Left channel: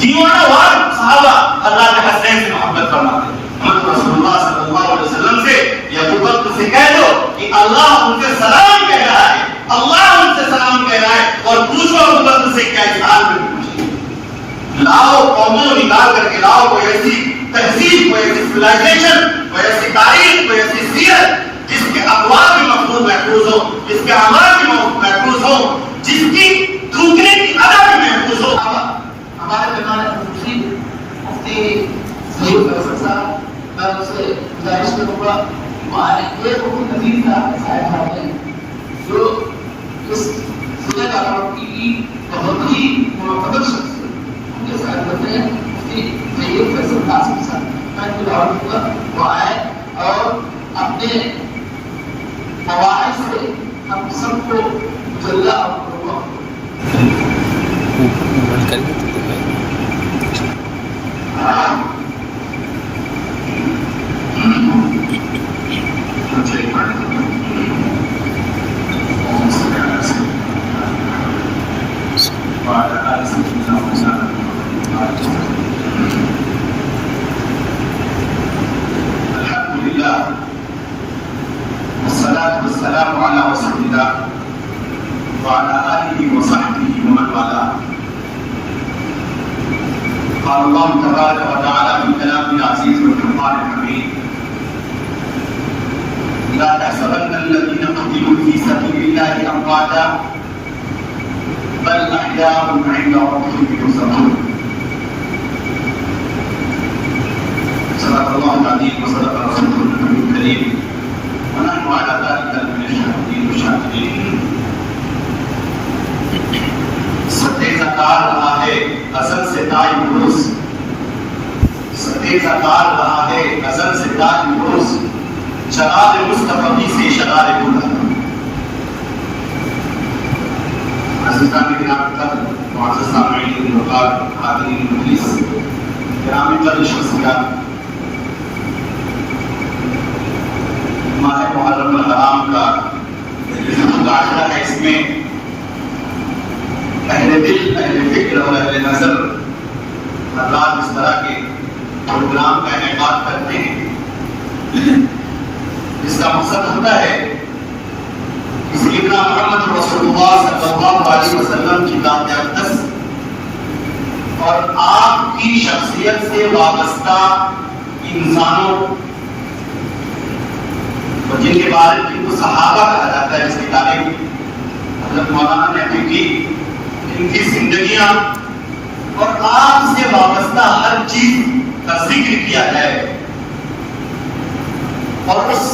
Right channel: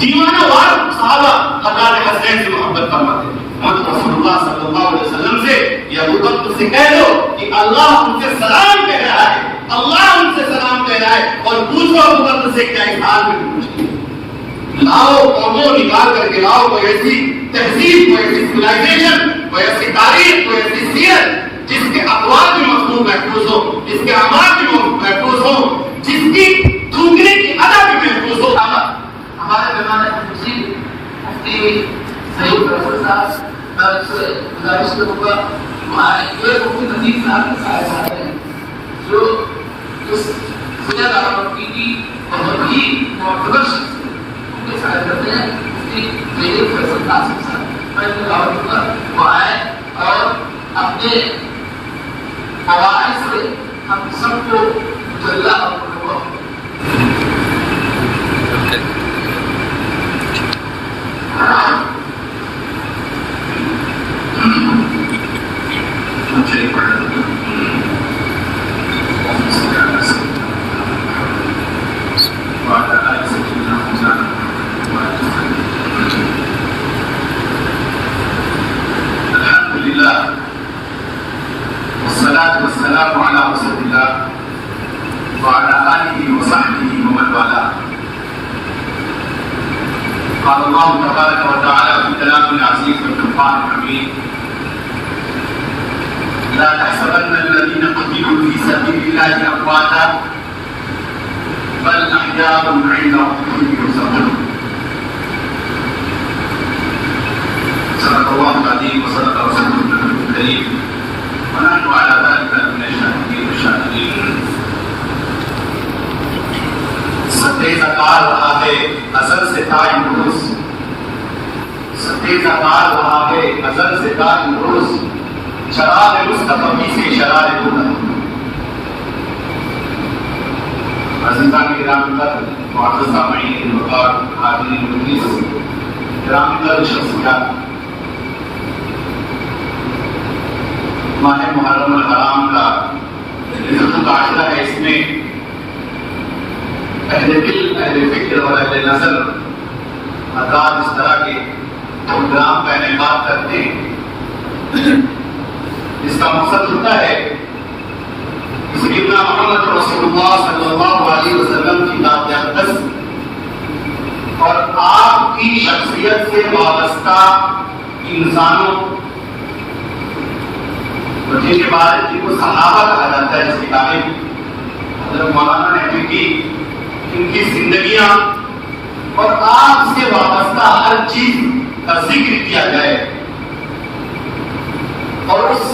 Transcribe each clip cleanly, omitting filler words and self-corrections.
دیوانہ وار صحابہ اللہ کے حسین سے محبت فرماتے ہیں. محمد رسول اللہ صلی اللہ علیہ وسلم سے یا ابو بکر سے کہہ دو کہ اللہ ان سے سلام کہہ رہا ہے, اللہ ان سے سلام کہہ رہا ہے, اور پوچھو ابو بکر سے کیا اظہار میں پوچھو. لاؤ قوموں نکال کر کے لاؤ کوئی ایسی تہذیب, کوئی ایسی سویلائزیشن, کوئی ایسی تاریخ, کوئی ایسی سیرت جس کے اقوال بھی محفوظ ہو, جس کے اعمال بھی محفوظ ہو, جس کی تھوکنے کی ادا بھی محفوظ ہو. ہمارے درمیان مفتی سعید فیصل صاحب سے گزارش کروں گا یہ مفتی نذیر صاحب ہیں جو اس ضلع دارالمتی کی بہت ہی معتبر شخص ہے, ان کے ساتھ کرتے ہیں مفتی سعید فیصل صاحب. میں دعوت دوں گا وہ آئے اور اپنے مواعظ سے ہم سب کو مجلہ اور والصلاة والسلام على رسول الله وعلى آله وصحبه ومن والاه. قال الله تبارك وتعالى في كلامه العزيز والفرقان الحميد: لا تحسبن الذين قتلوا في سبيل الله أمواتا بل أحياء عند ربهم يرزقون. صدق الله العظيم وصدق رسوله النبي الكريم ونحن على ذلك من الشاهدين والشاهدين. ستیہ کار رہا ہے ازل سے تاج عروج, ستیہ کار رہا ہے ازل سے تاج عروج, شرار مصطفی سے شرار بودا. عزیزان کرام قدر, معزز سامعین وقار, حاضرین مجلس, کرام قدر شخصیات, ماہ محرم الحرام کا ذکر عاشرہ ہے. اس میں اہل دل, اہل فکر اور اہل نظر حضرات اس طرح کے پروگرام کا انعقاد کرتے ہیں جس کا مقصد ہوتا ہے کہ سیدنا محمد رسول اللہ صلی اللہ علیہ وسلم کی ذات اقدس اور آپ کی شخصیت سے وابستہ انسانوں جن کے بارے جن کو صحابہ کہا جاتا ہے, جس کی تعریف حضرت مولانا نے ابھی کی, ان کی زندگیاں اور آپ سے وابستہ ہر چیز کا ذکر کیا جائے, اور اس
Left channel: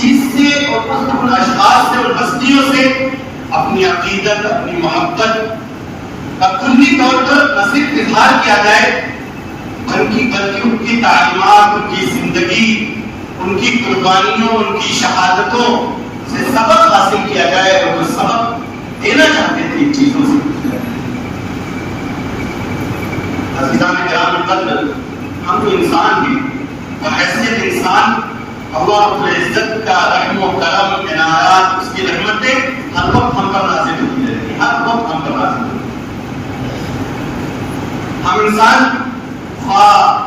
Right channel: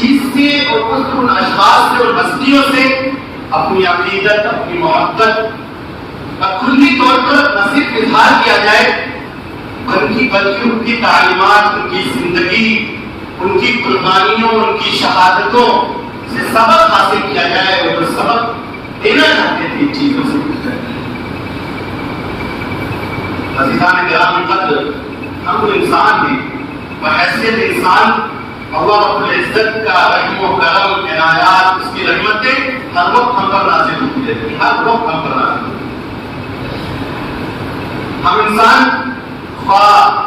چیز سے اور ان اشخاص سے اور ہستیوں سے اپنی عقیدت, اپنی محبت کا کلی طور پر نہ صرف اظہار کیا جائے بلکہ ان کی تعلیمات, ان کی زندگی, ان کی قربانیوں, ان کی شہادتوں سے سبق حاصل کیا جائے, اور وہ سبق دینا چاہتے تھے ان چیزوں سے. عزیزان کرام قدر, ہم تو انسان ہیں, بحیثیت انسان اللہ رب العزت کا رحم و کرم, عنایات, اس کی رحمتیں ہر وقت ہم پر نازل ہوتی رہتی ہیں, ہر وقت ہم پر نازل ہوتی ہیں. ہم انسان خواہ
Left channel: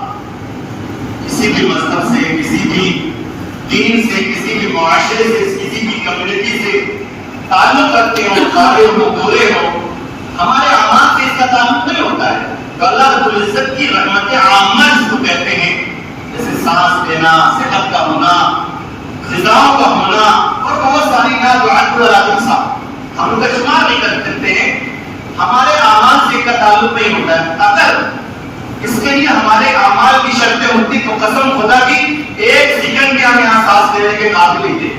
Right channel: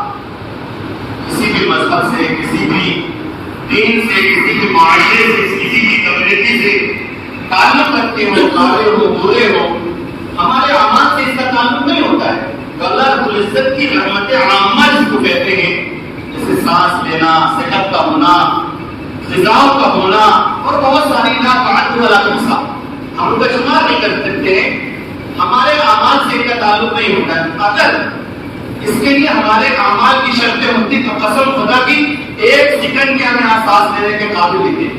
کسی بھی مذہب سے, کسی بھی دین سے, کسی بھی معاشرے سے, کسی بھی کمیونٹی سے تعلق رکھتے ہوں, قابل ہو, برے ہو, ہمارے اعمال سے اس کا تعلق نہیں ہوتا ہے. تو اللہ رب العزت کی رحمت عامہ جس کو کہتے ہیں, جیسے سانس لینا, صحت کا ہونا, غذاؤں کا ہونا, اور بہت ساری ہم لوگ کا شمار نہیں کر سکتے ہیں, ہمارے اعمال سے اس کا تعلق نہیں ہوتا ہے. اگر اس کے لیے ہمارے اعمال کی شرطیں ہوتی تو قسم خدا کی ایک سیکنڈ کے ہمیں سانس لینے کے قابل ہی تھے,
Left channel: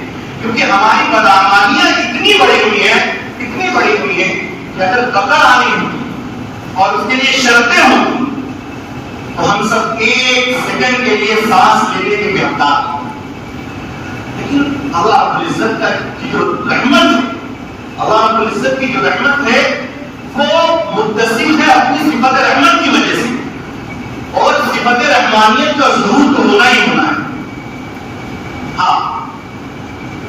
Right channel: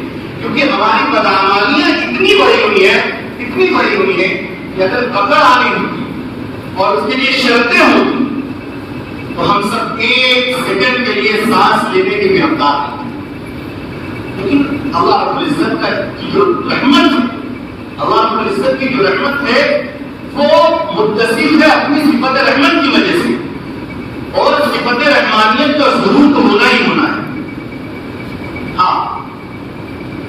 کیونکہ ہماری بدعمالیاں اتنی بڑی ہوئی ہیں کہ اگر قبر آنی ہوتی اور اس کے لیے شرطیں ہوتی تو ہم سب ایک سیکنڈ کے لیے سانس لینے کے بھی حقدار ہیں. لیکن اللہ رب العزت کی جو رحمت ہے, اللہ رب العزت کی جو رحمت ہے وہ متصف ہے اپنی صفت رحمت کی وجہ سے, اور صفت رحمانیت کا ظہور تو ہونا ہی ہونا ہے. ہاں,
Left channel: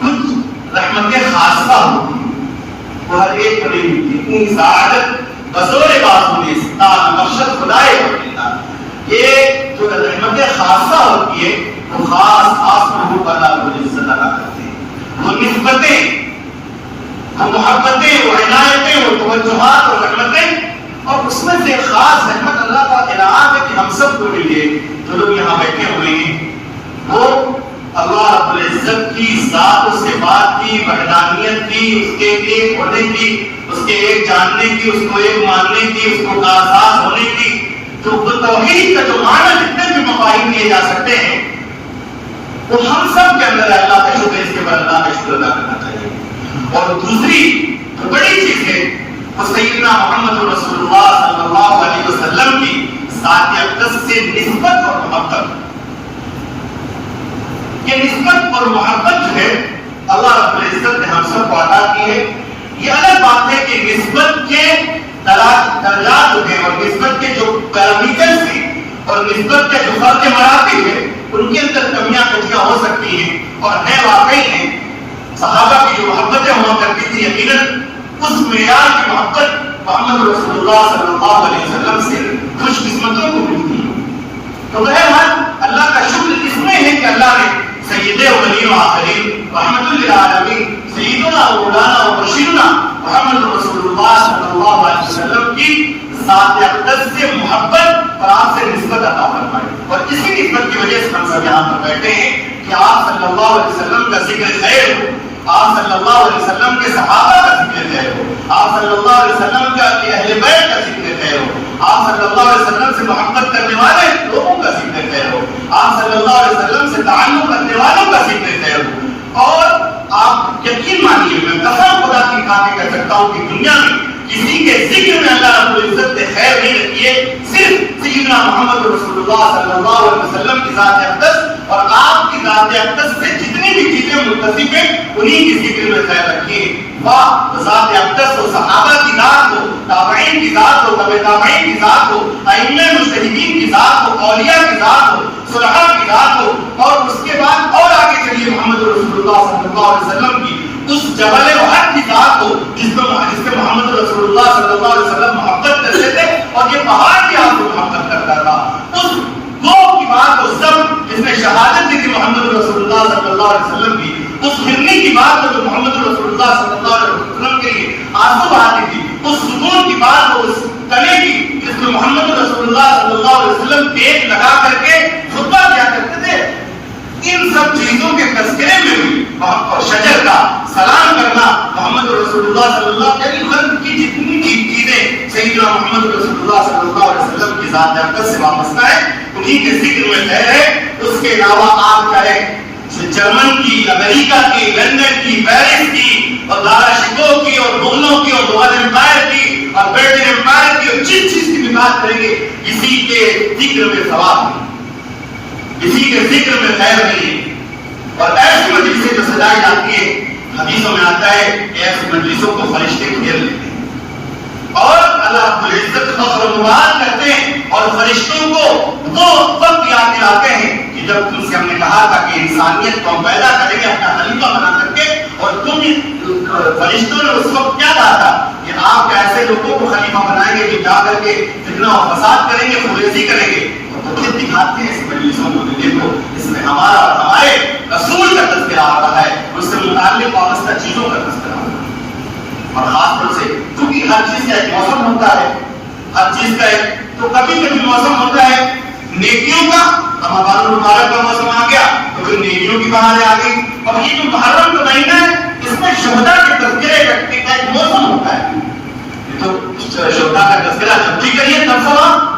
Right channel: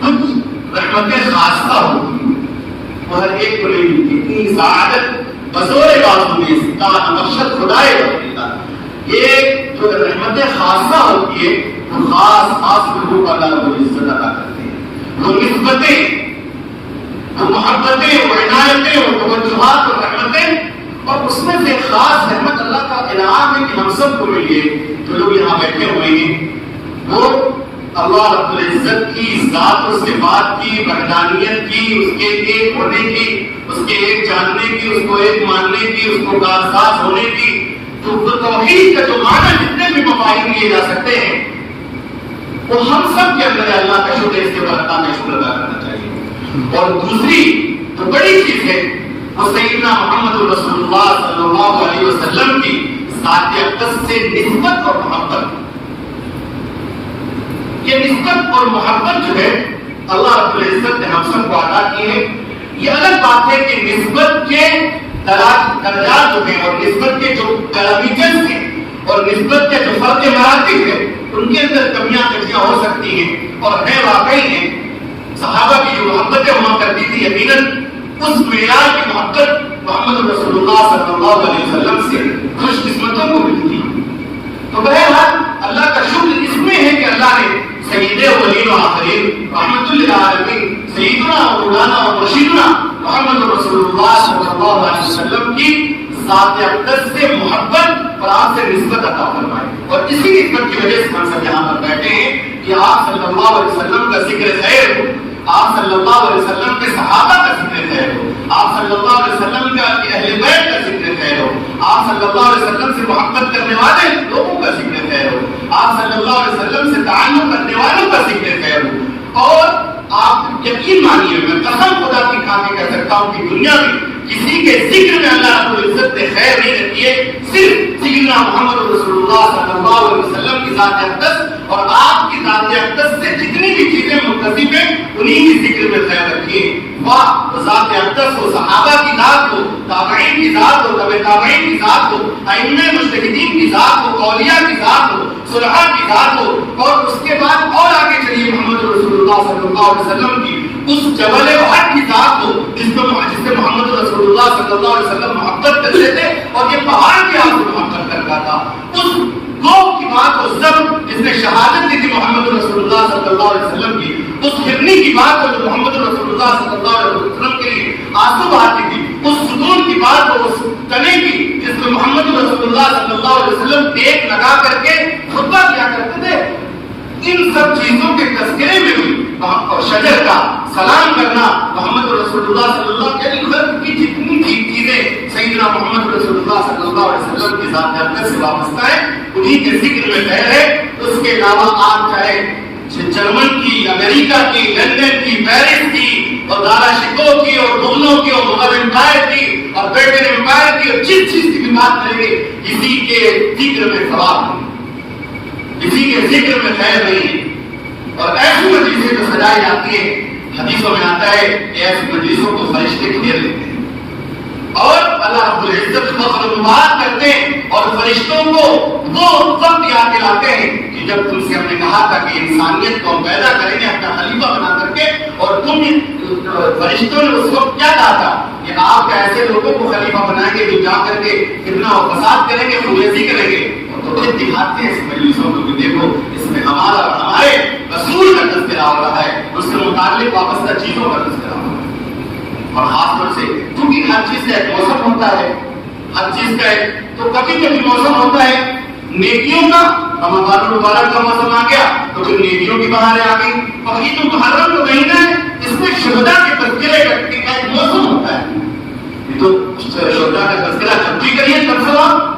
کچھ رحمتیں خاصہ ہوتی ہیں, وہ ہر ایک کو نہیں ملتی. اتنی سعادت بزور بازو نے مقصد خدا بلائے یہ جو رحمت خاصہ ہوتی ہے وہ خاص لوگوں پر اللہ رب العزت عطا کرتے ہیں. وہ نسبتیں، وہ محبتیں، وہ عنایتیں، وہ توجہات اور رحمتیں، اور اس میں سے خاص رحمت اللہ کا انعام ہے کہ ہم سب کو ملی ہے. جو لوگ یہاں بیٹھے ہوئے ہیں وہ اللہ رب العزت کی ذات و صفات کی، وحدانیت کی، اس کے ایک ہونے کی، اس کے ایک جاننے کی، اس کو ایک ماننے کی، اس کو کارساز ہونے کی، تو توحید کا جو معنی جتنے بھی مفاہیم لیے جا سکتے ہیں وہ ہم سب کے اندر ہے. اللہ کا شکر ہے، اس کے بعد اللہ کا شکر ادا کرنا چاہیے. اور دوسری جو بڑی چیز ہے وہ سیدنا محمد رسول اللہ صلی اللہ علیہ وسلم کی ذات اقدس سے نسبت اور محبت. یہ نسبت اور محبت جو ہے اللہ رب العزت نے ہم سب کو عطا کی ہے. یہ الگ بات ہے کہ نسبت کے درجات جو ہیں اور نسبت کے جو پیرامیٹرز ہیں اور نسبت کے جو فرق مراتب ہیں ان کے اندر کمیاں کجیاں ہو سکتی ہیں اور ہے واقعی ہیں. صحابہ کی جو محبتیں ہوا کرتی تھی یقیناً اس معیار کی محبت محمد رسول اللہ صلی اللہ علیہ وسلم سے خوش قسمتوں کو ملتی. تو بہرحال اللہ کا شکر اس میں ہے کہ اللہ نے سید اولین و آخرین رحمت للعالمین سیدنا و مولانا و مرشدنا محمد رسول اللہ صلی اللہ علیہ وسلم کی ذات اقدس سے محبت اور آپ سے نسبت عطا فرمائی. اور اسی نسبت کی وجہ سے ہم سب یہاں پر بیٹھے ہیں کہ آپ صلی اللہ علیہ وسلم کا ذکر خیر ہو، آپ صلی اللہ علیہ وسلم کے صحابہ کا ذکر خیر ہو، آپ صلی اللہ علیہ وسلم کا اہل بیت کا ذکر خیر ہو، آپ صلی اللہ علیہ وسلم سے محبت کرنے والے لوگوں کا ذکر خیر ہو، آپ صلی اللہ علیہ وسلم سے تعلق رکھنے والوں کا ذکر خیر ہو. اور آپ یقین مانیے، میں قسم خدا کی کھا کے کہہ سکتا ہوں کہ دنیا میں کسی کے ذکر میں اللہ رب العزت نے خیر نہیں رکھی ہے، صرف سیدنا محمد رسول اللہ صلی اللہ علیہ وسلم کی ذات اقدس اور آپ کی ذات اقدس سے جتنی بھی چیزیں متصف ہیں انہی کی ذکر میں خیر رکھی ہے. واہ، ذات اقدس ہو، صحابہ کی ذات ہو، تابعین کی ذات ہو، تبع تابعین کی ذات ہو، ائمہ مجتہدین کی ذات ہو، اولیاء کی ذات ہو، صلحاء کی ذات ہو، اور اس کے بعد اور آگے چلیے محمد رسول اللہ صلی اللہ علیہ وسلم کی اس جبل احد کی ذات ہو جس پہ محمد رسول اللہ صلی اللہ علیہ وسلم محبت کرتے تھے اور یہ پہاڑ کی آپ کو محبت کرتا تھا. اس گو کی بات ہو سب جس نے شہادت دی تھی محمد رسول اللہ صلی اللہ علیہ وسلم کی، اس ہرنی کی بات ہو جو محمد رسول اللہ صلی اللہ علیہ وسلم کے لیے آنسو بہاتی تھی، اس ستون کی بات ہو، اس تنے کی جس میں محمد رسول اللہ صلی اللہ علیہ وسلم دیکھ لگا کر کے خطبہ کیا کرتے تھے. ان سب چیزوں کے تذکرے میں بھی اور شجر کا سلام کرنا محمد رسول اللہ صلی اللہ علیہ وسلم کی جتنی چیزیں سیدنا محمد رسول اللہ صلی اللہ علیہ وسلم کی ذات اقدس سے وابستہ ہے انہی کے ذکر میں خیر ہے. اس کے علاوہ آپ چاہے جرمن کی، امریکہ کی، لندن کی، پیرس کی اور دارا شکو کی اور مغلوں کی اور مغل امپائر کی اور برٹن امپائر کی اور جس چیز کی بھی بات کریں گے کسی کے ذکر میں ثواب نہیں، کسی کے ذکر میں خیر نہیں ہے. اور ایسی مجلسیں جو سجائی جاتی ہے حدیثوں میں آتا ہے ایسی مجلسوں کو فرشتے گھیر لیتے ہیں اور اللہ رب العزت فخر و مبارک کرتے ہیں اور فرشتوں کو وہ وقت یاد دلاتے ہیں کہ جب تم سے ہم نے کہا تھا کہ انسانیت کو ہم پیدا کریں گے اپنا خلیفہ بنا کر کے، اور تم فرشتوں نے اس وقت کیا کہا تھا کہ آپ ایسے لوگوں کو خلیفہ بنائیں گے جو جا کر کے فتنہ و فساد کریں گے، خریزی کریں گے. تو پھر دکھاتے ہیں اس مجلسوں میں کہ دیکھو اس میں ہمارا اور ہمارے رسول کا تذکرہ ہو رہا ہے، اس سے متعلق وابستہ چیزوں کا تذکرہ ہو رہا ہے. اور خاص طور سے کیونکہ ہر چیز کا ایک موسم ہوتا ہے، ہر چیز کا ایک تو کبھی کبھی موسم ہوتا ہے نیکیوں کا، رمضان المبارک کا موسم آ گیا تو پھر نیکیوں کی بہاریں آ گئی. اور یہ جو محرم کا مہینہ ہے اس میں شہداء کے تذکرے کا ایک موسم ہوتا ہے. یہ تو شہداء کا تذکرہ جب بھی کریے تب ثواب،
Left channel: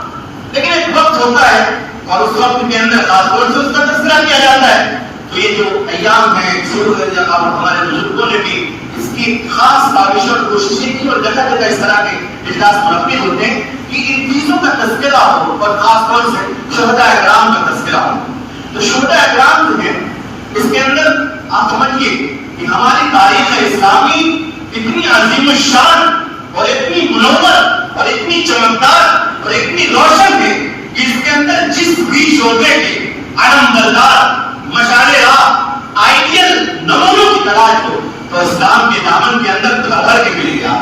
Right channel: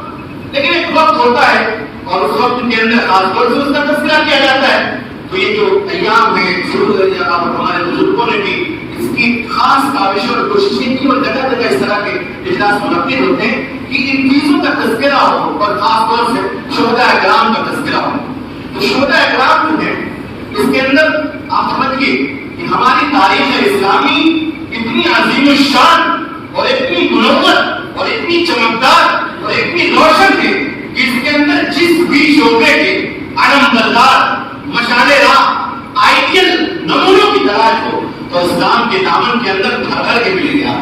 لیکن ایک وقت ہوتا ہے اور اس وقت کے اندر خاص طور سے اس کا تذکرہ کیا جاتا ہے. تو یہ جو ایام ہیں اور ہمارے بزرگوں نے بھی اس کی خاص کاوش اور کوششیں کی اور جگہ جگہ اس طرح کے اجلاس منعقد ہوتے ہیں کہ ان چیزوں کا تذکرہ ہو اور خاص طور سے شہداء اکرام کا تذکرہ ہو. تو شہداء اکرام جو ہے اس کے اندر آپ سمجھیے کہ ہماری تاریخ اسلامی اتنی عظیم الشان اور اتنی منور اور اتنی چمکدار اور اتنی روشن ہے کہ اس کے اندر جس بھی شعبے کے علم بردار، مشعل راہ، آئیڈیل نمونوں کی تلاش ہو تو اسلام کے دامن کے اندر گھر بھر کے ملے گا.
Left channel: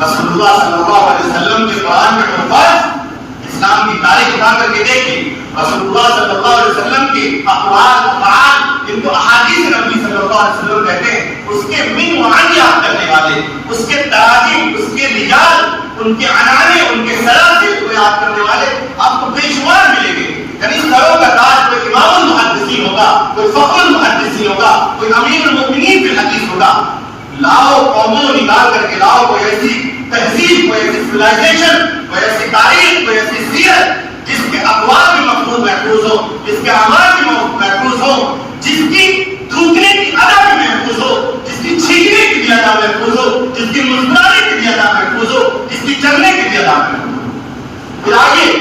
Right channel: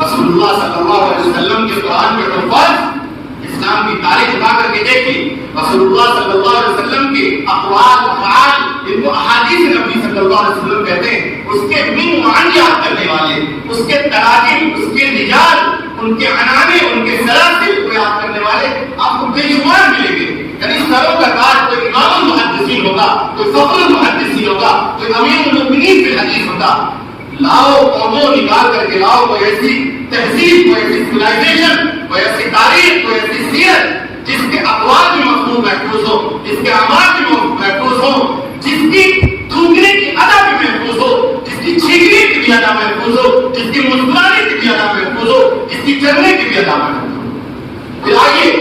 رسول اللہ صلی اللہ علیہ وسلم کے قرآن میں اسلام کی تاریخ اٹھا کر کے دیکھیں، رسول اللہ صلی اللہ علیہ وسلم کے اقوال افعال جن کو احادیث نبی صلی اللہ علیہ وسلم کہتے ہیں، اس کے من وعن یاد کرنے والے، اس کے تراجم، اس کے رجال، ان کے عنانے، ان کے سلاسل کو یاد کرنے والے آپ کو بے شمار ملیں گے۔ یعنی سروں کا تاج کوئی امام المحدثین ہوگا، کوئی فخر المحدثین ہوگا، کوئی امیر المؤمنین فی الحدیث ہوگا۔ لاؤ قوموں نکال کر کے لاؤ کوئی ایسی تہذیب، کوئی ایسی سویلائزیشن، کوئی ایسی تاریخ، کوئی ایسی سیرت جس کے اقوال بھی محفوظ ہو، جس کے اعمال بھی محفوظ ہو، جس کی تھوکنے کی ادا بھی محفوظ ہو، جس کی چھینکنے کی بھی ادا محفوظ ہو، جس کی مسکرانے کی بھی ادا محفوظ ہو، جس کی چلنے کی بھی ادا محفوظ ہو۔ پھر آئیے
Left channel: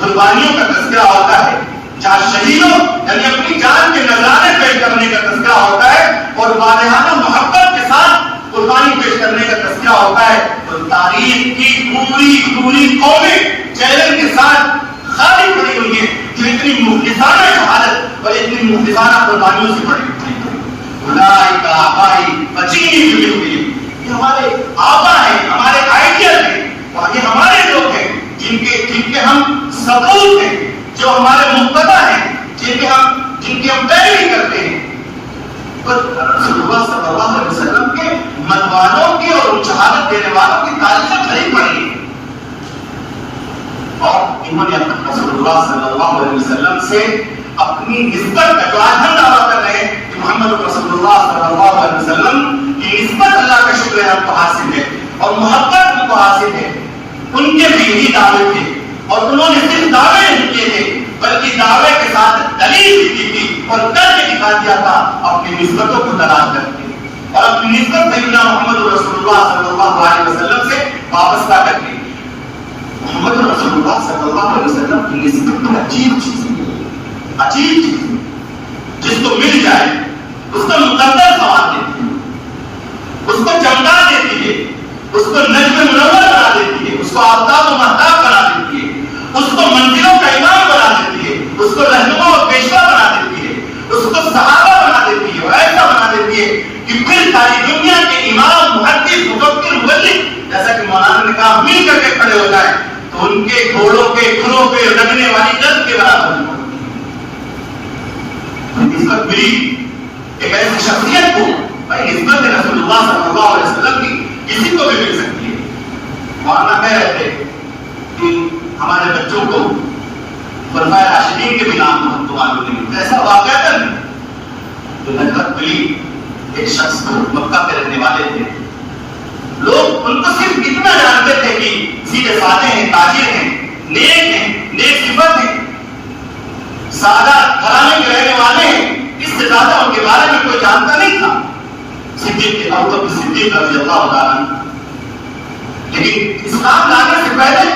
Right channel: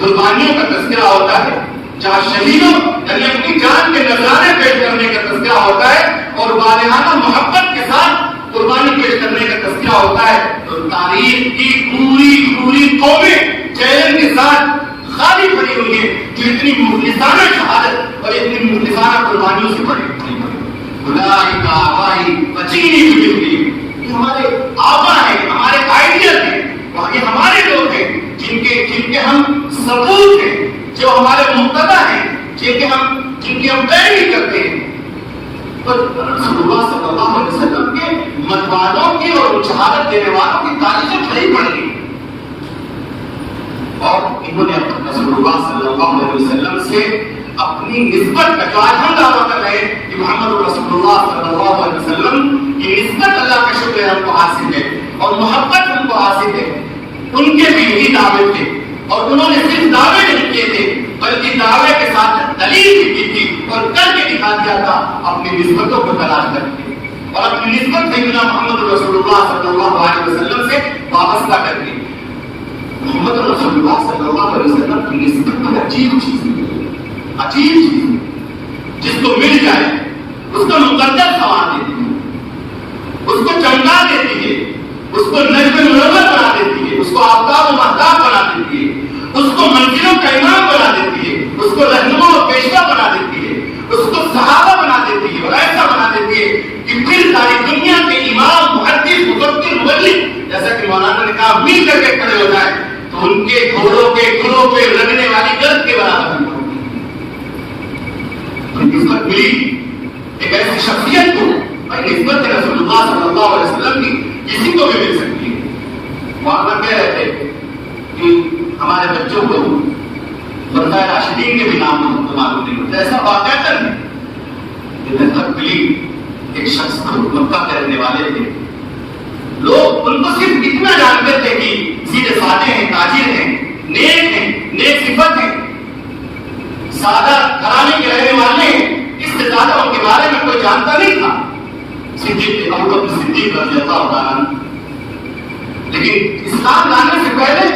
قربانیوں کا تذکرہ ہوتا ہے، جہاں شہیدوں یعنی اپنی جان کے نذرانے پیش کرنے کا تذکرہ ہوتا ہے اور والہانہ محبت کے ساتھ قربانی پیش کرنے کا تذکرہ ہوتا ہے، تو تاریخ کی پوری قومیں چیلنج کے ساتھ خالی پڑی ہوئی ہیں جو اتنی مخلصانہ شہادت اور اتنی مخلصانہ قربانیوں سے پڑی ہوئی ہیں۔ اولئک آبائی فجینی بمثلہم، یہ ہمارے آبا ہیں، ہمارے آئیڈیل ہیں، یہ ہمارے لوگ ہیں جن کے ہم ثبوت ہیں، جو ہمارے مقتدی ہیں، جن کی ہم پیروی کرتے ہیں۔ پر رسول اللہ صلی اللہ علیہ وسلم کے مدوانوں کی اور شہادت دینے والوں کی تاریخیں بھری پڑی ہیں، اور انہوں نے رسول اللہ صلی اللہ علیہ وسلم سے اپنی نسبت کا جو آج ہم دعویٰ کر رہے ہیں کہ محمد رسول اللہ صلی اللہ علیہ وسلم کی نسبت اللہ کا شکر ہے ہم کو حاصل ہے اور محبت ہم کو حاصل ہے، ان کے بھی یہی دعوے تھے، اور انہوں نے صرف دعوے نہیں کیے تھے بلکہ دعوے کے ساتھ دلیل بھی کی تھی اور کر کے دکھا دیا تھا اپنی نسبتوں کو تلاش کر کے، اور اپنی نسبت سیدنا محمد رسول اللہ صلی اللہ علیہ وسلم سے وابستہ کر کے۔ محمد رسول اللہ صلی اللہ علیہ وسلم کی نسبت ایک عجیب چیز ہے، عجیب چیز ہے، جس کو مل جائے اس کو مقدر خواب دیتی ہے، اس کو چمکا دیتی ہے، اس کو نجم منور بنا دیتی ہے، اس کو آفتاب و مہتاب بنا دیتی ہے، اس کو منزلوں کا امام بنا دیتی ہے، اس کو رہنما و پیشوا بنا دیتی ہے، اس کو صحابہ بنا دیتی ہے اور ایسا بنا دیتی ہے کہ پھر ساری دنیا کے امام، محدث، مفکر، مبلغ جیسا کہ مولانا نے کہا مل کر کے کھڑے ہو جائیں تو ان کے گھوڑوں کے کھروں پہ لگنے والی گرد کے برابر نہیں پڑتی۔ نسبت ملی ایک ایسی شخصیت کو، بھائی نسبت رسول اللہ صلی اللہ علیہ وسلم کی کسی کو بھی مل سکتی ہے۔ مولانا کہہ رہے تھے کہ ہمارے بچوں کو خلفائے راشدین کے بھی نام معلوم نہیں ہوتا، ایسا واقعہ نہیں۔ نسبت ملی ایک شخص کو، مکہ کے رہنے والے تھے، لوگ ان کو صرف اتنا جانتے تھے کہ سیدھے سادے ہیں، تاجر ہیں، نیک صفت ہیں، سادہ گھرانے کے رہنے والے ہیں، اس سے زیادہ ان کے بارے میں کوئی جانتا نہیں تھا۔ صدیق ابو بکر صدیق رضی اللہ تعالیٰ عنہ، لیکن اسلام لانے سے پہلے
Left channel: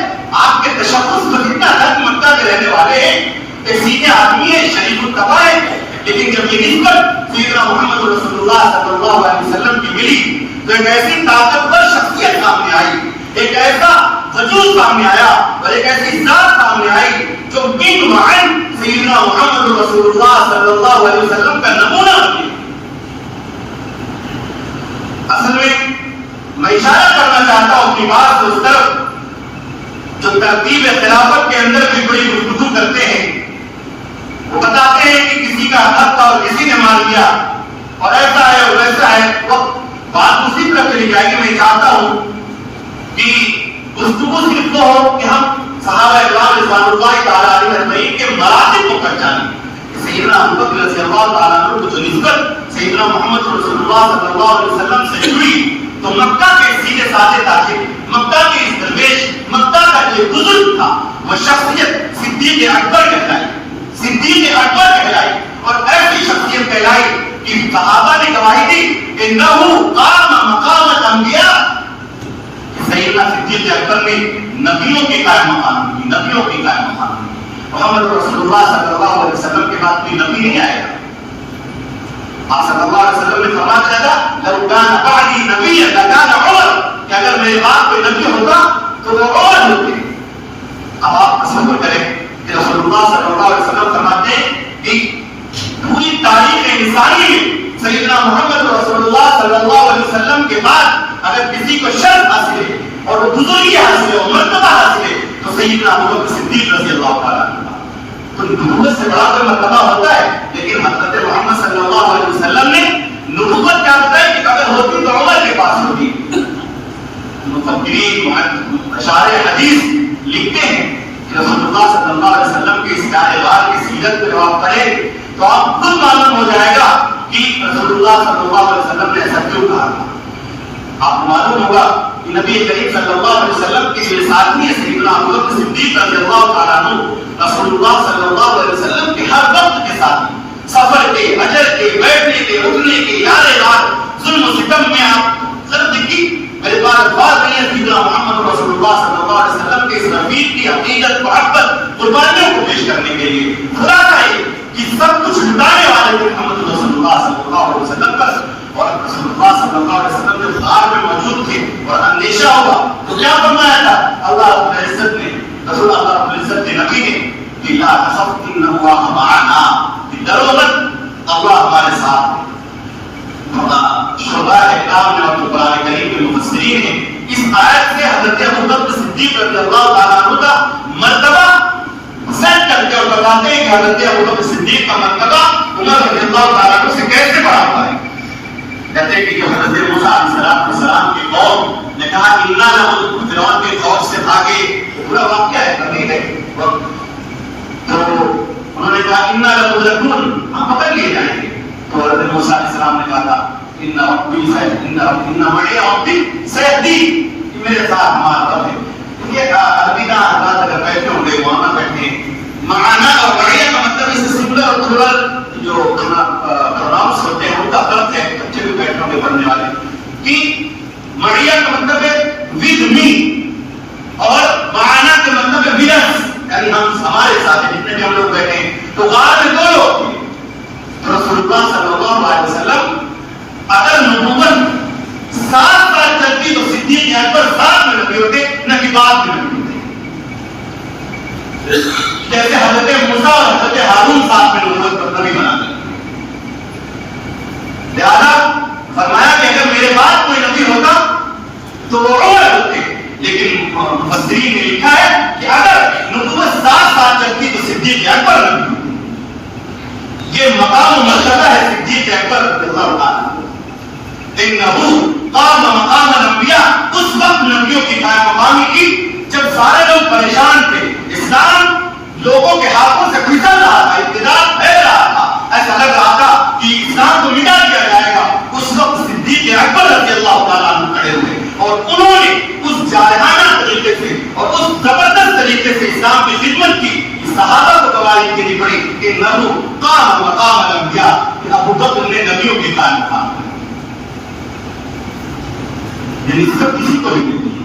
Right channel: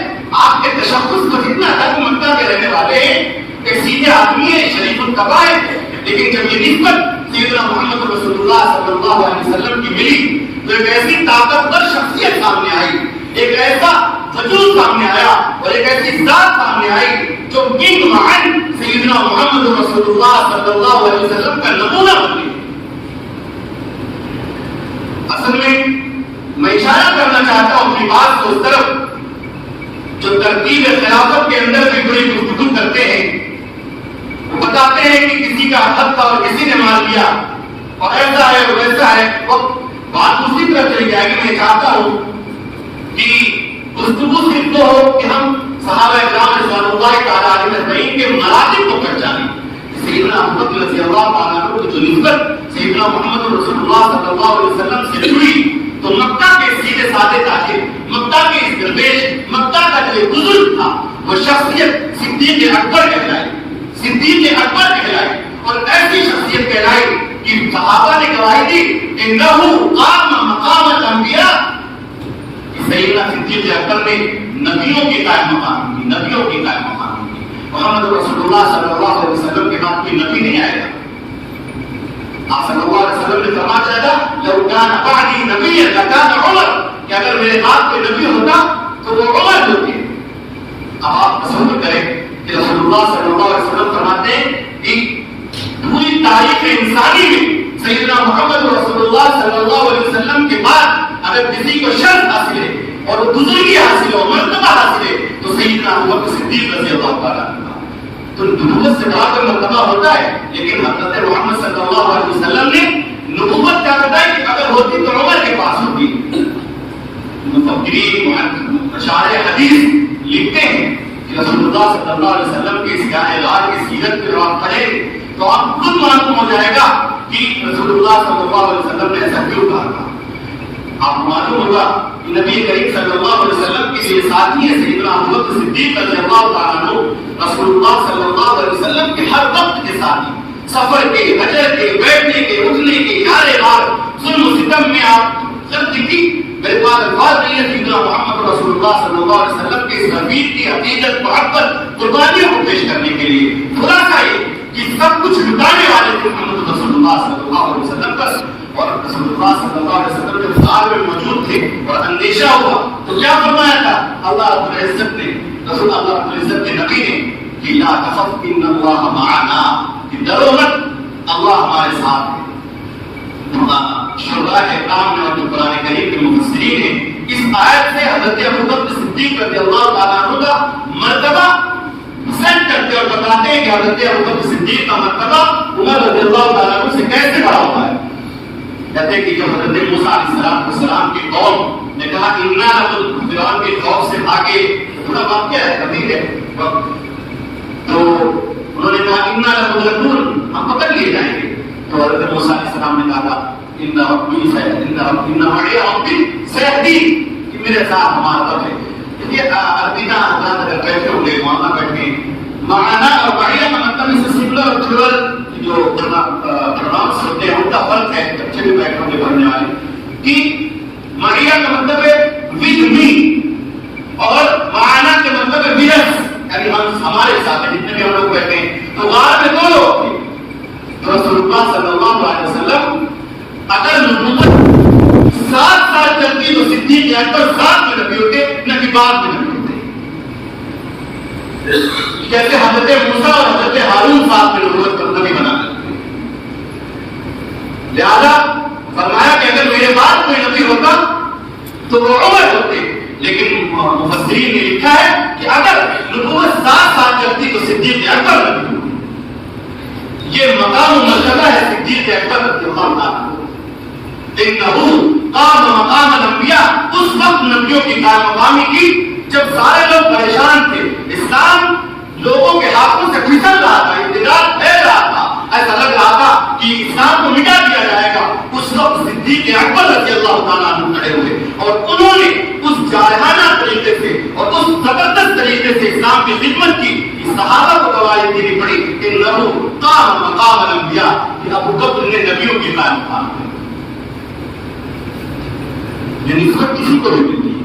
آپ کے تشخص کو اتنا تک مکہ کے رہنے والے ہیں، ایک سیدھے آدمی ہے، شریف الطبع ہے، لیکن جب یہ نسبت سیدنا محمد رسول اللہ صلی اللہ علیہ وسلم کی ملی تو ایک ایسی طاقتور شخصیت سامنے آئی، ایک ایسا وجود سامنے آیا اور ایک ایسی ذات سامنے آئی جو من وعن سیدنا محمد رسول اللہ صلی اللہ علیہ وسلم کا نمونہ بن گئی۔ اصل میں اشارہ کرنا چاہتا ہوں اپنی بات کو اس طرف، جو ترتیب خلافت کے اندر بھی بڑی گفتگو کرتے ہیں، وہ بتاتے ہیں کہ کسی کا حق تھا اور کسی نے مار لیا اور ایسا ہے اور ویسا ہے، وقت بات اسی طرح چلی جائے گی۔ میں چاہتا ہوں کہ گفتگو صرف وہ ہو کہ ہم صحابہ اکرام رضوان اللہ تعالیٰ علیہ اجمعین کے مراتب کو پہچانیں۔ سیدنا ابو بکر رضی اللہ تعالیٰ عنہ کو جو نسبت سیدنا محمد رسول اللہ صلی اللہ علیہ وسلم سے جڑی تو مکہ کے سیدھے سادے تاجر، مکہ کے اس درویش، مکہ کا جو بزرگ تھا، وہ شخصیت صدیق اکبر کہلائی، صدیق اکبر کہلائی، اور ایسی شخصیت کہلائی کہ صحابہ نے گواہی دی انہو قام مقام الانبیاء، کہ سیدنا صدیق اکبر نے نبیوں کے قائم مقام کی، نبیوں کے قائم مقام کی۔ محمد رسول اللہ صلی اللہ علیہ وسلم کے بعد کوئی نبی نہیں آئے گا۔ آپ صلی اللہ علیہ وسلم نے فرمایا تھا لو کان بعدی نبی لکان عمر، کہ اگر میرے بعد کوئی نبی ہوتا تو وہ عمر ہوتے۔ اب آپ تصور کریں کہ رسول اللہ صلی اللہ علیہ وسلم فرماتے ہیں کہ پوری تاریخ انسانی میں سیدنا محمد رسول اللہ صلی اللہ علیہ وسلم کے بعد اگر کسی کو شرف حاصل ہے اور بزرگی حاصل ہے اور مرتبہ حاصل ہے تو سیدنا ابو بکر صدیق رضی اللہ تعالیٰ عنہ. تو نبوت سے بڑا کوئی مرتبہ ہوتا ہے، لیکن حضرت محمد صلی اللہ علیہ وسلم نے نبوت کیا بتائی کہ اگر ہوتی تو عمر کے پاس ہوتی. مفکرین اشعار حدیث لکھتے ہیں کہ رسول اللہ صلی اللہ علیہ وسلم کے اس جان غار کی سیرت پہ جب آپ پڑھیں گے تو آپ خود معلوم ہو جائے گا کہ رسول اللہ صلی اللہ علیہ وسلم نے ایسا کیوں کہا تھا. آپ کو معلوم ہوگا کہ نبی کریم صلی اللہ علیہ وسلم کے جو ساتھی ہیں سیدنا ابو بکر صدیق رضی اللہ تعالیٰ عنہ رسول اللہ صلی اللہ علیہ وسلم کے ہر وقت کے ساتھی، سفر کے، حجر کے، بیٹھنے کے، اٹھنے کے، یار غار، ظلم و ستم میں آپ سب کی میرے پاس الفاظ نہیں ہے. سیدنا محمد رسول اللہ صلی اللہ علیہ وسلم کے اس رفیق کی عقیدت، محبت، قربانیوں کو پیش کرنے کے لیے خلاصہ یہ کہ سب کچھ لٹانے والے تھے محمد رسول اللہ صلی اللہ علیہ وسلم پر. اور رسول اللہ صلی اللہ علیہ وسلم جب غار میں موجود تھے اور اندیشہ ہوا تو کیا فرمایا تھا اللہ رب العزت نے، رسول اللہ رب العزت کے نبی نے کہ لا تخف ان اللہ معنا، کہ ڈرو مت اللہ ہمارے ساتھ ہے. شرح احکام نے اور قرآن کریم کے مفسرین نے اس آیت سے حضرت ابو بکر صدیق رضی اللہ تعالیٰ عنہ کا مرتبہ سیٹ کرتے اور بتاتے ہیں کہ حضرت ابو بکر صدیق کا مرتبہ عمر رضی اللہ تعالیٰ عنہ سے کیسے بڑا ہوا ہے. کہتے ہیں کہ جب حضرت موسیٰ علیہ السلام کی قوم نے کہا انا لمدرکون، فرعون کے خوف سے بھاگے، پورا واقعہ ہے کبھی ہے، تو انہوں نے کہا انا لمدرکون، ہم پکڑ لیے جائیں گے. تو حضرت موسیٰ علیہ السلام نے کہا ان ربی سیہدین، کہ میرے ساتھ ہمارا رب ہے. یہ عربی نہ اگر بیٹھے ہوں گے وہاں نہ بیٹھے معنا اور معیہ کا مطلب اس سے سنگولر اور پلورل جو پروناؤنس ہوتے ہیں ان کا فرق ہے. بچے بھی بیٹھے ہوں گے پڑھنے والے کہ معیہ کا مطلب ہے ود می اور معنا کا مطلب ہے ود اس، یعنی ہمارے ساتھ جتنے بھی ہم لوگ بیٹھے ہیں. تو غار میں دو لوگ تھے. تو رسول اللہ صلی اللہ علیہ وسلم اگر نبوت 7 سال چلتی تو صدیق اکبر 7 میں نبی ہوتے نہ کہ بعد میں نبی ہوتے. جیسے حضرت موسیٰ اور حضرت ہارون 7 میں نبوت پر نبی بنا دیتے. لہذا فرمایا کہ اگر میرے بعد کوئی نبی ہوتا تو وہ عمر ہوتے. لیکن مفسرین نے لکھا ہے کہ اگر نبوت 7 سال چلتی تو صدیق اکبر نبی ہوتے. یہ مقام و مرتبہ ہے صدیق اکبر رضی اللہ عنہ. انہو قام مقام الانبیاء، اس وقت نبیوں کی قائم مقامی کی جب سارے لوگ پریشان تھے، اسلام لوگوں کے ہاتھوں سے پھسل رہا تھا، ابتداء پھیل رہا تھا، ایسا لگ رہا تھا کہ اسلام کو مٹا دیا جائے گا. اس وقت صدیق اکبر رضی اللہ تعالیٰ عنہ کھڑے ہوئے اور انہوں نے اس جارحانہ طریقے سے اور اس زبردست طریقے سے اسلام کی خدمت کی. صحابہ کو گواہی دینی پڑی کہ انہو قام مقام الانبیاء، کہ ابو بکر نے نبیوں کی قائم مقام کی. یہ نسبت کسی کو بھی ملتی ہے.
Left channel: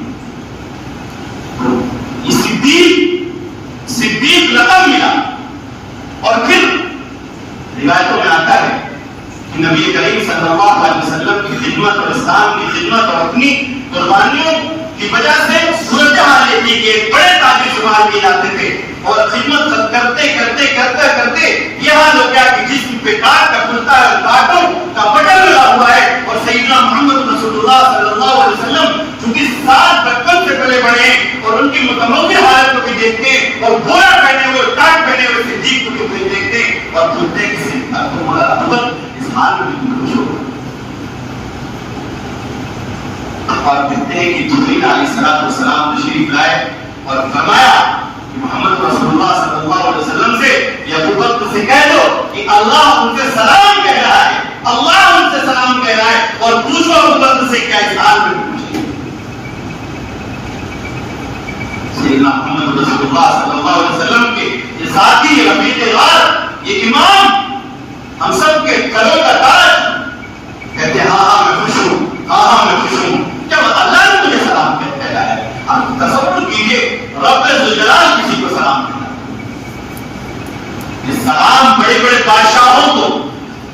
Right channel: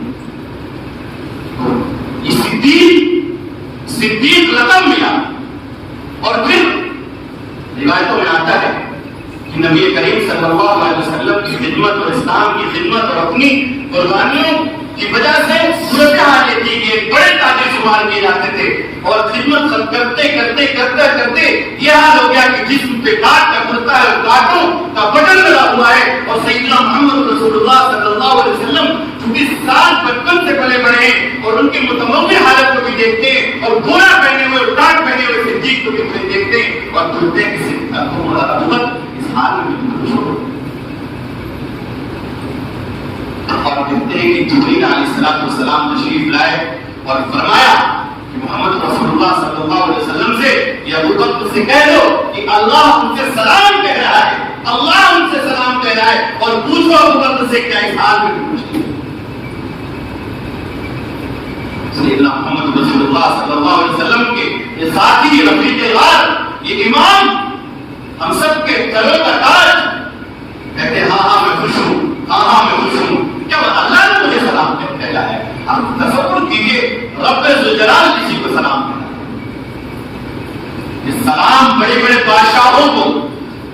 یہ صدیق لقب ملا. اور پھر روایتوں میں آتا ہے کہ نبی کریم صلی اللہ علیہ وسلم کی خدمت اور اسلام کی خدمت اور اپنی قربانیوں کی وجہ سے صورتحال یہ تھی کہ ایک بڑے تاجر شمار کیے جاتے تھے اور خدمت کرتے کرتے کرتے کرتے یہ حال ہو گیا کہ جسم پہ کاٹ کا کرتا ہے اور کاٹوں کا بٹن لگا ہوا ہے. اور سیدنا محمد رسول اللہ صلی اللہ علیہ وسلم چونکہ سال بچپن سے پلے بڑے ہیں اور ان کی متنوع حالت کو بھی دیکھتے ہیں اور گولا پہنے ہوئے اور ٹاٹ پہنے ہوئے صدیق کو بھی دیکھتے ہیں اور پوچھتے ہیں کہ اس حال میں بھی خوش ہو. اور کہتے ہیں کہ جبریل علیہ السلام تشریف لائے اور فرمایا کہ محمد رسول اللہ صلی اللہ علیہ وسلم سے یا ابو بکر سے کہہ دو کہ اللہ ان سے سلام کہہ رہا ہے، اللہ ان سے سلام کہہ رہا ہے اور پوچھو ابو بکر سے کیا اس حال میں پوچھیں. سیدنا محمد رسول اللہ صلی اللہ علیہ وسلم کے یہ ساتھی، رفیق غار، یہ امام، ہم سب کے گلوں کا تاج، کہتے ہیں ہاں میں خوش ہوں، ہاں میں خوش ہوں. کیا اللہ نے مجھے سلام کہا ہے؟ اب تصور کیجئے رب ذوالجلال کسی کو سلام کہتا ہے. یہ سلام بڑے بڑے بادشاہوں کو،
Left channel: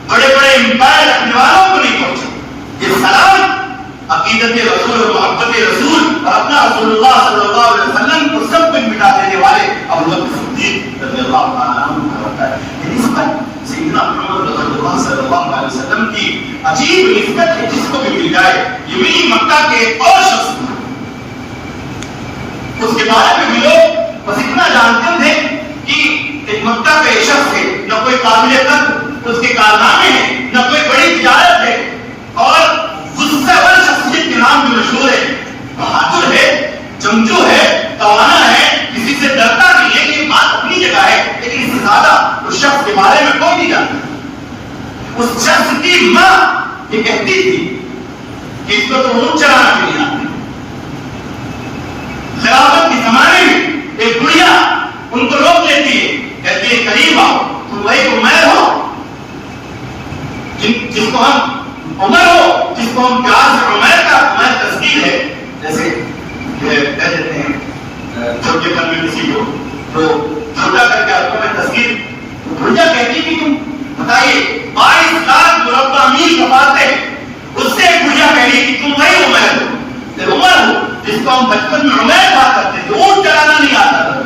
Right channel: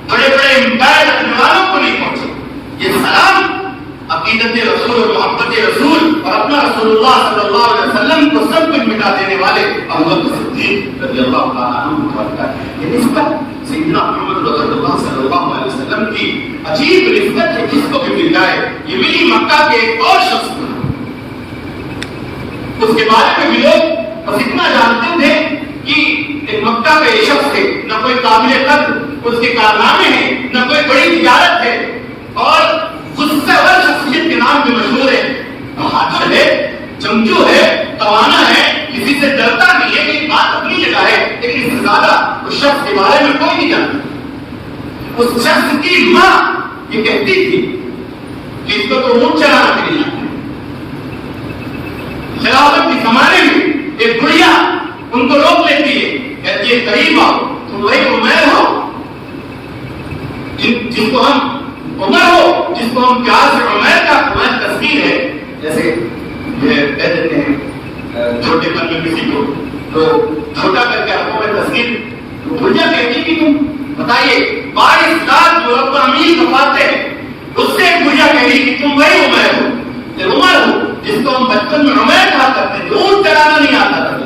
بڑے بڑے امپائر رکھنے والوں کو نہیں پہنچے. یہ سلام عقیدت رسول اور محبت رسول اور اپنا رسول اللہ صلی اللہ علیہ وسلم کو سب کچھ مٹا دینے والے ابو بکر صدیق رضی اللہ تعالیٰ عنہ کا ہوتا ہے. یہ نسبت سیدنا محمد رسول اللہ صلی اللہ علیہ وسلم کی عجیب نسبت ہے، جس کو بھی مل جائے. یہ بھی مکہ کے ایک اور شخص تھا، اس کے بارے میں بھی لوگ ایک مکہ کا یہ شخص ہے، نہ کوئی قابل قدر اس کے کارنامے ہیں، نہ کوئی بڑی تجارت ہے، اور غصہ ور شخصیت کے نام بھی مشہور ہے، بہادر ہے، جنگجو ہے، توانا ہے، کسی سے ڈرتا نہیں ہے. یہ بات اپنی جگہ ہے، لیکن اس سے زیادہ اس شخص کے بارے میں کوئی نہیں جانتا. اس شخص کی ماں یہ کہتی تھی کہ اس کو تو اونٹ چلانا بھی نہیں آتا. خلافت کے زمانے میں ایک بڑھیا ان کو روک لیتی ہے، کہتی ہے قریب آؤ، تم وہی عمیر ہو جس کو ہم عمر ہو جس کو ہم پیار سے عمیر کا عمیر تصویر ہے، جیسے کہہ دیتے ہیں چھوٹے پن میں کسی کو تو چھوٹا کر کے آپ کو تصویر. بڑھیا کہتی کہ تم بتائیے 22 لاکھ مربع میل کفاتے ہیں، اس سے ایک بڑھیا کہہ رہی کہ تم وہی عمیر ہو، عمر ہو جس کو ہم بچپن میں عمیر کہا کرتے تھے، اونٹ چلانا نہیں آتا تھا.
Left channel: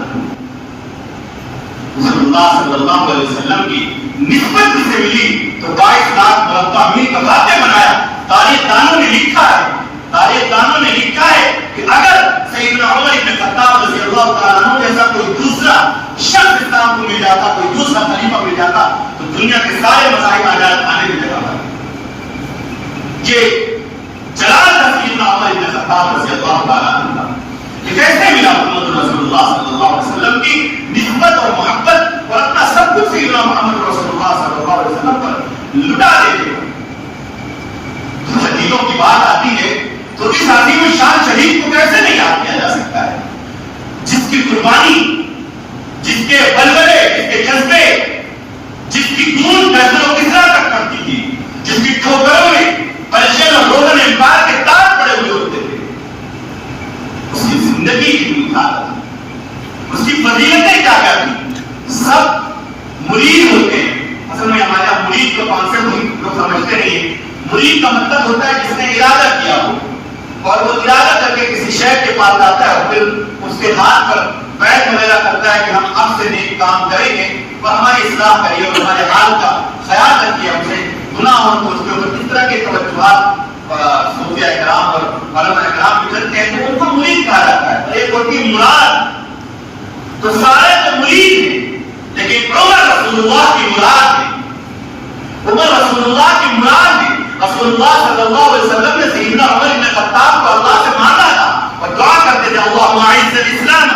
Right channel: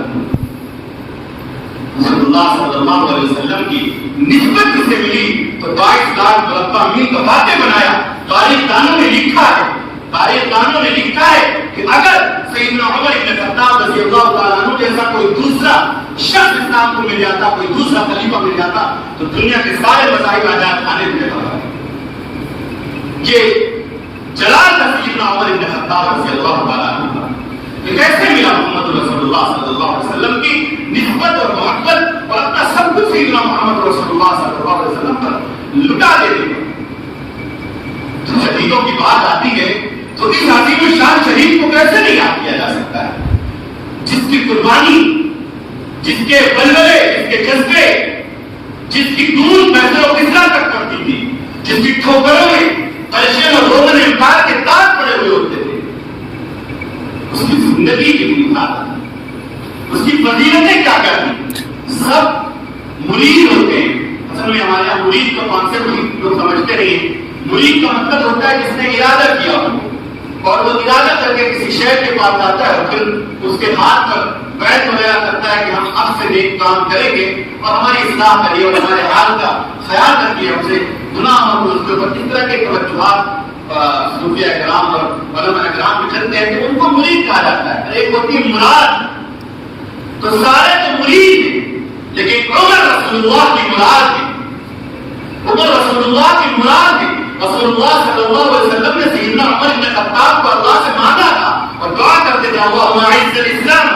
رسول اللہ صلی اللہ علیہ وسلم کی نسبت جسے ملی تو 22 لاکھ مربع میل کا فاتح بنایا. تاریخ دانوں نے لکھا ہے کہ اگر سیدنا عمر بن خطاب رضی اللہ تعالیٰ عنہ جیسا کوئی دوسرا شخص اسلام کو مل جاتا، کوئی دوسرا خلیفہ مل جاتا تو دنیا کے سارے مذاہب آزاد کھانے کی جگہ پر. یہ جلال تھا سیدنا عمر بن خطاب رضی اللہ تعالیٰ عنہ کا. یہ کیسے ملا محمد رسول اللہ صلی اللہ علیہ وسلم کی نسبت اور محبت اور اپنا سب کچھ سیدنا محمد رسول اللہ صلی اللہ علیہ وسلم پر لٹا دینے پر. شہیدوں کی بات آتی ہے تو اس عظیم شان شہید کو کیسے نہیں یاد کیا جا سکتا ہے، جس کی قربانی، جس کے بلبلے، جس کے جذبے، جس کی دور کیسر و کسرا تک پڑتی تھی، جس کی ٹھوکروں میں پرشین اور روزن امپائر کے تاج پڑے ہوئے ہوتے تھے. اس کی زندگی کی حالت، اس کی فضیلتیں کیا کیا تھی. سب مرید ہوتے ہیں، اصل میں ہمارے یہاں مرید کا کانسیپٹ لوگ سمجھتے نہیں ہیں. مرید کا مطلب ہوتا ہے جس نے ارادہ کیا ہو اور وہ ارادہ کر کے کسی شہر کے پاس آتا ہے اور پھر اس کے ہاتھ پر بیعت وغیرہ کرتا ہے کہ ہم اب سے نیک کام کریں گے اور ہماری اصلاح کریے اور ہمارے حال کا خیال رکھیے، ہم سے گناہ ہو تو اس کے اوپر اس طرح کے توجہات صوفیاء کرام اور علماء کرام بھی کرتے ہیں تو ان کو مرید کہا جاتا ہے. ایک ہوتی ہے مراد، تو سارے تو مرید ہیں لیکن عمر رسول اللہ کی مراد ہے. عمر رسول اللہ کی مراد ہے. رسول اللہ صلی اللہ علیہ وسلم نے سیدنا عمر بن خطاب کو اللہ سے مانگا تھا اور دعا کرتے تھے اللہم اعز الاسلام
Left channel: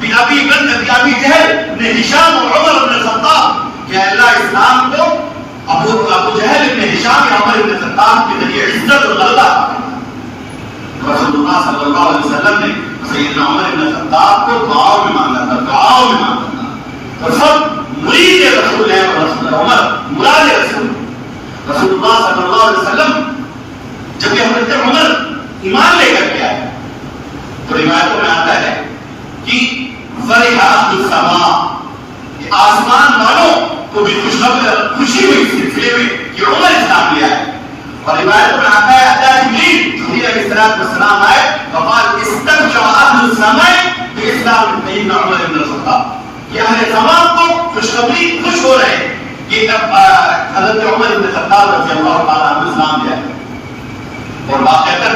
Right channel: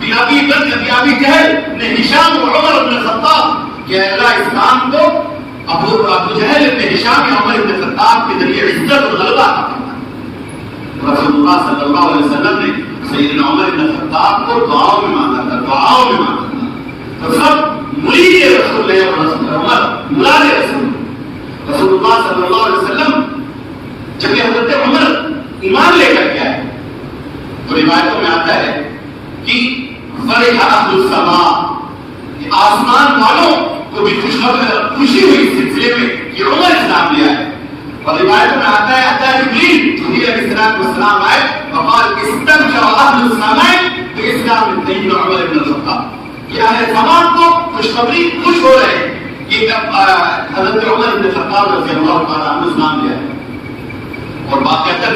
بابی بکر بابی جہل نے ہشام اور عمر بن خطاب، یا اللہ اسلام کو ابو جہل ابن ہشام یا عمر بن خطاب کے ذریعے عزت اور غلبہ عطا کرنا. رسول اللہ صلی اللہ علیہ وسلم نے سیدنا عمر بن خطاب کو دعاؤں میں مانگا تھا. تو سب مرید رسول ہیں اور رسول عمر مراد رسول. رسول اللہ صلی اللہ علیہ وسلم جب کہ حضرت عمر ایمان لے کر کے آئے تو روایتوں میں آتا ہے کہ فرح اہل السماء، آسمان والوں کو بھی خوشی ہوئی اس سلسلے میں کہ عمر اسلام لے آئے. اور روایتوں میں آتا ہے حتی جبریل علیہ السلام آئے وقال استبشر اہل السماء باسلام سیدنا عمر بن الخطاب، کہ اہل سماء کو خوشخبری خوش ہو رہے ہیں کہ حضرت عمر بن خطاب رضی اللہ تعالیٰ عنہ اسلام لے آئے. اور واقعتاً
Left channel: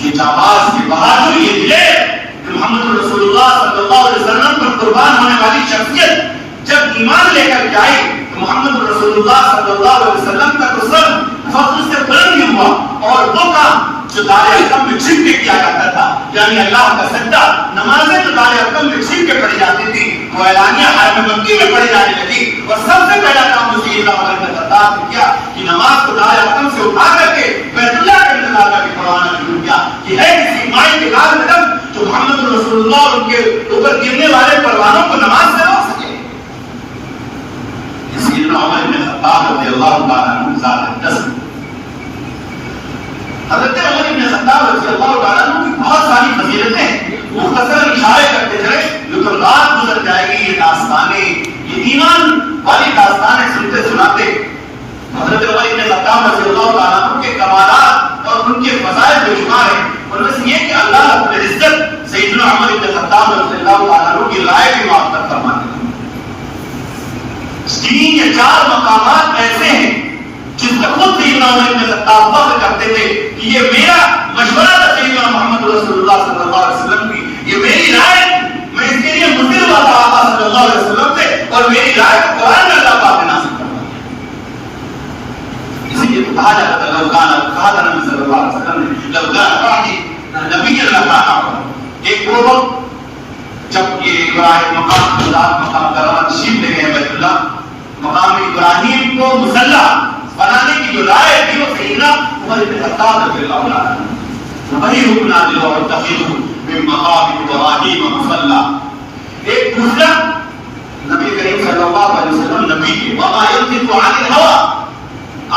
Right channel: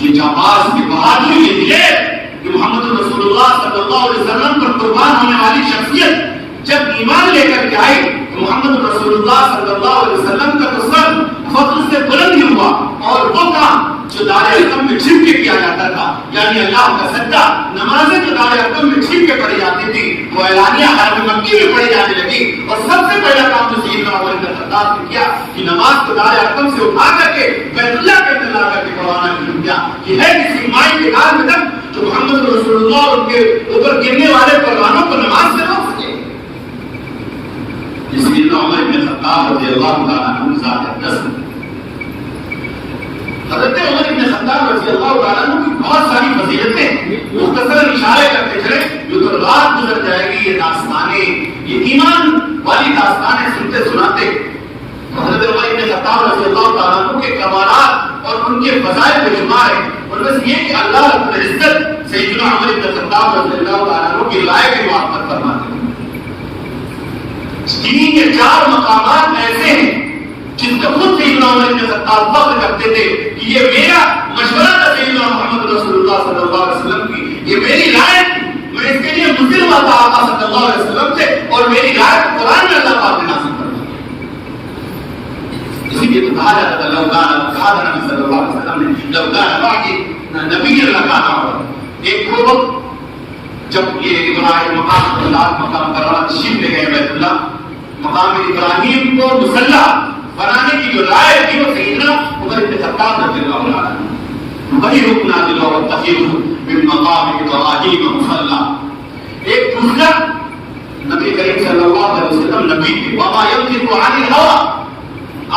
یہ جانباز کی بہادری، یہ دلیر کہ محمد رسول اللہ صلی اللہ علیہ وسلم پر قربان ہونے والی شخصیت جب ایمان لے کر کے آئی تو محمد رسول اللہ صلی اللہ علیہ وسلم کا تو سر فخر سے بلند بھی ہوا. اور وہ کام جو دار ارقم میں چھپ کے کیا جاتا تھا، یعنی اللہ کا سجدہ، نمازیں جو دار ارقم میں چھپ کے پڑھی جاتی تھی وہ اعلانیہ حرم مکی میں پڑھی جانے لگی. اور سب سے پہلا کام جو سیدنا عمر بن خطاب نے کیا کہ نماز کو دار ارقم سے اٹھا کر کے بیت اللہ کے اندر لا کر کے پڑھوانا شروع کیا کہ ہے کسی مائی کے گال میں دم جو محمد رسول اللہ اور ان کے اوپر گرنے والے پروانوں کو نماز سے روک سکے. سیدنا عمر بن خطاب رضی اللہ تعالیٰ عنہ ذات جسم. حضرت عمر بن خطاب رضی اللہ تعالیٰ عنہ کی بہت ساری فضیلتیں مختصر اشارے کرتے چلے جو تو رات گزر جائے گی. یہ داستانیں، یہ ایمان والی داستانیں سنتے سناتے حضرت عمر بن خطاب رضی اللہ تعالیٰ عنہ کے کمالات اور ان کے فضائل بے شمار ہیں. ان میں سے یہ کہ اللہ رب العزت سیدنا عمر بن خطاب رضی اللہ تعالیٰ عنہ کی رائے بھی معطل فرماتے ہیں. 3 یا 4 مقامات ایسے ہیں جس کا خود سیدنا عمر بن خطاب فخر کرتے تھے کہ یہ میرا مشورہ تھا سیدنا محمد رسول اللہ صلی اللہ علیہ وسلم کی، یہ میری رائے تھی، میں اس کے لیے مصر ہوا تھا آقا صلی اللہ علیہ وسلم سے اور اللہ باقی نبی کے اللہ کا نام ہے. ایک وہ وقت جب یہ ابراہیم مقام اللہ مقام کرامہ تشریف لے گئے بیت اللہ, مقام ابراہیم کو مصلی بنانے کی جو رائے تھی وہ سیدنا عمر بن خطاب رضی اللہ عنہ, وہی رکن نازل ہوا واتخذوا من مقام ابراہیم مصلی. ایک دوسرا نبی کریم صلی اللہ علیہ وسلم نبی تھے, وما ينطق عن الهوى,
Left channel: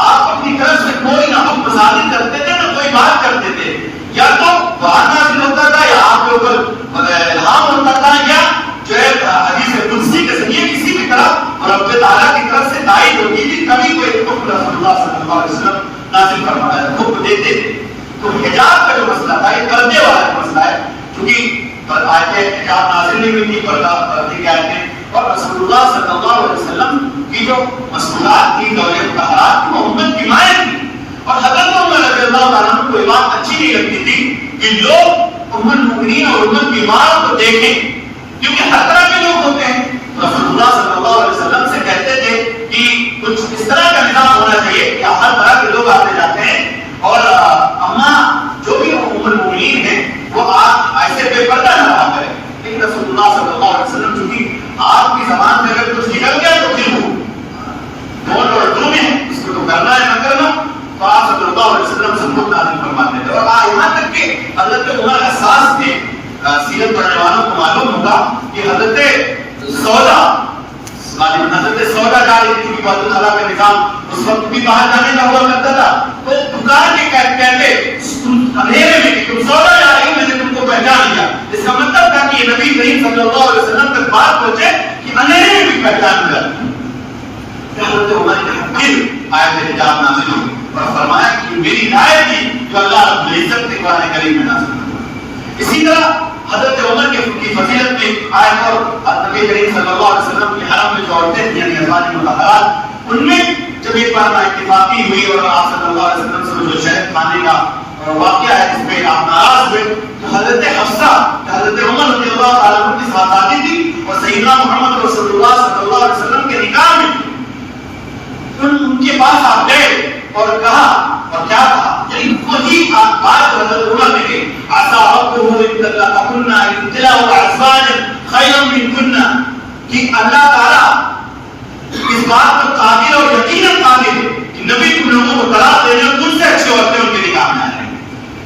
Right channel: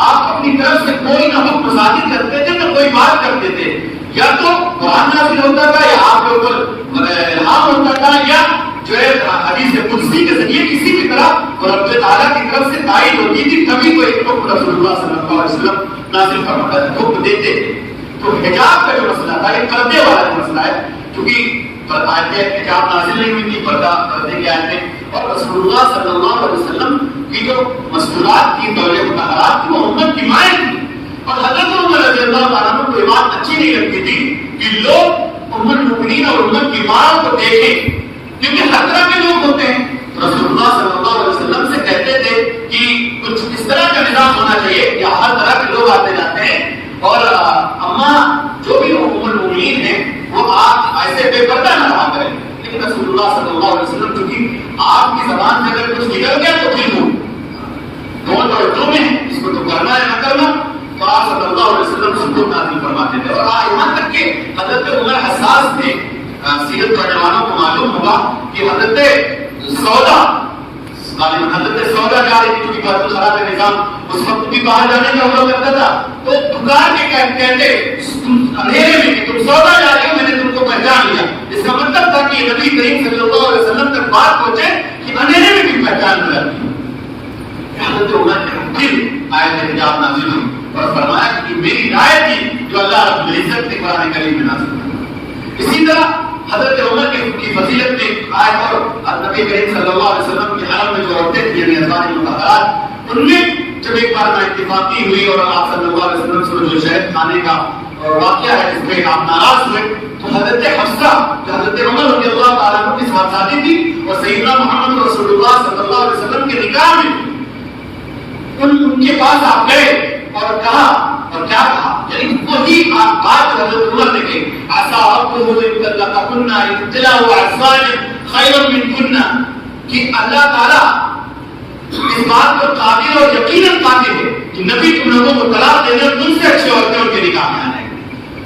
آپ اپنی طرف سے کوئی نہ حکم صادر کرتے تھے نہ کوئی بات کرتے تھے, یا تو قرآن نازل ہوتا تھا یا آپ کے اوپر الہام ہوتا تھا, یا جو ہے حدیث قدسی کے ذریعے کسی بھی طرح رب تعالیٰ کی طرف سے تائید ہوتی تھی, کبھی کوئی حکم رسول اللہ صلی اللہ علیہ وسلم نازل فرماتا ہے, حکم دیتے تھے. تو حجاب کا جو مسئلہ تھا یہ پردے والا جو مسئلہ ہے, کیونکہ آیتیں حجاب نازل نہیں ہوئی تھی, پردہ پردے کی آیتیں, اور رسول اللہ صلی اللہ علیہ وسلم کی جو مسئولات تھی, دور مطہرات تھی, وہ امت کی مائیں تھی. اور حضرت عمر رضی اللہ عنہ کو یہ بات اچھی نہیں لگتی تھی کہ لوگ ام المؤمنین اور امت کی ماں کو دیکھیں, کیونکہ ہر طرح کے لوگ ہوتے ہیں. تو رسول اللہ صلی اللہ علیہ وسلم سے کہتے تھے کہ کچھ اس طرح کا نظام ہونا چاہیے کہ ہر طرح کے لوگ آتے جاتے ہیں, اور اماں جو بھی ام المؤمنین ہیں وہ آپ ایسے بے پردہ نہ رہا کریں. لیکن رسول اللہ صلی اللہ علیہ وسلم چونکہ آپ کی زبان سے اگر کچھ نکل گیا تو پھر وہ دونوں اور دو میں اس کو تو کرنا ہے نہ کرنا, تو آپ صلی اللہ علیہ وسلم سب کو نازل فرماتے تھے. اور یہاں تک کہ حضرت عمر حساس تھے, سیرت پڑھنے والوں کو معلوم ہوگا کہ حضرت سودا حضرت سودا جا رہی تھی, بیت الخلا کا نظام اس وقت بھی باہر جانے کا ہوا کرتا تھا, تو دکان کے کہتے اندھیرے میں کہ تم سودا جا رہے ہو, میں نے تم کو پہچان لیا. اس کا مطلب تھا کہ یہ نبی کریم صلی اللہ علیہ وسلم تک بات پہنچے کہ اندھیرے میں بھی پہچان ہو جاتی. حضرت عمر نے پھر آیت حجاب نازل ہوئی اور فرمایا کہ میری رائے تھی جو اللہ رب العزت نے قرآن کریم میں نازل کی. اسی طرح حضرت عمر کی فضیلت میں آیت, اور نبی کریم صلی اللہ علیہ وسلم کے حرم میں جو عورتیں تھیں یعنی ازواج مطہرات, ان میں جب ایک بار اتفاقی ہوئی اور آپ صلی اللہ علیہ وسلم سے جو شہد کھانے کا واقعہ ہے اس پہ آپ ناراض ہوئے, تو حضرت حفصہ جو حضرت عمر رضی اللہ تعالیٰ عنہ کی صحابی تھی اور سیدنا محمد رسول اللہ صلی اللہ علیہ وسلم کے نکاح میں ان کے پاس آپ گئے اور کہا, اور کیا کہا, یعنی وہی بات حضرت عمر نے کہی, عسى ربه ان طلقكن ابتلاه ازواجا خيرا منكن, کہ اللہ تعالیٰ اس بات پر قادر اور یقیناً قادر ہے کہ نبی تم لوگوں کو طلاق دینے اور تم سے اچھے عورتیں ان کے نکاح میں آئیں.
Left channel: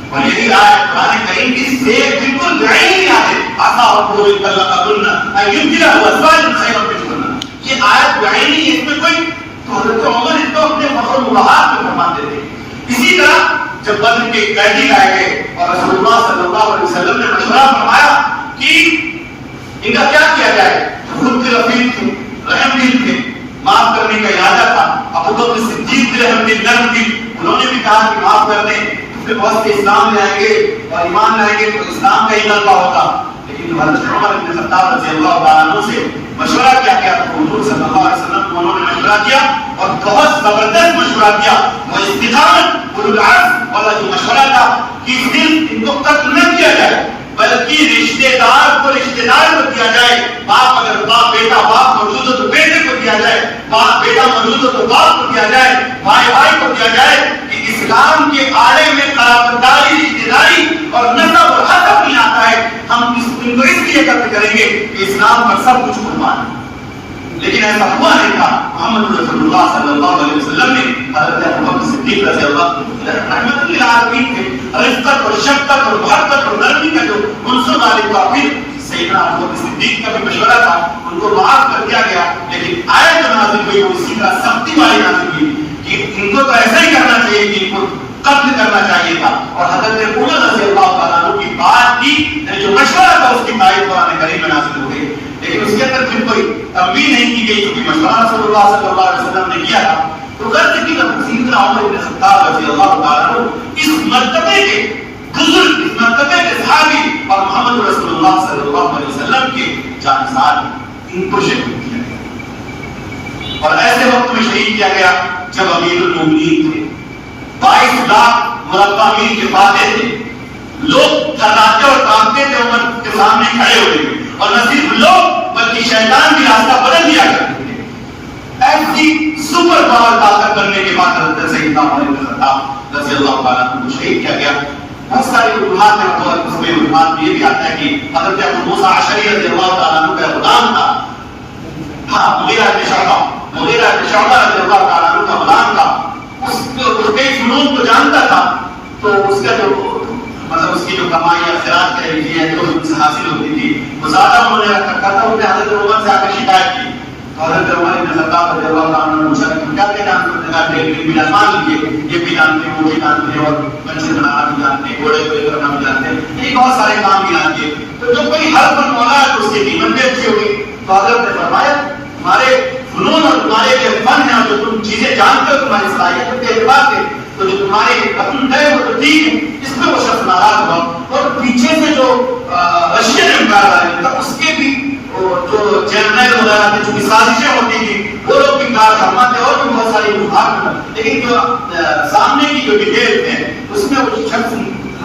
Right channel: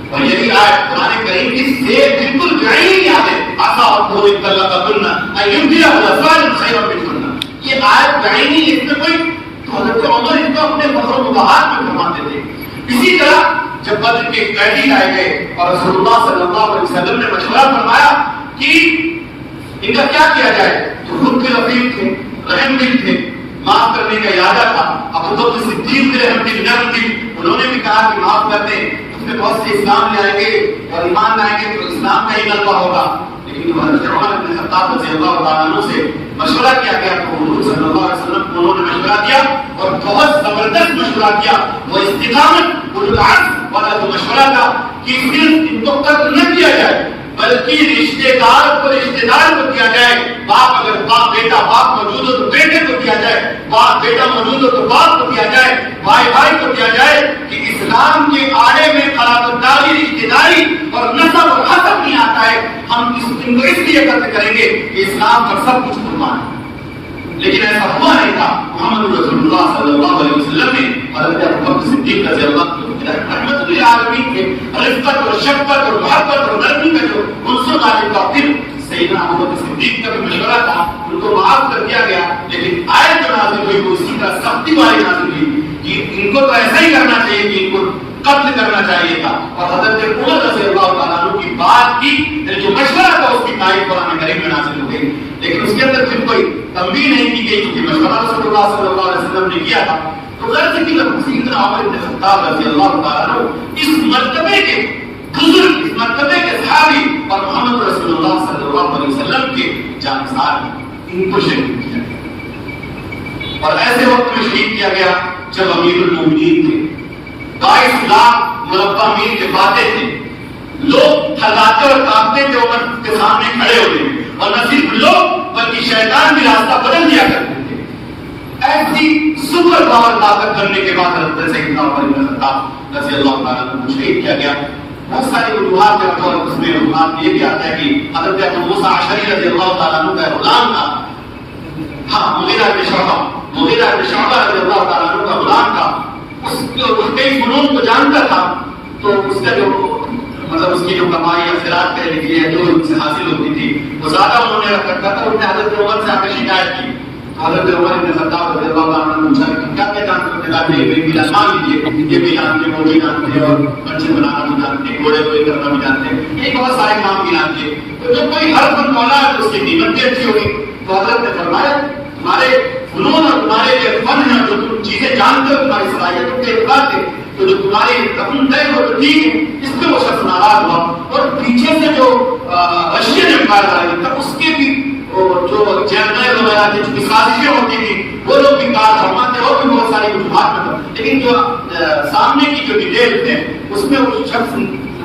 اور یہی آیت قرآن کریم کی سے بالکل بعین یاد ہے, عسى ربه ان طلقكن ان يبدله ازواجا خيرا منكن. یہ آیت بعینی, اس میں کوئی حضرت عمر اس کو اپنے فخر مباحات میں فرماتے تھے. اسی طرح جب بدر کے قیدی لائے گئے اور رسول اللہ صلی اللہ علیہ وسلم نے مشورہ فرمایا کہ ان کا کیا کیا جائے, تو خود کے رفیق تھے, رحم دل تھے, معاف کرنے کا ارادہ تھا. ابو بکر صدیق کے رحم دل نرم دل, انہوں نے بھی کہا کہ معاف کر دیں, پھر بہت سے اسلام لے آئیں گے اور ایمان لائیں گے تو اسلام کا ہی غلبہ ہوگا. لیکن حضرت عمر بن خطاب رضی اللہ تعالیٰ عنہ سے مشورہ کیا گیا, تو حضور صلی اللہ علیہ وسلم کو انہوں نے مشورہ کیا اور بہت زبردست مشورہ کیا. وہ استقامت اولو العزم والا جو مشورہ تھا کہ صرف ان کو قتل نہ کیا جائے بلکہ رشتہ دار کو رشتہ دار کو دیا جائے. باپ اگر باپ بیٹا باپ موجود ہو تو بیٹے کو دیا جائے, باپ بیٹا موجود ہو تو باپ کو دیا جائے, بھائی بھائی کو دیا جائے, کہ اسلام کے آڑے میں قرابت داری رشتہ داری اور نسب اور حسب نہیں آتا ہے. ہم ان کو اس لیے قتل کریں گے کہ اسلام پر سب کچھ قربان ہے. لیکن ایسا ہوا نہیں تھا. محمد رسول اللہ صلی اللہ علیہ وسلم نے حضرت ابو بکر صدیق رضی اللہ رحمت للعالمین کے رفقت اور شفقت اور محبت اور نرمی کا جو عنصر غالب ہوا, پھر سیدنا ابو بکر صدیق کا بھی مشورہ تھا, ان کو معاف کر دیا گیا. لیکن آیت جو نازل ہوئی وہ اسی کا سختی والی نازل ہوئی کہ ان کو تو ایسا ہی کرنا چاہیے کہ ان کو قتل کرنا چاہیے تھا. اور حضرت عمر رضی اللہ تعالیٰ عنہ کی بات کی جو مشورہ تھا اس کی تائید قرآن کریم میں نازل ہو گئی. لیکن اس کے اندر پھر کوئی تنبیہ نہیں کی گئی کیونکہ مشورہ رسول اللہ صلی اللہ علیہ وسلم نے کیا تھا. تو غرض کی سیدنا عمر بن خطاب رضی اللہ تعالیٰ عنہ اس مرتبے کے بزرگ, اس مرتبے کے صحابی اور محمد رسول اللہ صلی اللہ علیہ وسلم کے جانثار, ان کو شہید کیا گیا. اور ایسے وقت میں شہید کیا گیا جب امیر المومنین تھے, 22 لاکھ مربع میل کے فاتح تھے. لوگ تھراتے اور کانپتے تھے عمر کے سامنے کھڑے ہوئے, اور نہ صرف لوگ بلکہ شیطان بھی راستہ بدل دیا کرتے تھے. ایسی سپر پاور طاقت بننے کے بعد حضرت سیدنا عمر بن خطاب رضی اللہ تعالیٰ عنہ کو شہید کیا گیا. بہت ساری وجوہات ہیں اور اس میں وجوہات یہ بھی آتا ہے کہ حضرت ابو موسیٰ اشعری رضی اللہ تعالیٰ عنہ کا غلام تھا. ہاں مغیرہ بن شعبہ رضی اللہ تعالیٰ عنہ کا غلام تھا. اس کئی فنون کو جانتا تھا تو اس کا جو مطلب اس کی جو کمائی یا خیرات کہہ لیجیے جو ان سے حاصل ہوتی تھی وہ زیادہ انہوں نے رکھا تھا. انہوں نے حضرت عمر سے آ کر شکایت کی. حضرت عمر بن خطاب رضی اللہ تعالیٰ عنہ نے پوچھا کہ کیا کیا جانتے ہیں؟ یہ بھی مان لیجیے یہ بھی جانتے ہیں وہ بھی جانتے ہیں اور منشن بنانا بھی جانتے ہیں گھوڑے کوئی کرنا بھی جانتے ہیں یہ بہت سارے کام بھی جانتے ہیں. تو جو کوئی ہر فن مولا ہے اس کی قیمت بھی اچھی ہوگی. تو حضرت نے فرمایا تمہارے فنون اور تمہارے جو فن ہیں جو تم چیزیں جانتے ہو تمہاری صلاحیت کے اعتبار سے تو جو تمہارے رقم ہے وہ تو ٹھیک ہے. اس پہ وہ شخص ناراض ہوا اور پیچھے سے جو رشین امپائر والی تھا اس کے بھی جو جنرل وغیرہ تھے جو سازشیں ہوتی تھی وہ لوگ بھی کار فرما تھے اور بھی بہت ساری وجوہات میں. لیکن جو سامنے کی جو ڈیٹیل ہے اس میں وہ شخص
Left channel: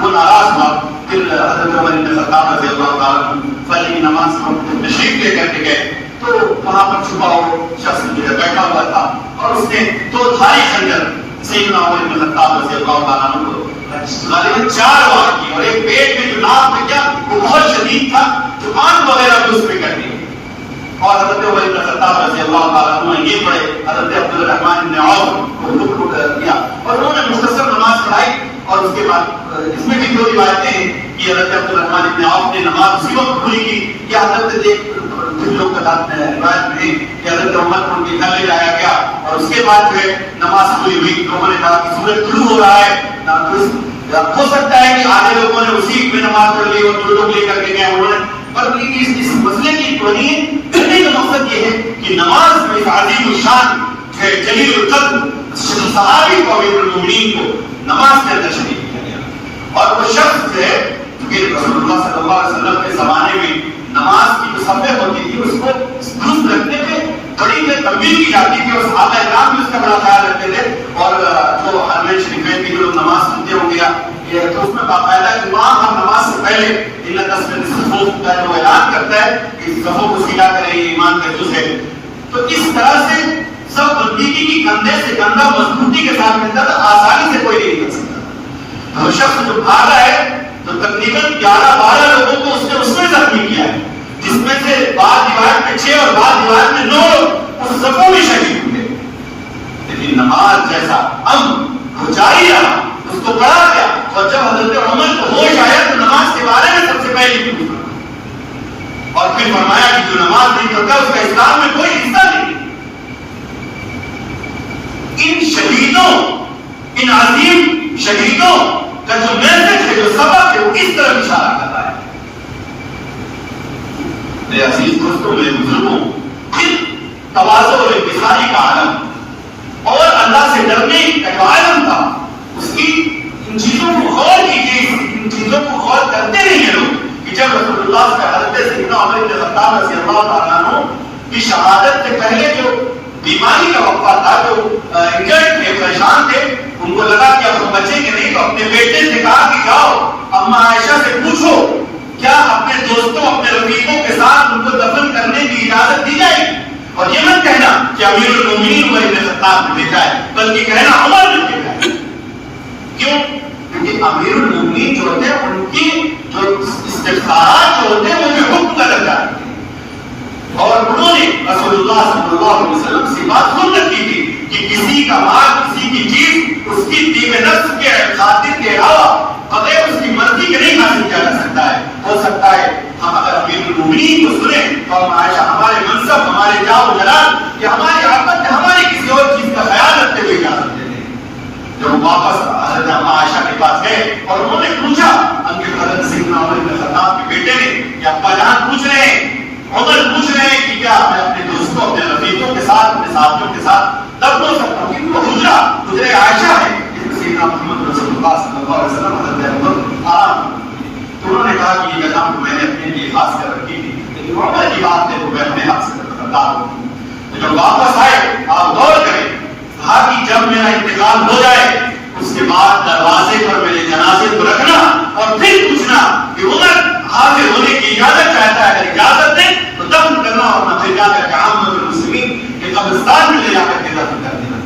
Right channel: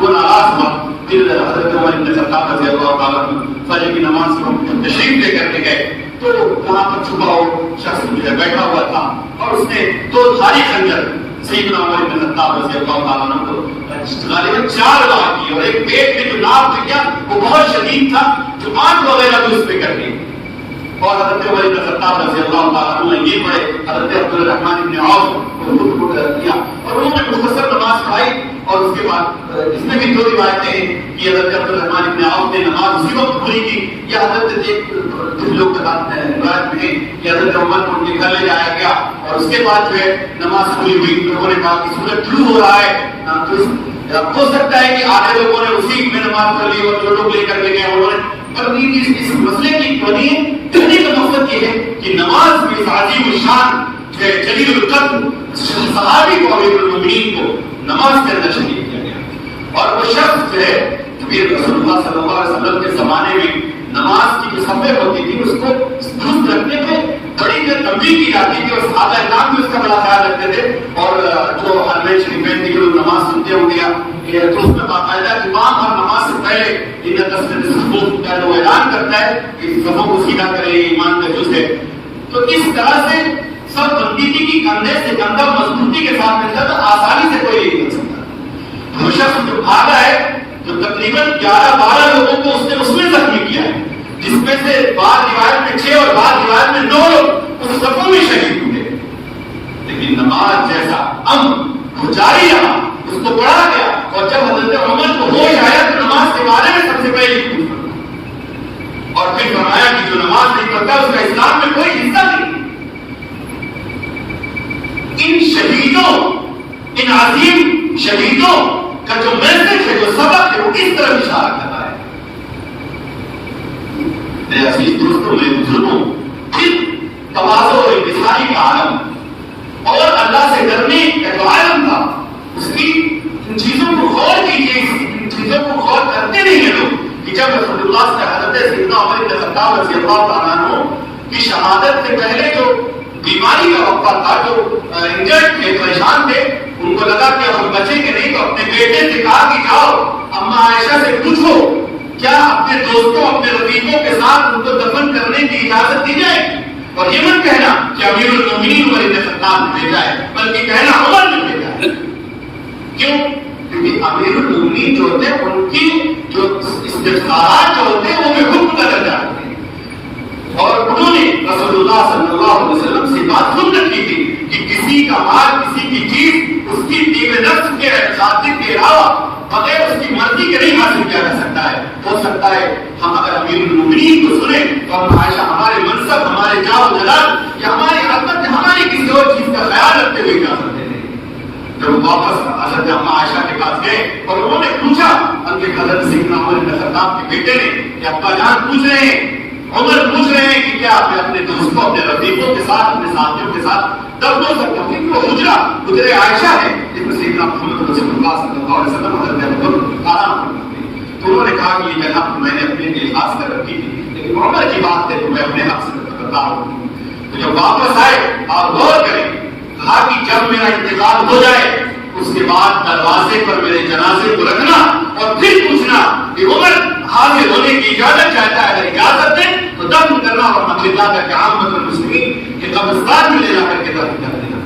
وہ ناراض ہوا. پھر حضرت عمر بن خطاب رضی اللہ تعالیٰ عنہ فجر کی نماز کو تشریف لے کر کے گئے تو وہاں پر چھپا ہوا شخص جو ہے بیٹھا ہوا تھا اور اس نے دو دھاری خنجر سیدنا عمر بن خطاب رضی اللہ تعالیٰ عنہ کو غالباً 4 وار کی اور ایک پیٹ میں جو ناف تھا کیا وہ بہت شدید تھا جو آنکھ وغیرہ بھی اس پہ کر دی. اور حضرت عمر بن خطاب رضی اللہ تعالیٰ عنہ نے یہ پڑھے حضرت عبد الرحمن بن عوف کو رک دیا اور انہوں نے مختصر نماز پڑھائی. اور اس کے بعد اس میں بھی 2 روایتیں ہیں کہ حضرت عبد الرحمن بن عوف نے نماز اسی وقت پوری کی یا حضرت کچھ لوگ بتاتے ہیں روایت میں کہ حضرت عمر کو ان کے گھر لے جایا گیا اور اس کے بعد جو ہے نماز پوری ہوئی. لوگوں نے کہا کہ سورج طلوع ہو رہا ہے ہو سکتا ہے کہ آدھے لوگوں نے اسی میں نماز پڑھ لی اور 2 لوگ لے کر کے گئے انہوں نے. پر اس مسئلے کی کہنے کا مقصد یہ ہے کہ نماز میں عظیم الشان جو ہے جلیل القدر صحابی کو امیر المومنین کو نماز کے اندر شریک کیا گیا. اور وہ شخص جو ہے کہ رسول اللہ صلی اللہ علیہ وسلم کے زمانے میں نماز کی جو صفحہ ہوتی تھی اس کو درست رکھنے پہ بڑی تنبیہ کی جاتی تھی اور صحابہ کرام بھی اس کا بڑا خیال رکھتے تھے. اور جو حرمین شریفین کی لوگ نماز سنتے ہوں گے تو اس میں باقاعدہ امام ہر نماز سے پہلے ان تسمیۃ الصفوف کا جو اعلان کرتا ہے کہ صفوں کو سیدھا کریں یہ ایمان کا جز ہے. تو اس طرح سے سب بندگی کی کندھے سے کندھا مضبوطی کے ساتھ ملتا تھا. آسانی سے کوئی نہیں کر سکتا. وہ شخص جو بھاگا ہے تو تقریباً 11-12 لوگوں کو اس نے زخمی کیا ہے جس میں سے بعض روایت میں 6 اور بعض روایت میں 9 لوگ اس صفوں میں شہید ہوئے. لیکن نماز جیسا وہ جاری رہا اس کو پڑھا گیا اور جب حضرت عمر کو ہوش آیا تو نماز کے بارے میں سب سے پہلے پوچھا اور پھر فرمایا کہ جو نماز نہیں پڑھتا اس کا اسلام میں کوئی حصہ نہیں. ان شہیدوں ان عظیم شہیدوں کا جو میسج ہے جو سبق ہے وہ اس طرح اشارہ کرتا ہے. میرے عزیز دوستوں میرے بزرگوں پھر تواضع اور انکساری کا عالم اور اللہ سے ڈرنے کا جو عالم تھا اس کی ان چیزوں کو غور کیجیے. ان چیزوں کو غور کرتے نہیں ہیں لوگ کہ جب رسول اللہ سے حضرت سیدنا عمر بن خطاب رضی اللہ تعالیٰ عنہ کی شہادت سے پہلے جو بیماری کا وقفہ تھا جو انجرڈ تھے پریشان تھے ان کو لگا کہ اب وہ بچیں گے نہیں تو اپنے بیٹے سے کہا کہ جاؤ اما عائشہ سے پوچھو کیا اپنے دوستوں اپنے رفیقوں کے ساتھ ان کو دفن کرنے کی اجازت دی جائے گی. اور یہ مت کہنا کہ امیر المومنین عمر بن خطاب نے بھیجا ہے بلکہ کہنا عمر نے بھیجا ہے. کیوں؟ کیونکہ امیر المومنین جو ہوتے ہیں ان کی جو استفسارات جو ہوتے ہیں وہ میں حکم کا درجہ رکھتے ہیں. اور انہوں نے رسول اللہ صلی اللہ علیہ وسلم سے بات سن رکھی تھی کہ کسی کا مال کسی کی چیز اس کی طیب نفس کے خاطر کے علاوہ بغیر اس کی مرضی کے نہیں حاصل کیا جا سکتا ہے. ہو سکتا ہے ہم اگر امیر المومنین کو سنیں تو ہم عائشہ ہمارے منصب ہمارے جاہ و جلال یا ہماری عظمت یا ہماری کسی اور چیز کا خیال رکھتے ہوئے اجازت دے دیں. جب وہ واپس حضرت اما عائشہ کے پاس گئے اور انہوں نے پوچھا ان کے حضرت سیدنا عمر بن خطاب کے بیٹے نے کہ ابا جان پوچھ رہے ہیں عمر پوچھ رہے ہیں کہ کیا میں اپنے دوستوں اپنے رفیقوں کے ساتھ اپنے ساتھیوں کے ساتھ دفن ہو سکتا ہوں. ان کو حجرہ عائشہ ہے جس میں سیدنا محمد رسول اللہ صلی اللہ علیہ وسلم حضرت عمر آرام کرتے ہیں. تو انہوں نے کہا کہ یہ جگہ میں نے اپنے لیے خاص کر رکھی تھی لیکن عمر کی بات ہے تو میں اپنے حق سے کرتا ہوں. تو جب واپس آئے آپ غور کریں کہا کہ جب میرا انتقال ہو جائے اس کے بعد دروازے پر میرے جنازے کو رکھنا اور پھر پوچھنا کہ عمر حاضر ہونے کی اجازت چاہتا ہے. اگر اجازت دیں تو دفن کرنا اور پھر جا کر کے عامت المسلمین کے قبرستان میں لے جا کر کے دفن کر دینا.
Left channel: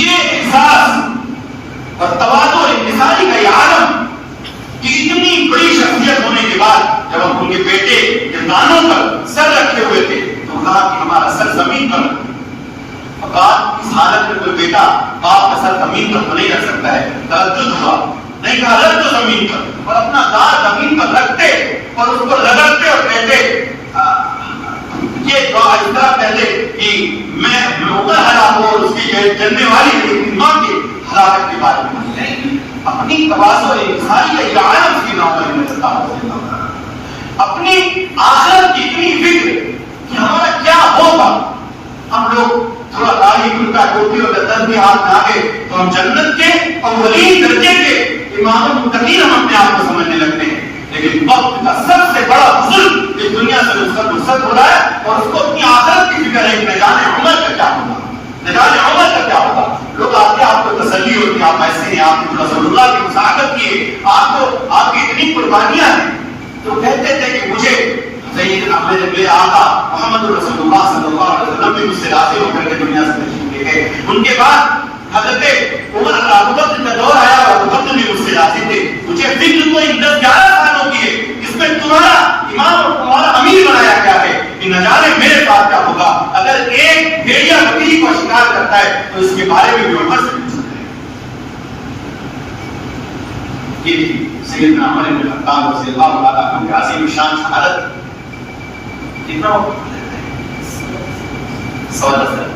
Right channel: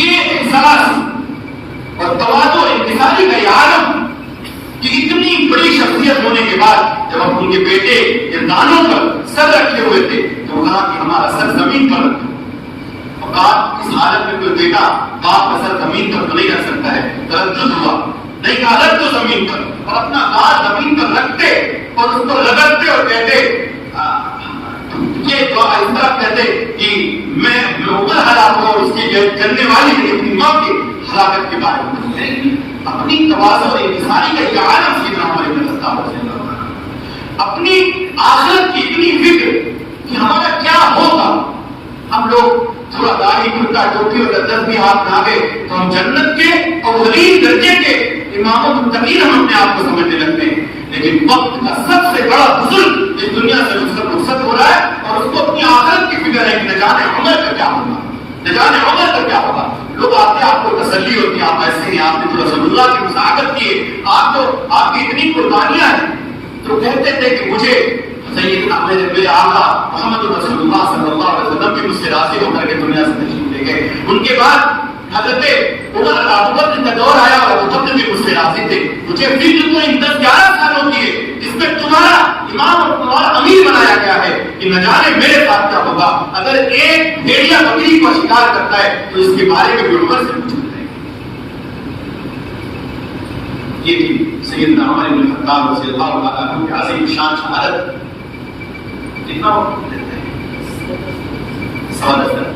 یہ احساس اور تواضع اور انکساری کا یہ بعد جب ان کے بیٹے دانوں پر سر رکھے ہوئے تھے تو کہا کہ ہمارا سر زمین پر رکھو. اس حالت میں کوئی بیٹا باپ کا سر زمین پر تو نہیں رکھ سکتا ہے. تردد ہوا, نہیں کہا رکھ دو زمین پر, اور اپنا دانت زمین پر رکھتے اور اس کو رگڑتے اور کہتے یہ دعا اس طرح کہتے کہ میں لوگوں ہلاک ہوں اور اس کی جلنے والی میری ماں کی ہلاکت کے بارے میں. اپنی تواضع اور انکساری کا یہ عالم سیدنا عمر بن خطاب اپنی آخرت کی اتنی فکر کہ ہمارا کیا ہوگا. ہم لوگ تھوڑا داڑھی کرتا ٹوپی اور تسبیحات میں آ گئے تو ہم جنت کے اولین درجے کے امام متقین ہم اپنے آپ کو سمجھنے لگتے ہیں. لیکن وقت کا سب سے بڑا بزرگ اس دنیا سے رخصت ہو رہا ہے اور اس کو اپنی آخرت کی فکر ہے کہ نہ جانے عمر کا کیا ہوگا, نہ جانے عمر کا کیا ہوگا. لوگ آتے آپ کو تسلی ہوتی ہے, آپ ایسے ہیں, آپ نے تو رسول اللہ کی مساعدت کی ہے, آپ کو آپ کی اتنی قربانیاں ہیں. تو کہتے تھے کہ مجھے میرے آقا محمد رسول اللہ صلی اللہ علیہ وسلم بھی مجھ سے راضی ہو کر کے دنیا سے تشریف لے گئے. ان کے بعد حضرت عمر ابو بکر کا دور آیا اور ابو بکر بھی مجھ سے راضی تھے. مجھے فکر تو ان 10-11 سالوں کی ہے جس میں تمہارا امام اور تمہارا امیر بنایا گیا ہے کہ نہ جانے میرے ساتھ کیا ہوگا. اگر ایک بھیڑیا بکری کو شکار کرتا ہے تو اس کے بارے میں بھی عمر سے پوچھتے ہیں. یہ بھی سیدنا عمر بن خطاب رضی اللہ تعالیٰ عنہ کی عظیم شان شہادت. کتنا سوال ہے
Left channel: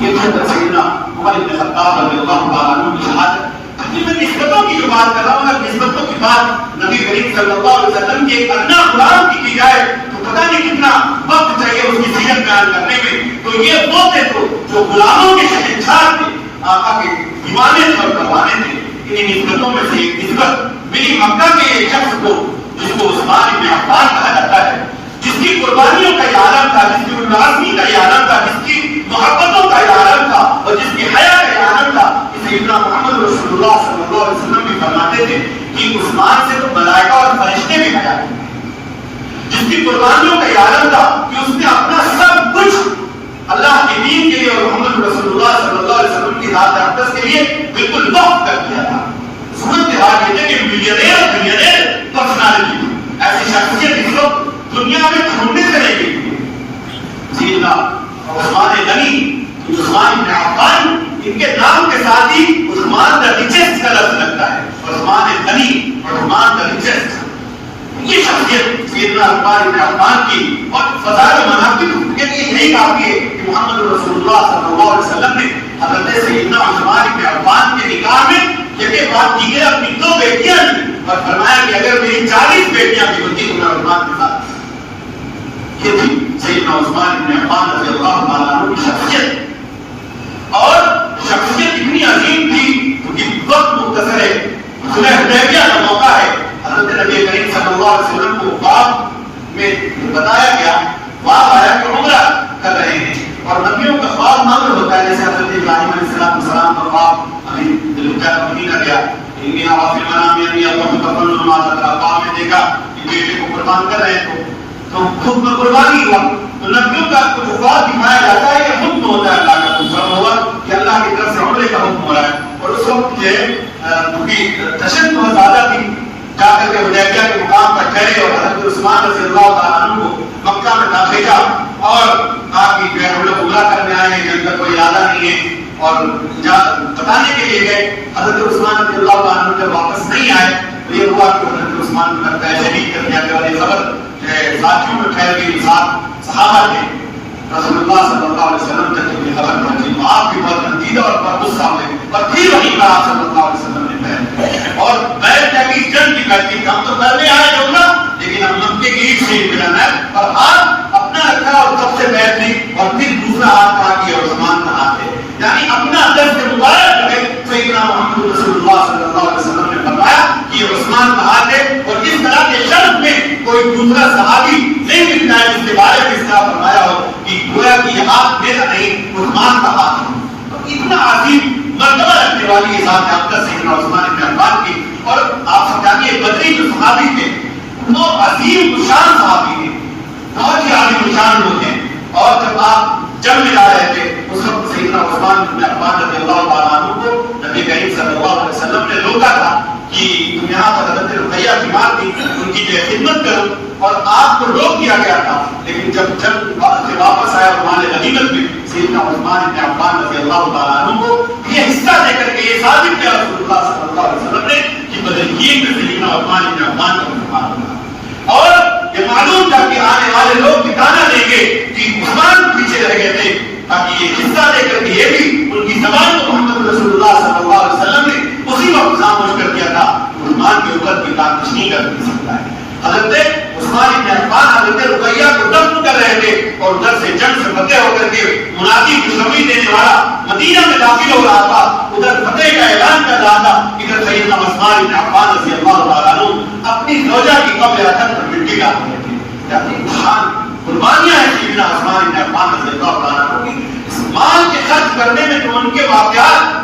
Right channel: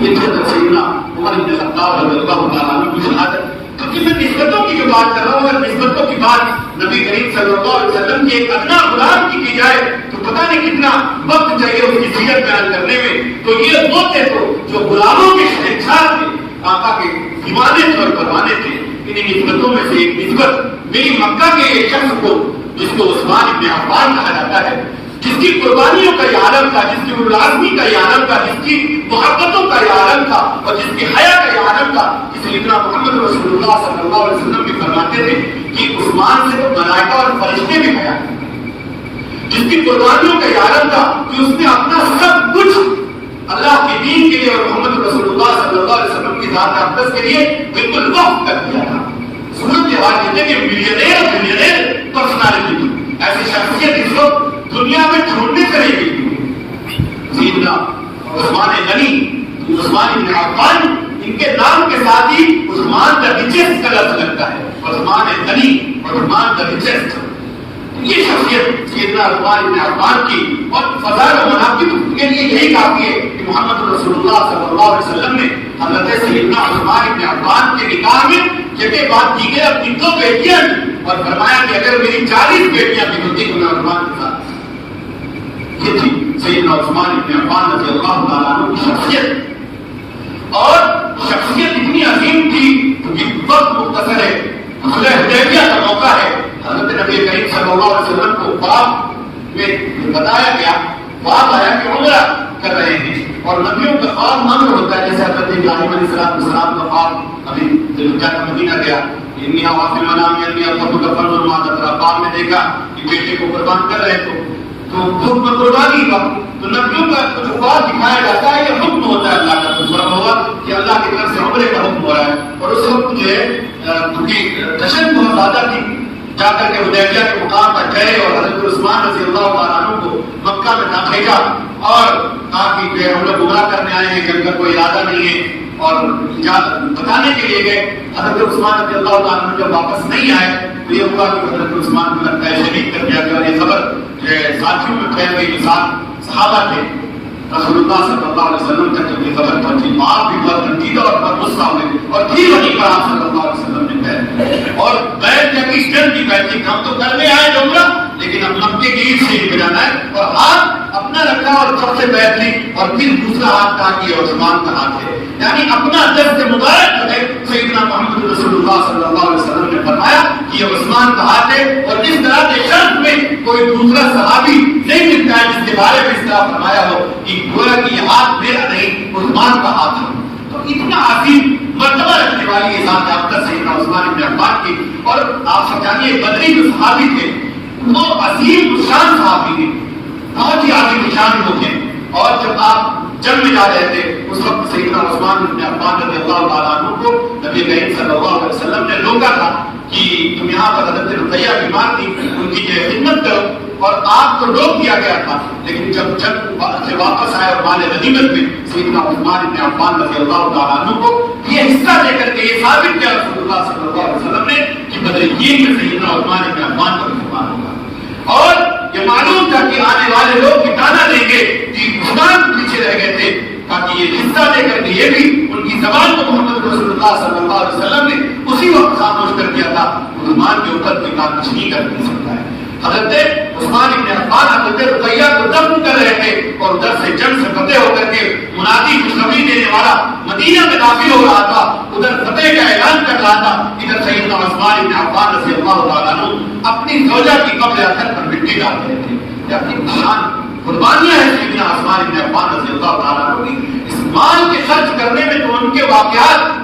یہ تو سیدنا عمر بن خطاب رضی اللہ تعالیٰ عنہ کی شہادت. میں نسبتوں کی جو بات کر رہا ہوں, اگر نسبتوں کی بات نبی کریم صلی اللہ علیہ وسلم کے ایک ادنا غلام کی جائے تو پتہ نہیں کتنا وقت چاہیے اس کی سیرت بیان کرنے میں. تو یہ وہ تھے تو جو غلاموں کے شہنشاہ تھے, آقا کے دیوانے اور پروانے تھے. انہیں نسبتوں میں سے ایک نسبت میری مکہ کے ایک شخص کو جس کو عثمان بن عفان کہا جاتا ہے, جس کی قربانیوں کا یہ عالم تھا, جس کی ملازمی کا یہ عالم تھا, جس کی محبتوں کا یہ عالم تھا اور جس کی حیا کا یہ عالم تھا, سیدنا محمد رسول اللہ صلی اللہ علیہ وسلم بھی فرماتے تھے کہ عثمان سے تو ملائکہ اور فرشتے بھی حیا کرتے ہیں. جس کی قربانیوں کا یہ عالم تھا کہ اس نے اپنا سب کچھ اللہ کے دین کے لیے اور محمد رسول اللہ صلی اللہ علیہ وسلم کی ذات اقدس کے لیے بالکل وقف کر دیا تھا. صورت حال یہ ہے کہ ملینئر پرسنالٹی تھی, ایسی شخصیت اس وقت دنیا میں ڈھونڈنے چلے گئی. سیدنا عثمان غنی, عثمان بن عفان, ان کے نام کے ساتھ ہی عثمان دا ریچسٹ کا لفظ لگتا ہے. عثمان غنی اور عثمان دا ریچسٹ, یہ شخصیت سیدنا عثمان بن عفان کی اور فضائل و مناقب کے لیے یہی کافی ہے کہ محمد رسول اللہ صلی اللہ علیہ وسلم نے حضرت سیدنا عثمان بن عفان کے نکاح میں جبکہ بات دیگر اپنی 2 بیٹیاں اور فرمایا کہ اگر میری 40 بیٹیاں بھی ہوتی تو میں عثمان کے ساتھ. یہ تھی سیدنا عثمان بن عفان رضی اللہ تعالیٰ عنہ کی شخصیت, اور شخصیت اتنی عظیم تھی کہ وقت مختصر ہے, صلح حدیبیہ کا موقع ہے. حضرت نبی کریم صلی اللہ علیہ وسلم کو خواب میں بتایا گیا, خواب آیا کہ عمرہ کر رہے ہیں اور نبیوں کا خواب معمول ہوتا ہے, جیسے حضرت ابراہیم علیہ السلام کا خواب ابھی مدینہ گیا, انی ارا فی المنام انی اذبحک فانظر ماذا ترى, خواب میں دیکھا کہ بیٹے کو قربان کر رہے ہیں تو حکم قربانی ہوا. تو نبیوں کا جو خواب دکھایا جاتا ہے کہ حکم ہوتا ہے اللہ کا, حکم ہوا کہ اللہ کی طرف سے عمرے کا حکم ہو رہا ہے. اور اس وقت جو ہے کیونکہ دہشت بہت زیادہ تھی, جا کر کے حدیبیہ کے مقام پر ٹھہرے اور حضرت عثمان رضی اللہ تعالیٰ عنہ کو مکہ میں نہ بھیجا اور کہا کہ جو ہے ہم لوگ عمرہ کرنے آئے ہیں, جن کا کوئی ارادہ نہیں ہے, اور بتانے کے لیے گئے. حضرت عثمان رضی اللہ تعالیٰ عنہ جب واپس نہیں آئے تو یہ ہوا کہ حضرت عثمان کو لگتا ہے شہید کر دیا گیا, اور یہ خبر ساتھیوں میں پھیل گئی. ساتھ صحابہ تھے, رسول اللہ صلی اللہ علیہ وسلم تک جب یہ خبر پہنچی تو آپ بھی بہت نتیجہ اور بہت غصہ ہوئے, اور پھر وہی کہا صلی اللہ علیہ وسلم نے بیعت, اور بیعت کی جنگ کی بیعت کی, ہم تو کرنے آئے عمرہ لیکن ہم مکے کی عید سے ملانا ہے, اور ہاتھ اپنا رکھا اور سب سے بیعت لی, اور پھر دوسرا ہاتھ کہا کہ عثمان کا ہاتھ ہے. یعنی اپنا دست مبارک جو ہے سیدنا محمد رسول اللہ صلی اللہ علیہ وسلم نے فرمایا کہ یہ عثمان کا ہاتھ ہے, اور اس طرح کے شخص میں کوئی دوسرا صحابی نہیں ملتا ہے جس کے بارے میں اس طرح فرمایا ہو کہ گویا کہ یہ ہاتھ میرا نہیں عثمان کا ہاتھ ہے. تو اتنا عظیم مرتبہ رکھنے والی یہ ذات اقدس سیدنا عثمان بن عفان کی. اور آپ سمجھائیے بدری جو صحابی تھے وہ عظیم شان صحابی تھے, بہت ہی عظیم شان لوگ ہیں, اور جب آپ جنگ میں جا رہے تھے اس وقت سیدنا عثمان بن عفان رضی اللہ تعالیٰ عنہ کو نبی کریم صلی اللہ علیہ وسلم نے روکا تھا کہ تم یہاں پر حضرت رقیہ بیمار تھی، ان کی جو ہے خدمت کرو، اور آپ کو روک دیا گیا تھا. لیکن جب سے واپس آیا اور مال غنیمت میں سیدنا عثمان بن عفان رضی اللہ تعالیٰ عنہ کو یہ حصہ دے کر کے یہ ثابت کیا رسول اللہ صلی اللہ علیہ وسلم نے کہ بدرین میں سیدنا عثمان بن عفان کا مسلمان ہوگا. اور یہ معلوم تھا کہ آنے والے لوگ ٹھکانا دیں گے کہ عثمان پیچھے رہ گئے تھے، تاکہ یہ حصہ دے کر کے یہ بھی ان کی زبان کو محمد رسول اللہ صلی اللہ علیہ وسلم نے اسی وقت خاموش کر دیا تھا. مسلمان کے اوپر کوئی کام کچھ نہیں کر سکتا ہے. حضرت عثمان بن عفان حضرت رقیہ کو دفن کر رہے تھے اور ادھر سے جنگ سے فتح ہو کر کے منادی خوشخبری دینے والا مدینہ میں داخل ہو رہا تھا، ادھر فتح کا اعلان کر رہا تھا. ادھر سیدنا عثمان بن عفان رضی اللہ تعالیٰ عنہ اپنی زوجہ کی قبر اثر پر مٹی ڈال رہے تھے. یہ اپنی جان قربانیاں ہیں سیدنا عثمان بن عفان رضی اللہ تعالیٰ عنہ کی. اس مال کے خرچ کرنے میں تو ان کے واقعات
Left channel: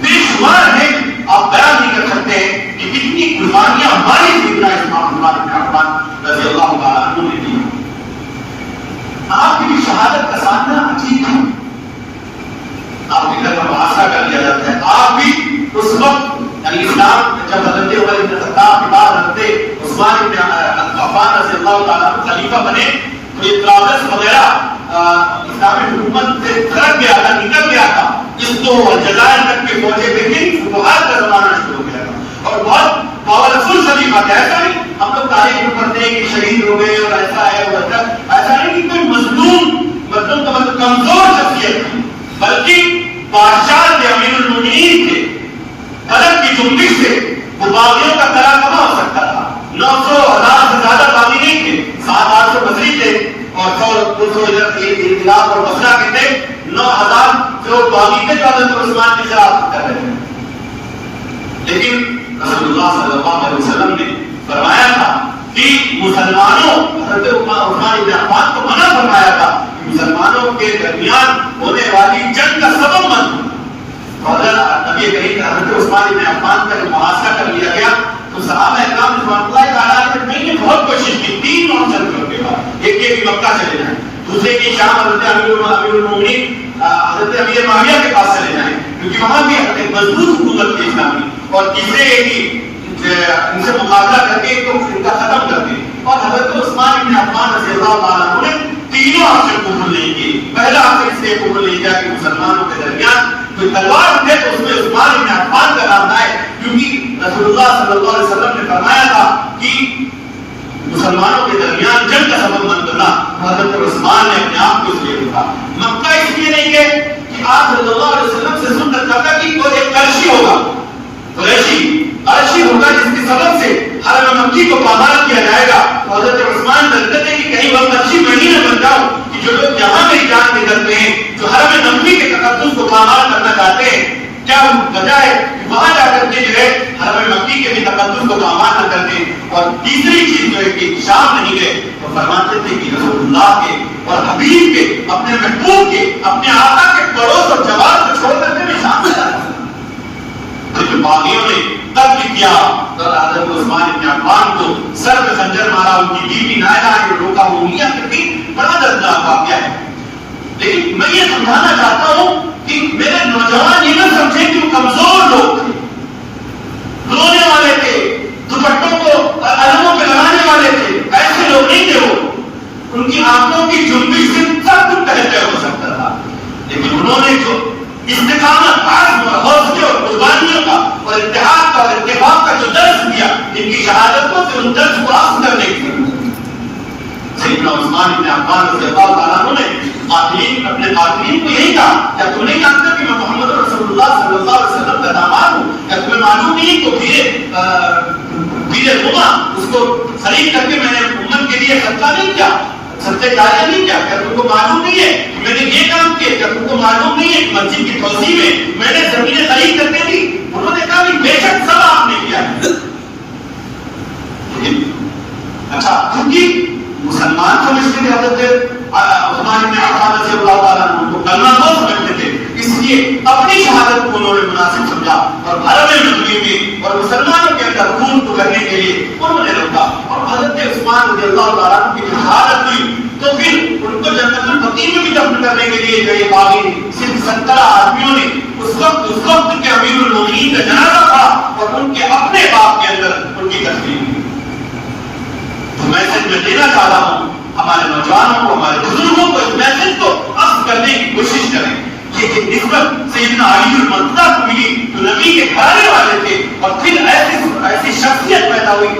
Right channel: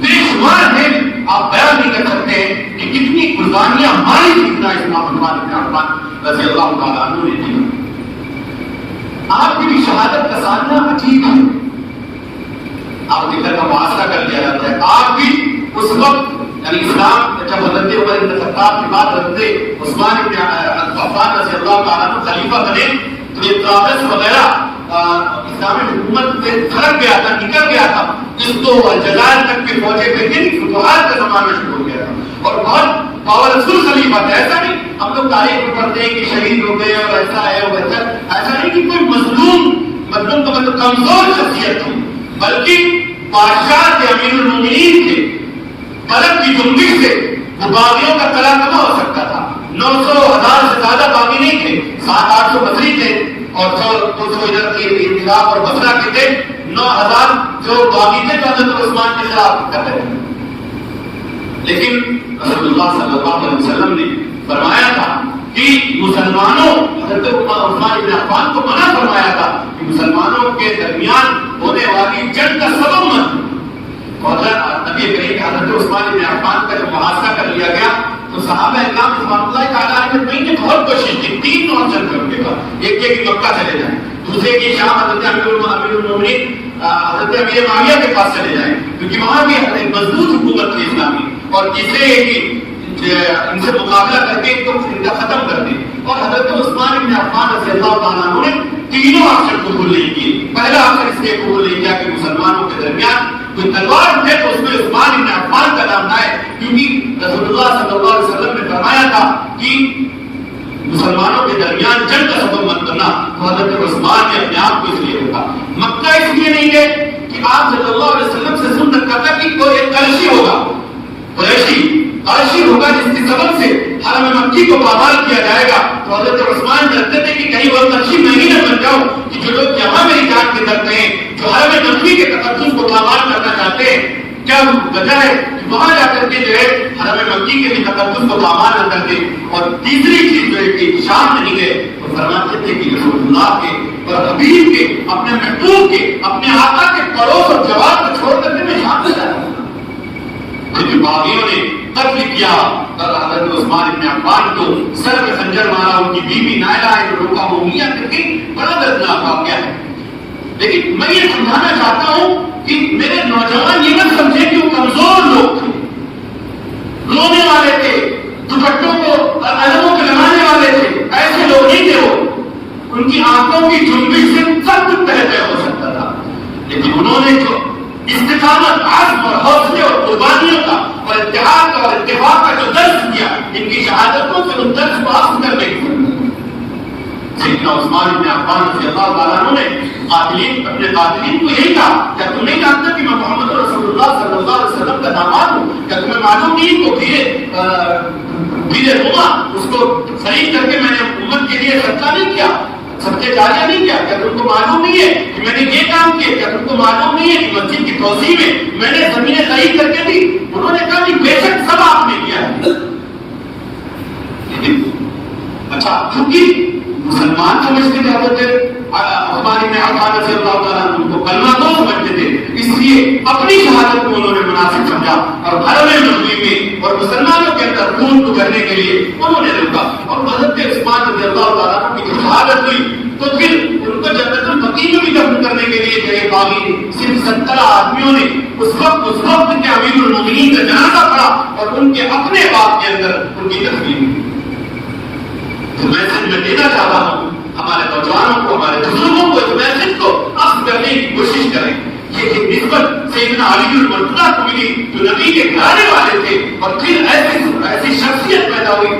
بے شمار ہیں، آپ بیان نہیں کر سکتے ہیں کہ کتنی قربانیاں ہماری سیدنا عثمان بن عفان رضی اللہ تعالیٰ عنہ نے دی. آپ کی بھی شہادت کا سامنا عجیب ہے. آپ ذکر کا محاصرہ کر لیا جاتا ہے. آپ بھی اس وقت یعنی اسلام جب حضرت عمر بن خطاب کے بعد حضرت عثمان بن عفان رضی اللہ تعالیٰ عنہ خلیفہ بنے تو یہ طرابلس وغیرہ اسلامی حکومت سے کھڑک گیا تھا، نکل گیا تھا. اس کو الجزائر تک کے پہنچے تھے، پھر فتوحات کا زمانہ شروع ہو گیا تھا اور بہت پاورفل خلیفہ تھا. ایسا نہیں ہم لوگ تاریخ میں پڑھتے ہیں کہ شہید ہو گئے اور ایسا ہے ویسا، ایسا نہیں کہ کوئی مظلوم کا مطلب کمزور شخصیت تھی، بلکہ بادشاہ کے امیر المؤمنین تھے. قلب کی جنبش سے وہ باغیوں کا کلا کما ہو سکتا تھا. 900,000 سے زیادہ باغی نہیں تھے، 700-800 بصری تھے اور 100-200 ادھر انقلاب اور بصرہ کے تھے. 9,000 جو باغی تھے جو حضرت عثمان کے خلاف کر رہے تھے. لیکن رسول اللہ صلی اللہ علیہ وسلم نے فرمایا تھا کہ مسلمانوں حضرت عثمان بن عفان کو منع فرمایا تھا کہ مسلمانوں کے درمیان ہونے والی جنگ کا سبب مت بنو. حضرت نبی کریم حضرت عثمان بن عفان کا جب محاصرہ کر لیا گیا تو صحابہ اکرام رضوان اللہ تعالیٰ علیہ نے بہت کوشش کی 3 آپشن کرنے کا. ایک یہ کہ مکہ چلے جائیں، دوسرے کی شام حضرت امیر المومنین حضرت امیر معاویہ کے پاس چلے جائیں کیونکہ وہاں بھی ایک مضبوط حکومت تھی اسلامی، اور تیسرے یہ کہ ان سے مقابلہ کر کے ان کا ختم کر دیں. اور حضرت عثمان بن عفان رضی اللہ تعالیٰ عنہ نے تینوں آپشن قبول نہیں کیے. پہلا آپشن اس لیے قبول نہیں کیا کہ مسلمانوں کے درمیان کوئی تلوار اٹھے تو اس میں عثمان بن عفان کا نام آئے، کیونکہ رسول اللہ صلی اللہ علیہ وسلم نے فرمایا تھا کہ مسلمانوں کے درمیان جنگ کا سبب مت بننا. حضرت عثمان نے اپنے آپ کو اس لیے روکا. مکہ اس لیے نہیں گئے کہ آپ صلی اللہ علیہ وسلم سے سنت کرتا کہ کوئی ایک قریشی ہوگا، قریشی ہوگا جس کے سبب سے حرم مکی کو پامال کیا جائے گا. تو حضرت عثمان ڈرتے تھے کہ کہیں وہ قریشی میں ہی نہ بن جاؤں کہ جو لوگ یہاں میری جان کے کرتے ہیں، جو حرم مکی کے تقدس کو پامال کرنا چاہتے ہیں، کیا وجہ ہے کہ وہاں جا کر کے جو ہے حرم مکی کے بھی تقدس کو پامال نہ کرتے. اور تیسری چیز جو ہے کہ شام نہیں گئے تو فرماتے تھے کہ رسول اللہ کے اور حبیب کے، اپنے محبوب کے، اپنے آقا کے پڑوس اور جواب کو چھوڑ کر کے میں شام چلا جاتا. باغیوں نے قتل کیا اور حضرت عثمان بن عفان کو سر میں خنجر مارا. ان کی بیوی نائلہ ہے جو روکا مومیاں کرتی. بڑا دردناک واقعہ ہے. لیکن میں یہ سمجھانا چاہتا ہوں کہ میرے نوجوان یہ نہ سمجھیں کہ وہ کمزور لوگ تھے، رونے والے تھے، دوپٹوں کو علموں پہ لگانے والے تھے. ایسے لوگ نہیں تھے. وہ ان کی آنکھوں کی جنبش سے سب کچھ بہتر ہو سکتا تھا، لیکن انہوں نے جو استقامت، عزم اور حوصلے اور قربانیوں کا اور اتحاد کا اور اتفاق کا جو درس دیا، ان کی شہادتوں سے ان درس کو حاصل کرنے کی سیدنا عثمان بن عفان رضی اللہ تعالیٰ عنہ نے قاتلین، اپنے قاتلین کو یہی کہا کیا تم نہیں جانتے کہ میں محمد رسول اللہ صلی اللہ علیہ وسلم کا داماد ہوں؟ کیا تمہیں معلوم نہیں کہ بیرے روما اس کو خرید کر کے میں نے امت کے لیے صدقہ نہیں کیا، صدقہ جاریہ نہیں کیا؟ کیا تم کو معلوم نہیں ہے کہ میں نے یہ کام کیا؟ کیا تم کو معلوم نہیں ہے کہ مسجد کی توسیع میں نے زمینیں خرید کر کے دی؟ انہوں نے کہا کہ بے شک سب آپ نے کیا. لیکن اچھا کیونکہ مسلمان سمجھتے تھے حضرت عثمان بن عفان رضی اللہ تعالیٰ عنہ کو کلمہ گو سمجھتے تھے، اس لیے اپنی شہادت کو انہوں نے مناسب سمجھا اور حرم مکی میں اور مسلمانوں کے اندر خون کو کرنے کے لیے انہوں نے روکا. اور حضرت عثمان رضی اللہ تعالیٰ عنہ کی جو شہادت ہوئی تو پھر ان کو جنت البقیع میں بھی دفن کرنے کے لیے جو باغی ان کے اپنے باپ کے اندر ان کی تکلیف ہوئی. تو میسج میں دینا چاہتا ہوں ہمارے نوجوانوں کو, ہمارے بزرگوں کو, اس میسج کو اخذ کرنے کی کوشش کریں. یہ ایک نسبت سیدنا علی المرتضیٰ کو ملی جو نبی کے گھرانے والے تھے, اور پھر ایسی شخصیت پیدا ہوئی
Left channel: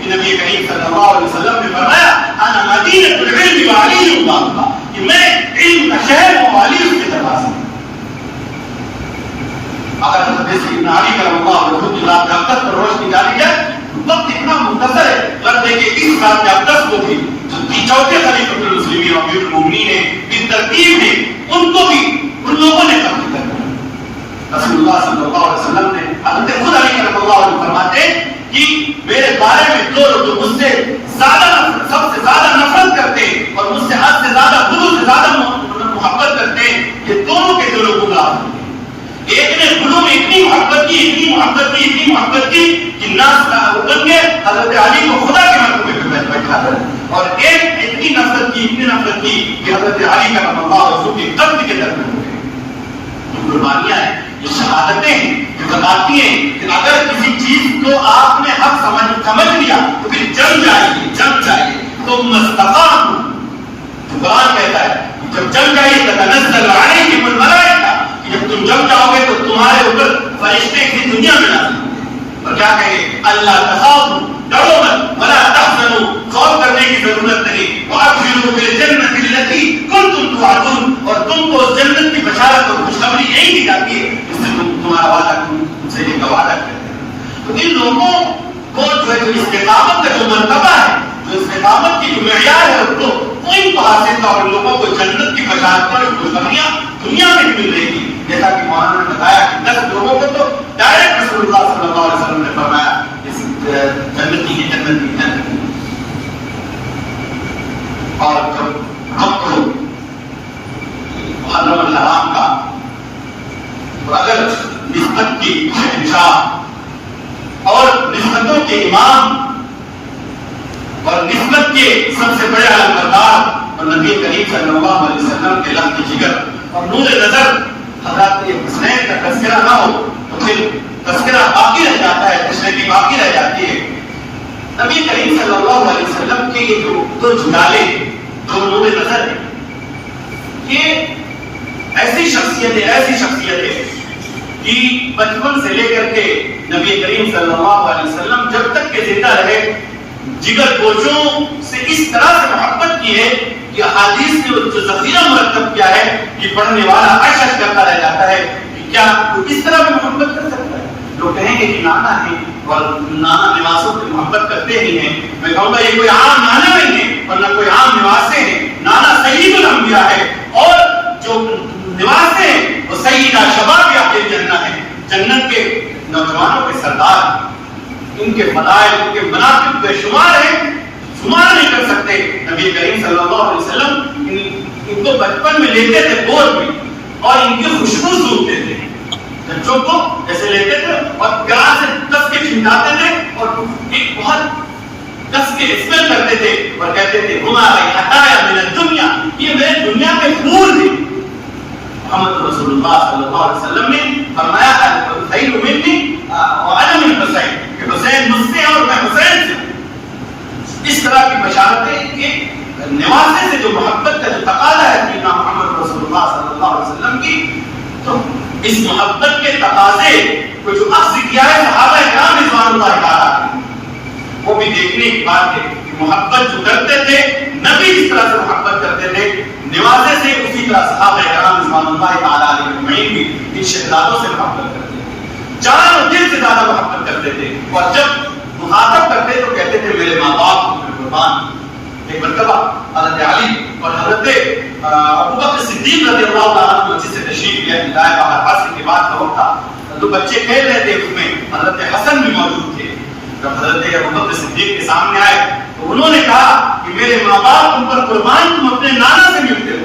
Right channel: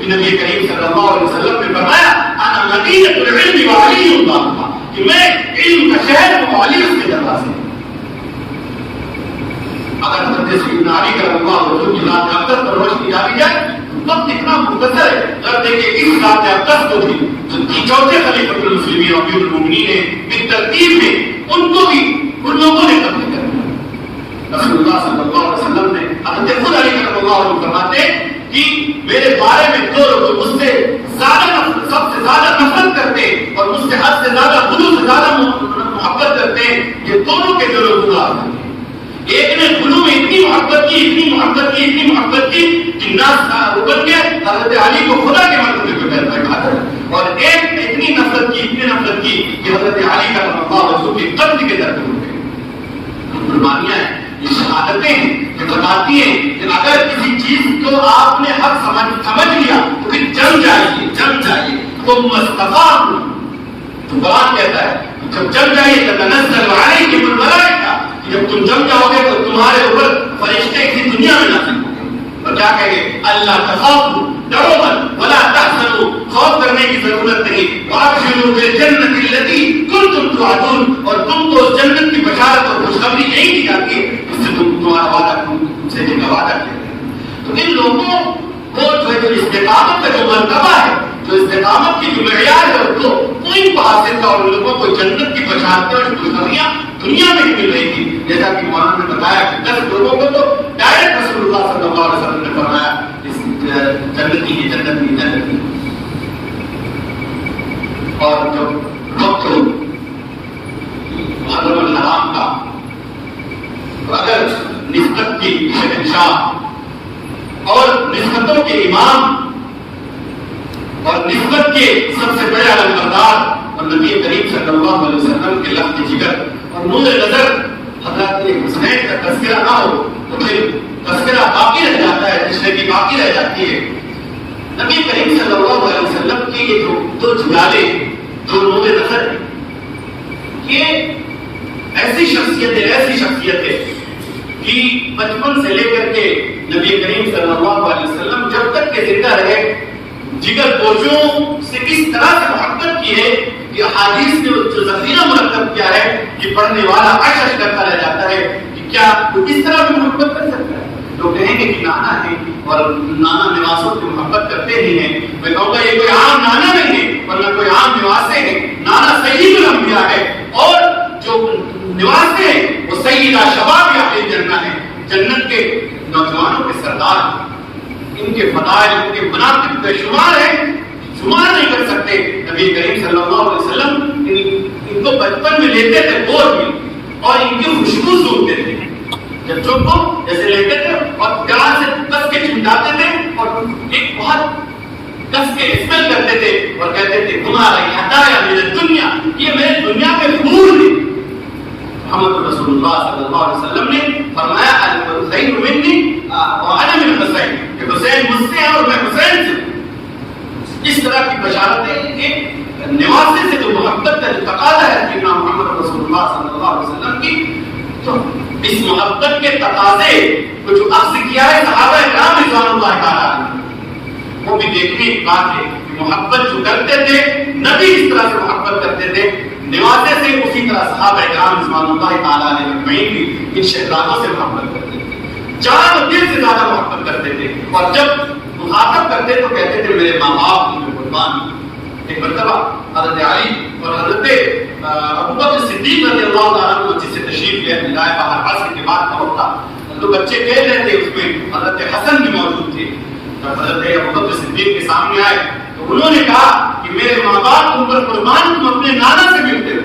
کہ نبی کریم صلی اللہ علیہ وسلم نے فرمایا انا مدینۃ العلم وعلی بابها, کہ میں علم کا شہر ہوں, علی اس کے دروازے. اگر حضرت سیدنا علی کرم اللہ وجہہ کی ذات اقدس پر روشنی ڈالی جائے وقت اتنا مختصر ہے. اب دیکھیں اس ذات اقدس کو بھی جو چوتھے خلیفۃ المسلمین امیر المومنین ہیں بالترتیب میں, ان کو بھی ان لوگوں نے قتل کر دیا. رسول اللہ صلی اللہ علیہ وسلم نے حضرت خود علی کرم اللہ وجہہ فرماتے کہ میرے بارے میں دو لوگ جو مجھ سے سب سے زیادہ نفرت کرتے اور مجھ سے حد سے زیادہ غلو سے زیادہ محبت کرتے ہیں, یہ دونوں کے دلوں کو گاہ. ایک نے غلو میں اتنی محبت کی کہ ناس اٹھ کے حضرت علی کو خدا کے مرتبے پہ بیٹھا دیا, اور ایک اتنی نفرت کی کہ حضرت علی کا رضی اللہ عنہ کے قتل کے در پہ ہو گئے. قربانیاں ہیں, یہ شہادتیں ہیں جو بتاتی ہیں کہ اگر کسی چیز کو آپ نے حق سمجھ لیا تو پھر جم جائیے تم استقاموا. تو قرآن کہتا ہے جب جم جائیے تتنزل علیکم الملائکہ, جب تم جم جاؤ گے تو تمہارے اوپر فرشتے کی دنیا میں نازل ہوں گے. اور کیا کہیں, اللہ تخافوا, ڈرو مت, ولا تحزنوا, خوف کرنے کی ضرورت نہیں, وابشروا بالجنۃ التي کنتم توعدون, اور تم کو اس جنت کی بشارت اور خوشخبری یہی دی جاتی ہے جس سے تمہارا وعدہ تم سے یہ وعدہ کیا ہے. تو ان لوگوں کو جو ہے استقامت کا جو مرتبہ ہے, جو استقامت کی جو معیار ہے, تو کوئی کو حاصل تھا, اور ان لوگوں کو جنت کی بشارتیں اور خوشخبریاں دنیا میں مل رہی تھی. جیسا کہ مولانا نے بتایا کہ 10 لوگوں کو تو ڈائریکٹ رسول اللہ صلی اللہ علیہ وسلم نے فرمایا جنتی. اور جب وقت ہو محرم الحرام کا, تو اگر نسبت کی شہنشاہ اور نسبتوں کے امام اور نسبت کے سب سے بڑے علمبردار اور نبی کریم صلی اللہ علیہ وسلم کے لفظ جگر اور نور نظر حضرت حسین کا تذکرہ نہ ہو تو پھر تذکرہ باقی رہ جاتا ہے, تشریح باقی رہ جاتی ہے. نبی کریم صلی اللہ علیہ وسلم کے یہ جو دو جلالے, دو نور نظر ہیں, یہ ایسی شخصیتیں کہ بچپن سے لے کر کے نبی کریم صلی اللہ علیہ وسلم جب تک کہ زندہ رہے جگر گوشوں سے اس طرح سے محبت کی ہے کہ حدیث میں جو ذخیرہ مرتب کیا ہے کہ پڑھنے والا عشش کرتا رہ جاتا ہے کہ کیا وہ اس طرح بھی محبت کر سکتا ہے. لوگ کہیں گے کہ نانا ہے اور نانا نواسوں سے محبت کرتے ہی ہیں. میں کہوں گا یہ کوئی عام نانا نہیں ہے اور نہ کوئی عام نواسے ہیں. نانا سید الانبیاء ہے اور جو نواسے ہیں وہ سیدہ شباب اہل جنہ ہیں, جنت کے نوجوانوں کے سردار. ان کے فضائل, ان کے مناقب بے شمار ہیں, شمار نہیں کر سکتے. نبی کریم صلی اللہ علیہ وسلم ان کو بچپن میں لیتے تھے گود میں اور ان کی خوشبو سونگتے تھے بچوں کو جیسے لیتے تھے اور گلا سے کس کے چھنٹاتے تھے اور ایک بہت کس کے اسمیل کرتے تھے اور کہتے تھے ہمارا ہٹایا میرے دنیا, یہ میرے دنیا کے پھول تھے. محمد رسول اللہ صلی اللہ علیہ وسلم نے فرمایا الحسین منی وانا من الحسین, کہ حسین مجھ سے اور میں حسین سے. اس طرح کی بشارتیں کہ نواسے سے جو محبت کا جو تقاضا ہے کہ محمد رسول اللہ صلی اللہ علیہ وسلم کی, تو اس محبت کے تقاضے کو جو اخذ کیا ہے صحابہ کرام رضوان اللہ تعالیٰ نے, وہ بھی دیکھنے کی بات ہے کہ محبت جو کرتے تھے نبی اس طرح سے محبت کرتے تھے نواسے سے, اسی طرح صحابہ کرام رضوان اللہ تعالیٰ علیہ بھی ان شہزادوں سے محبت کرتے تھے, جان دل سے زیادہ محبت کرتے تھے. اور جب مخاطب کرتے تو کہتے تھے میرے ماں باپ مجھے قربان. ایک مرتبہ حضرت علی اور حضرت ابوبکر صدیق رضی اللہ تعالیٰ عنہ مسجد سے تشریف لے آئے. باہر عصر کے بعد کا وقت تھا, دو بچے کھیل رہے تھے, اس میں حضرت حسن بھی موجود تھے. جب حضرت ابوبکر صدیق کے سامنے آئے تو انہوں نے کہا کہ میرے ماں باپ تم پر قربان, تم اپنے نانا سے ملتے ہو,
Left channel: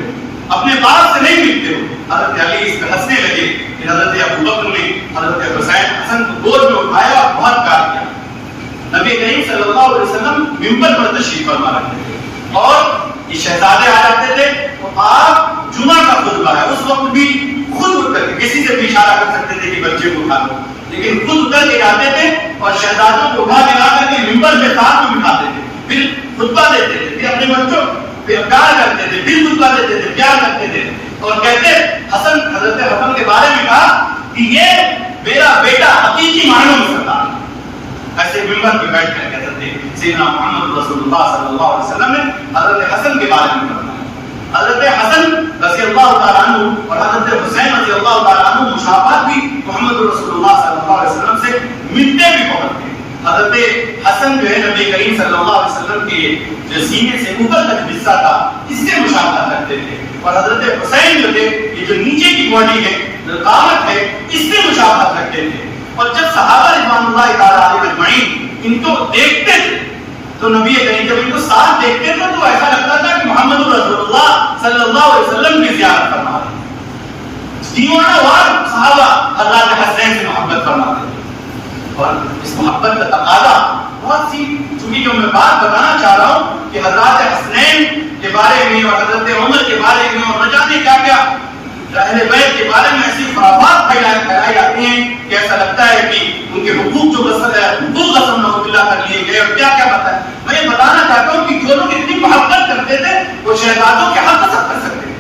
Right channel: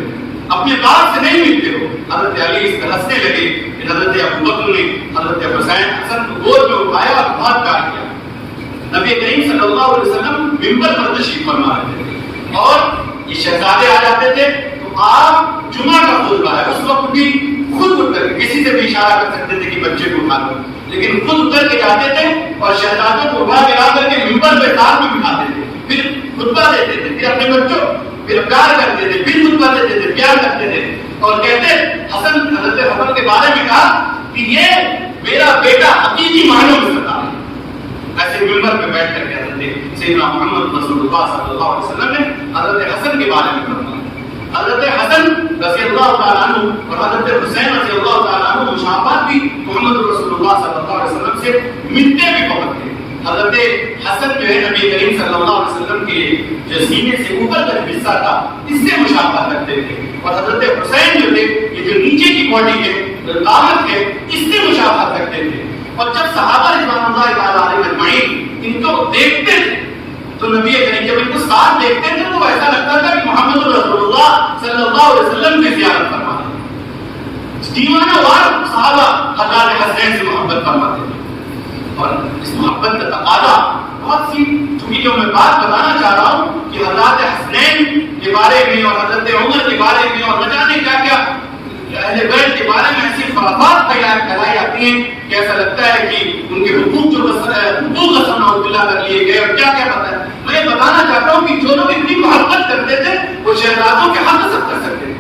اپنے باپ سے نہیں ملتے ہو. حضرت علی اس پہ ہنسنے لگے کہ حضرت ابوبکر نے حضرت حسین حسن کو گود میں اٹھایا اور بہت پیار کیا. نبی کریم صلی اللہ علیہ وسلم منبر پر تشریف فرما رہے تھے اور یہ شہزادے آ جاتے تھے تو آپ جمعہ کا خطبہ ہے, اس وقت بھی خود اٹھ کر کے، کسی سے بھی اشارہ کر سکتے تھے کہ بچے کو اٹھا لو، لیکن خود اتر کے جاتے تھے اور شہزادوں کو اٹھا کے لا کر کے ممبر پہ ساتھ میں بٹھاتے تھے، پھر خطبہ دیتے تھے، پھر اپنے بچوں پھر پیار کرتے تھے، پھر خطبہ دیتے تھے، پیار کرتے تھے اور کہتے حضرت حسن کے بارے میں کہا کہ یہ میرا بیٹا حقیقی معنوں میں سردار ہے۔ ایسے ممبر پہ بیٹھ کر کے حضرت سیدنا محمد رسول اللہ صلی اللہ علیہ وسلم نے حضرت حسن کے بارے میں فرمایا۔ حضرت حسن رضی اللہ تعالیٰ عنہ اور حضرت حسین رضی اللہ تعالیٰ عنہ مشابہت بھی محمد رسول اللہ صلی اللہ علیہ وسلم سے ملتے بھی بہت تھے۔ حضرت حسن جو ہے نبی کریم صلی اللہ علیہ وسلم کے جو سینے سے اوپر تک حصہ تھا اس سے مشابہت رکھتے تھے، اور حضرت حسین جو تھے یہ جو نیچے کی باڈی ہے قامت ہے اس سے مشابہت رکھتے تھے۔ اور جب صحابہ رضوان اللہ تعالیٰ علیہ اجمعین ان کو دیکھتے تھے تو نبی کریم جب ان کو ساتھ دیکھتے تھے تو ایسا لگتا تھا کہ محمد رسول اللہ صلی اللہ علیہ وسلم کی زیارت فرما رہے ہیں۔ دیوانہ وار صحابہ حضرت حسین سے محبت فرماتے تھے، اور اس محبت کا تقاضا بہت سی، چونکہ جو میں بات بتانا چاہ رہا ہوں کہ حضرت حسنین کے بارے میں اور حضرت عمر کے بارے میں اور نہ جانے کیا کیا اہل بیت کے بارے میں ایسی خرافات پھیلائی جاتی ہیں کہ ایسا لگتا ہے کہ ان کے حقوق جو حقوق قسم نعوذ باللہ کر لیے گئے اور کیا کیا بتایا۔ میں یہ بتانا چاہتا ہوں کہ جو لوگ اتنی محبت کرتے تھے وہ شہزادوں کے حق سب کر سکتے تھے۔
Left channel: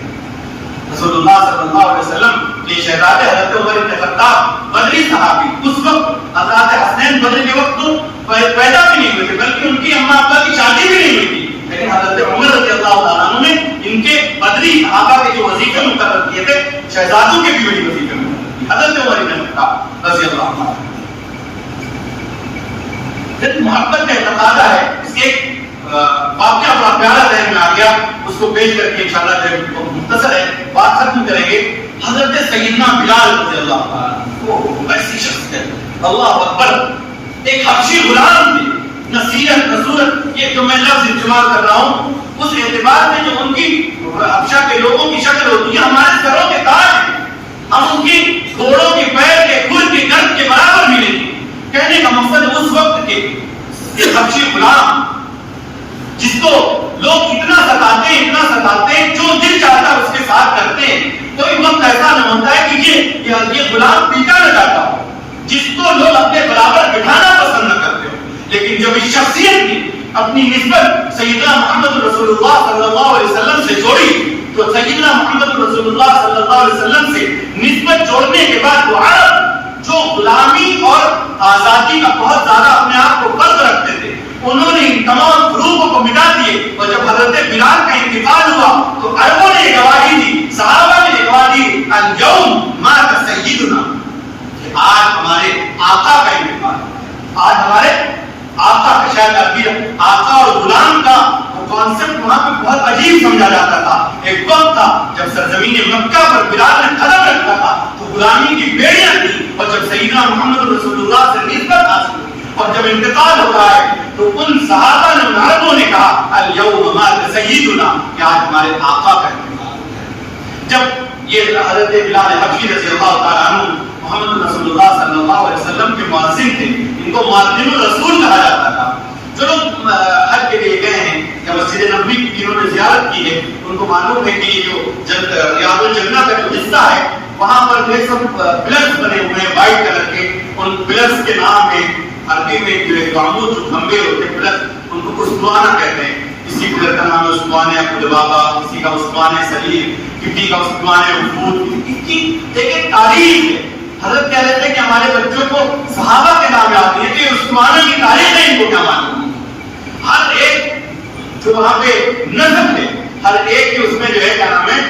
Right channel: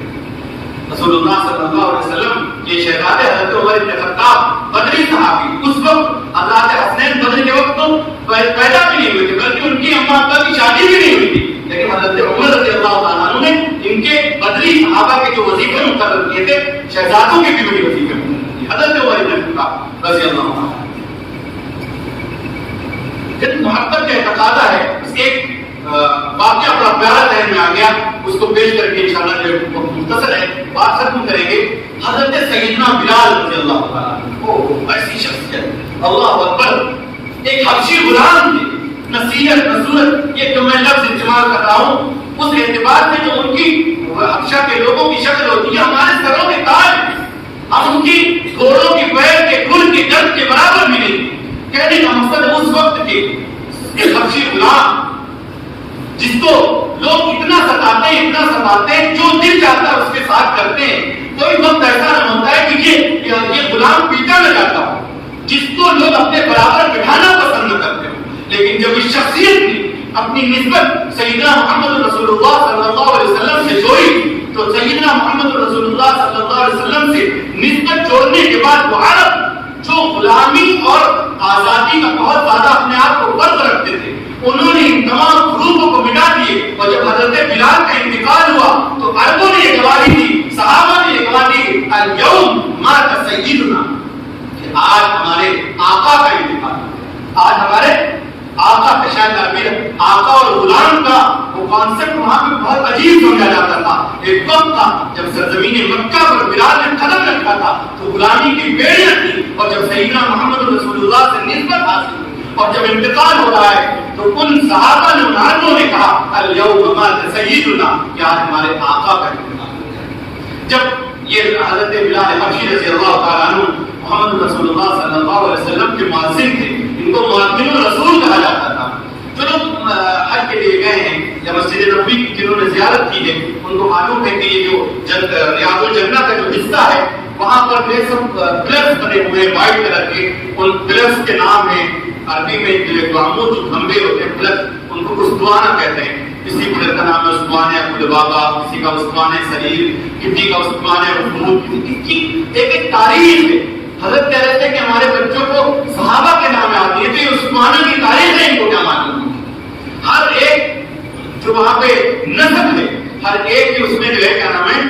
رسول اللہ صلی اللہ علیہ وسلم یہ شہزادے حضرت عمر بن خطاب بدری صحابی، اس وقت حضرت حسنین بدری کے وقت تو پیدا بھی نہیں ہوئے تھے، بلکہ ان کی اماں ابا کی شادی بھی نہیں ہوئی تھی، لیکن حضرت عمر رضی اللہ تعالیٰ عنہ نے ان کے بدری صحابہ کے جو وظیفے مقرر کیے تھے شہزادوں کے بھی وہی وظیفے مقرر کیے۔ حضرت عمر بن خطاب رضی اللہ تعالیٰ عنہ جب محبت کا تقاضا ہے، اس کے ایک واقعہ بڑا پیارا ذہن میں آ گیا، اس کو پیش کر کے انشاءاللہ جو مختصر ہے بات ختم کریں گے۔ حضرت سیدنا بلال رضی اللہ تعالیٰ عنہ ایسی شخصیت، اللہ اکبر، ایک حبشی غلام تھے، نصیحت نصورت، یہ جو میں لفظ استعمال کر رہا ہوں اس اعتبار میں جو ان کی حبشہ کے لوگوں کی شکل ہوتی ہے ہمارے سروں کے تاج ہیں، ہم ان کی گھوڑوں کے پیر کے کھر کے گرد کے برابر بھی نہیں۔ کہنے کا مقصد اس وقت کے ایک حبشی غلام جس کو لوگ اتنا ستاتے ہیں جو دل چاہتا ہے اس کے ساتھ کرتے ہیں، کوئی وقت ایسا نہ ہوتا ہے کہ یہ غلام پیٹا نہ جاتا ہو جس کو لوگ اپنے برابر بٹھانا پسند نہ کرتے ہو، لیکن جب اس شخصیت کی اپنی نسبت سیدنا محمد رسول اللہ صلی اللہ علیہ وسلم سے جوڑی تو سیدنا محمد رسول اللہ صلی اللہ علیہ وسلم سے نسبت جوڑنے کے بعد وہ عرب جو غلامی اور آزادی کا بہت زیادہ اپنے آپ کو فرض رکھتے تھے انہوں نے ان تمام گروپوں کو مٹا دیے، اور جب حضرت بلال کا انتقال ہوا تو عربوں نے یہ گواہی دی، صحابہ نے یہ گواہی دی، الیوم مات سیدنا، آج ہمارے آقا کا انتقال، آج ہمارے آقا کا شاید عربی آقا اور غلام کا وہ کانسیپٹ وہاں پہ بہت عجیب سمجھا جاتا تھا۔ ایک وقت تھا جب سرزمین مکہ پر بلال نے قدم رکھا تھا تو غلامی کی بیڑیاں تھی، اور جب سیدنا محمد رسول اللہ سے نسبت حاصل ہوئی اور جب انتقال ہو رہا ہے تو ان صحابہ نے ان عربوں نے کہا الیوم مات سیدنا، کہ آج ہمارے آقا کا انتقال ہو گیا۔ جب یہ حضرت بلال حبشی رضی اللہ تعالیٰ عنہ محمد رسول اللہ صلی اللہ علیہ وسلم کے مؤذن تھے، ان کو مؤذن الرسول کہا جاتا تھا۔ جو لوگ حج کے لیے گئے ہیں یا مسجد نبوی کی جنہوں نے زیارت کی ہے ان کو معلوم ہے کہ یہ جو ریاض الجنہ کا جو حصہ ہے وہاں پر جو سب پلرز بنے ہوئے ہیں وائٹ کلر کے، ان پلرز کے نام ہیں عربی میں جو عمود جو کھمبے ہوتے ہیں پلرز، ان کو اسطوانہ کہتے ہیں۔ کسی پلر کا نام ہے اسطوانہ قلبابہ، کسی کا اسطوانہ سریر، کسی کا اسطوانہ وفود، کی ایک تاریخ ہے۔ حضرت کہہ رہے تھے کہ ہمارے بچوں کو صحابہ کے نام یاد نہیں ہے، تو یہ عثمانہ کی تاریخ ہے، ان کو کیا معلوم؟ ہر ایک جو وہاں پہ نسب ہے، ہر ایک کے اس میں جو ہے کیا نام ہے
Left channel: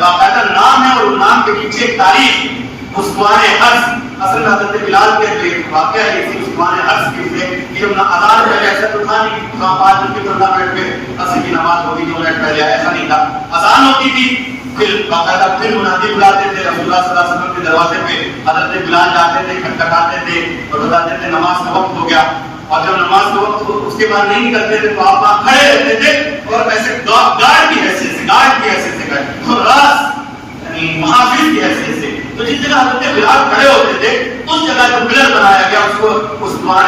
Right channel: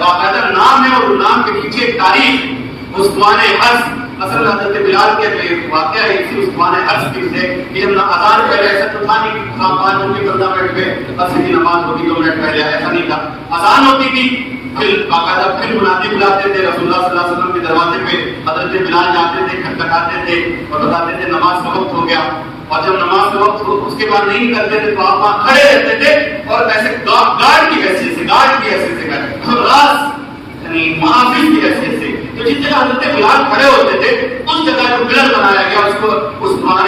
باقاعدہ نام ہے، اور نام کے پیچھے ایک تاریخ۔ عثمان حرس، اصل حضرت بلال کے ایک واقعہ ہے اسی عثمان حرس کی سے کہ جب اذان پہلے ایسا تو تھا نہیں کہ 5 منٹ کی 15 منٹ پہ عصر کی نماز ہوتی 2 منٹ پہلے، ایسا نہیں تھا، اذان ہوتی تھی پھر باقاعدہ پھر منادی بلاتے تھے، رسول اللہ صلی اللہ علیہ وسلم کے دروازے پہ حضرت بلال جاتے تھے، کھٹکھٹاتے تھے اور بتاتے تھے نماز کا وقت ہو گیا، اور جب نماز کا وقت اس کے بعد نہیں کرتے تھے تو آپ وہاں کھڑے رہتے تھے اور ایسے گارڈ کی حیثیت سے راز یعنی محافظ کی حیثیت سے، تو جس جگہ حضرت بلال کھڑے ہوتے تھے اس جگہ جو پلر بنایا گیا اس کو عثمان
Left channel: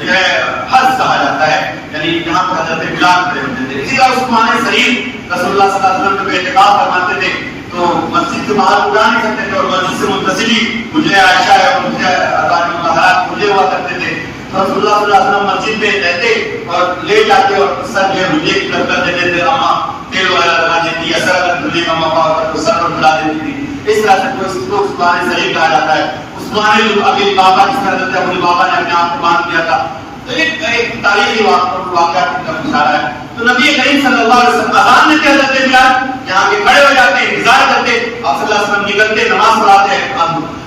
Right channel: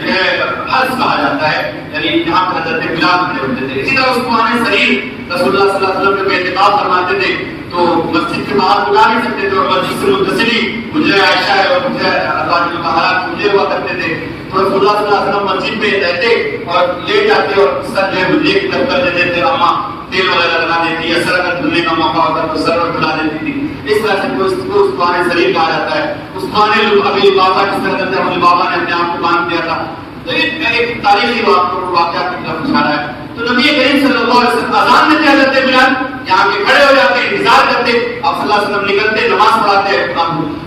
جو ہے حرس کہا جاتا ہے، یعنی جہاں پر حضرت بلال کھڑے ہوتے تھے۔ اسی طرح عثمان سریر رسول اللہ صلی اللہ علیہ وسلم جب اعتکاف فرماتے تھے تو مسجد کے باہر بلا نہیں سکتے تھے، اور مسجد سے متصل ہی حجرہ عائشہ ہے اور حجرہ مطہرات حجرے ہوا کرتے تھے. تو رسول اللہ صلی اللہ علیہ وسلم مسجد میں رہتے اور لے جاتے اور سر جو حجرے کی طرف کر دیتے تھے. اماں تیل وغیرہ لگا دیتی، اثر اگر دھلنے کا موقع ہوتا تو سر پر بلا دیتی تھی. اس طرح سے اس کو عثمان ضعیف کہا جاتا ہے. عثمان ابی بابا جس طرح کرتے ہیں، ابی بابا نے اپنے آپ کو باندھ دیا تھا. تو ایک تاریخی واقعہ کی طرف اشارہ ہے. تو نبی کریم صلی اللہ علیہ وسلم اذان دیتے حضرت بلال یہاں کے کھڑے ہو جاتے، انتظار کرتے، آپ صلی اللہ علیہ وسلم نکلتے، نماز پڑھاتے،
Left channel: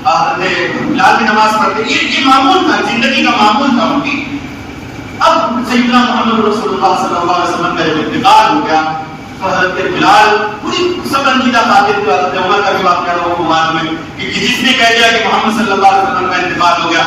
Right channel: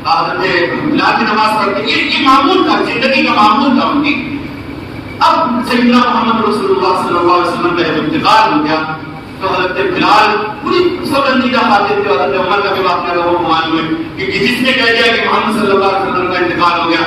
حضرت بلال کی نماز پڑھتے. یہ معمول تھا، زندگی کا معمول تھا ان کی. اب سیدنا محمد رسول اللہ صلی اللہ علیہ وسلم کا جب انتقال ہو گیا تو حضرت بلال پوری سب رنجیدہ خاطر تھے. حضرت عمر کا بھی واقعہ لوگوں کو معلوم ہے کہ جس نے کہہ دیا کہ محمد صلی اللہ علیہ وسلم کا انتقال ہو گیا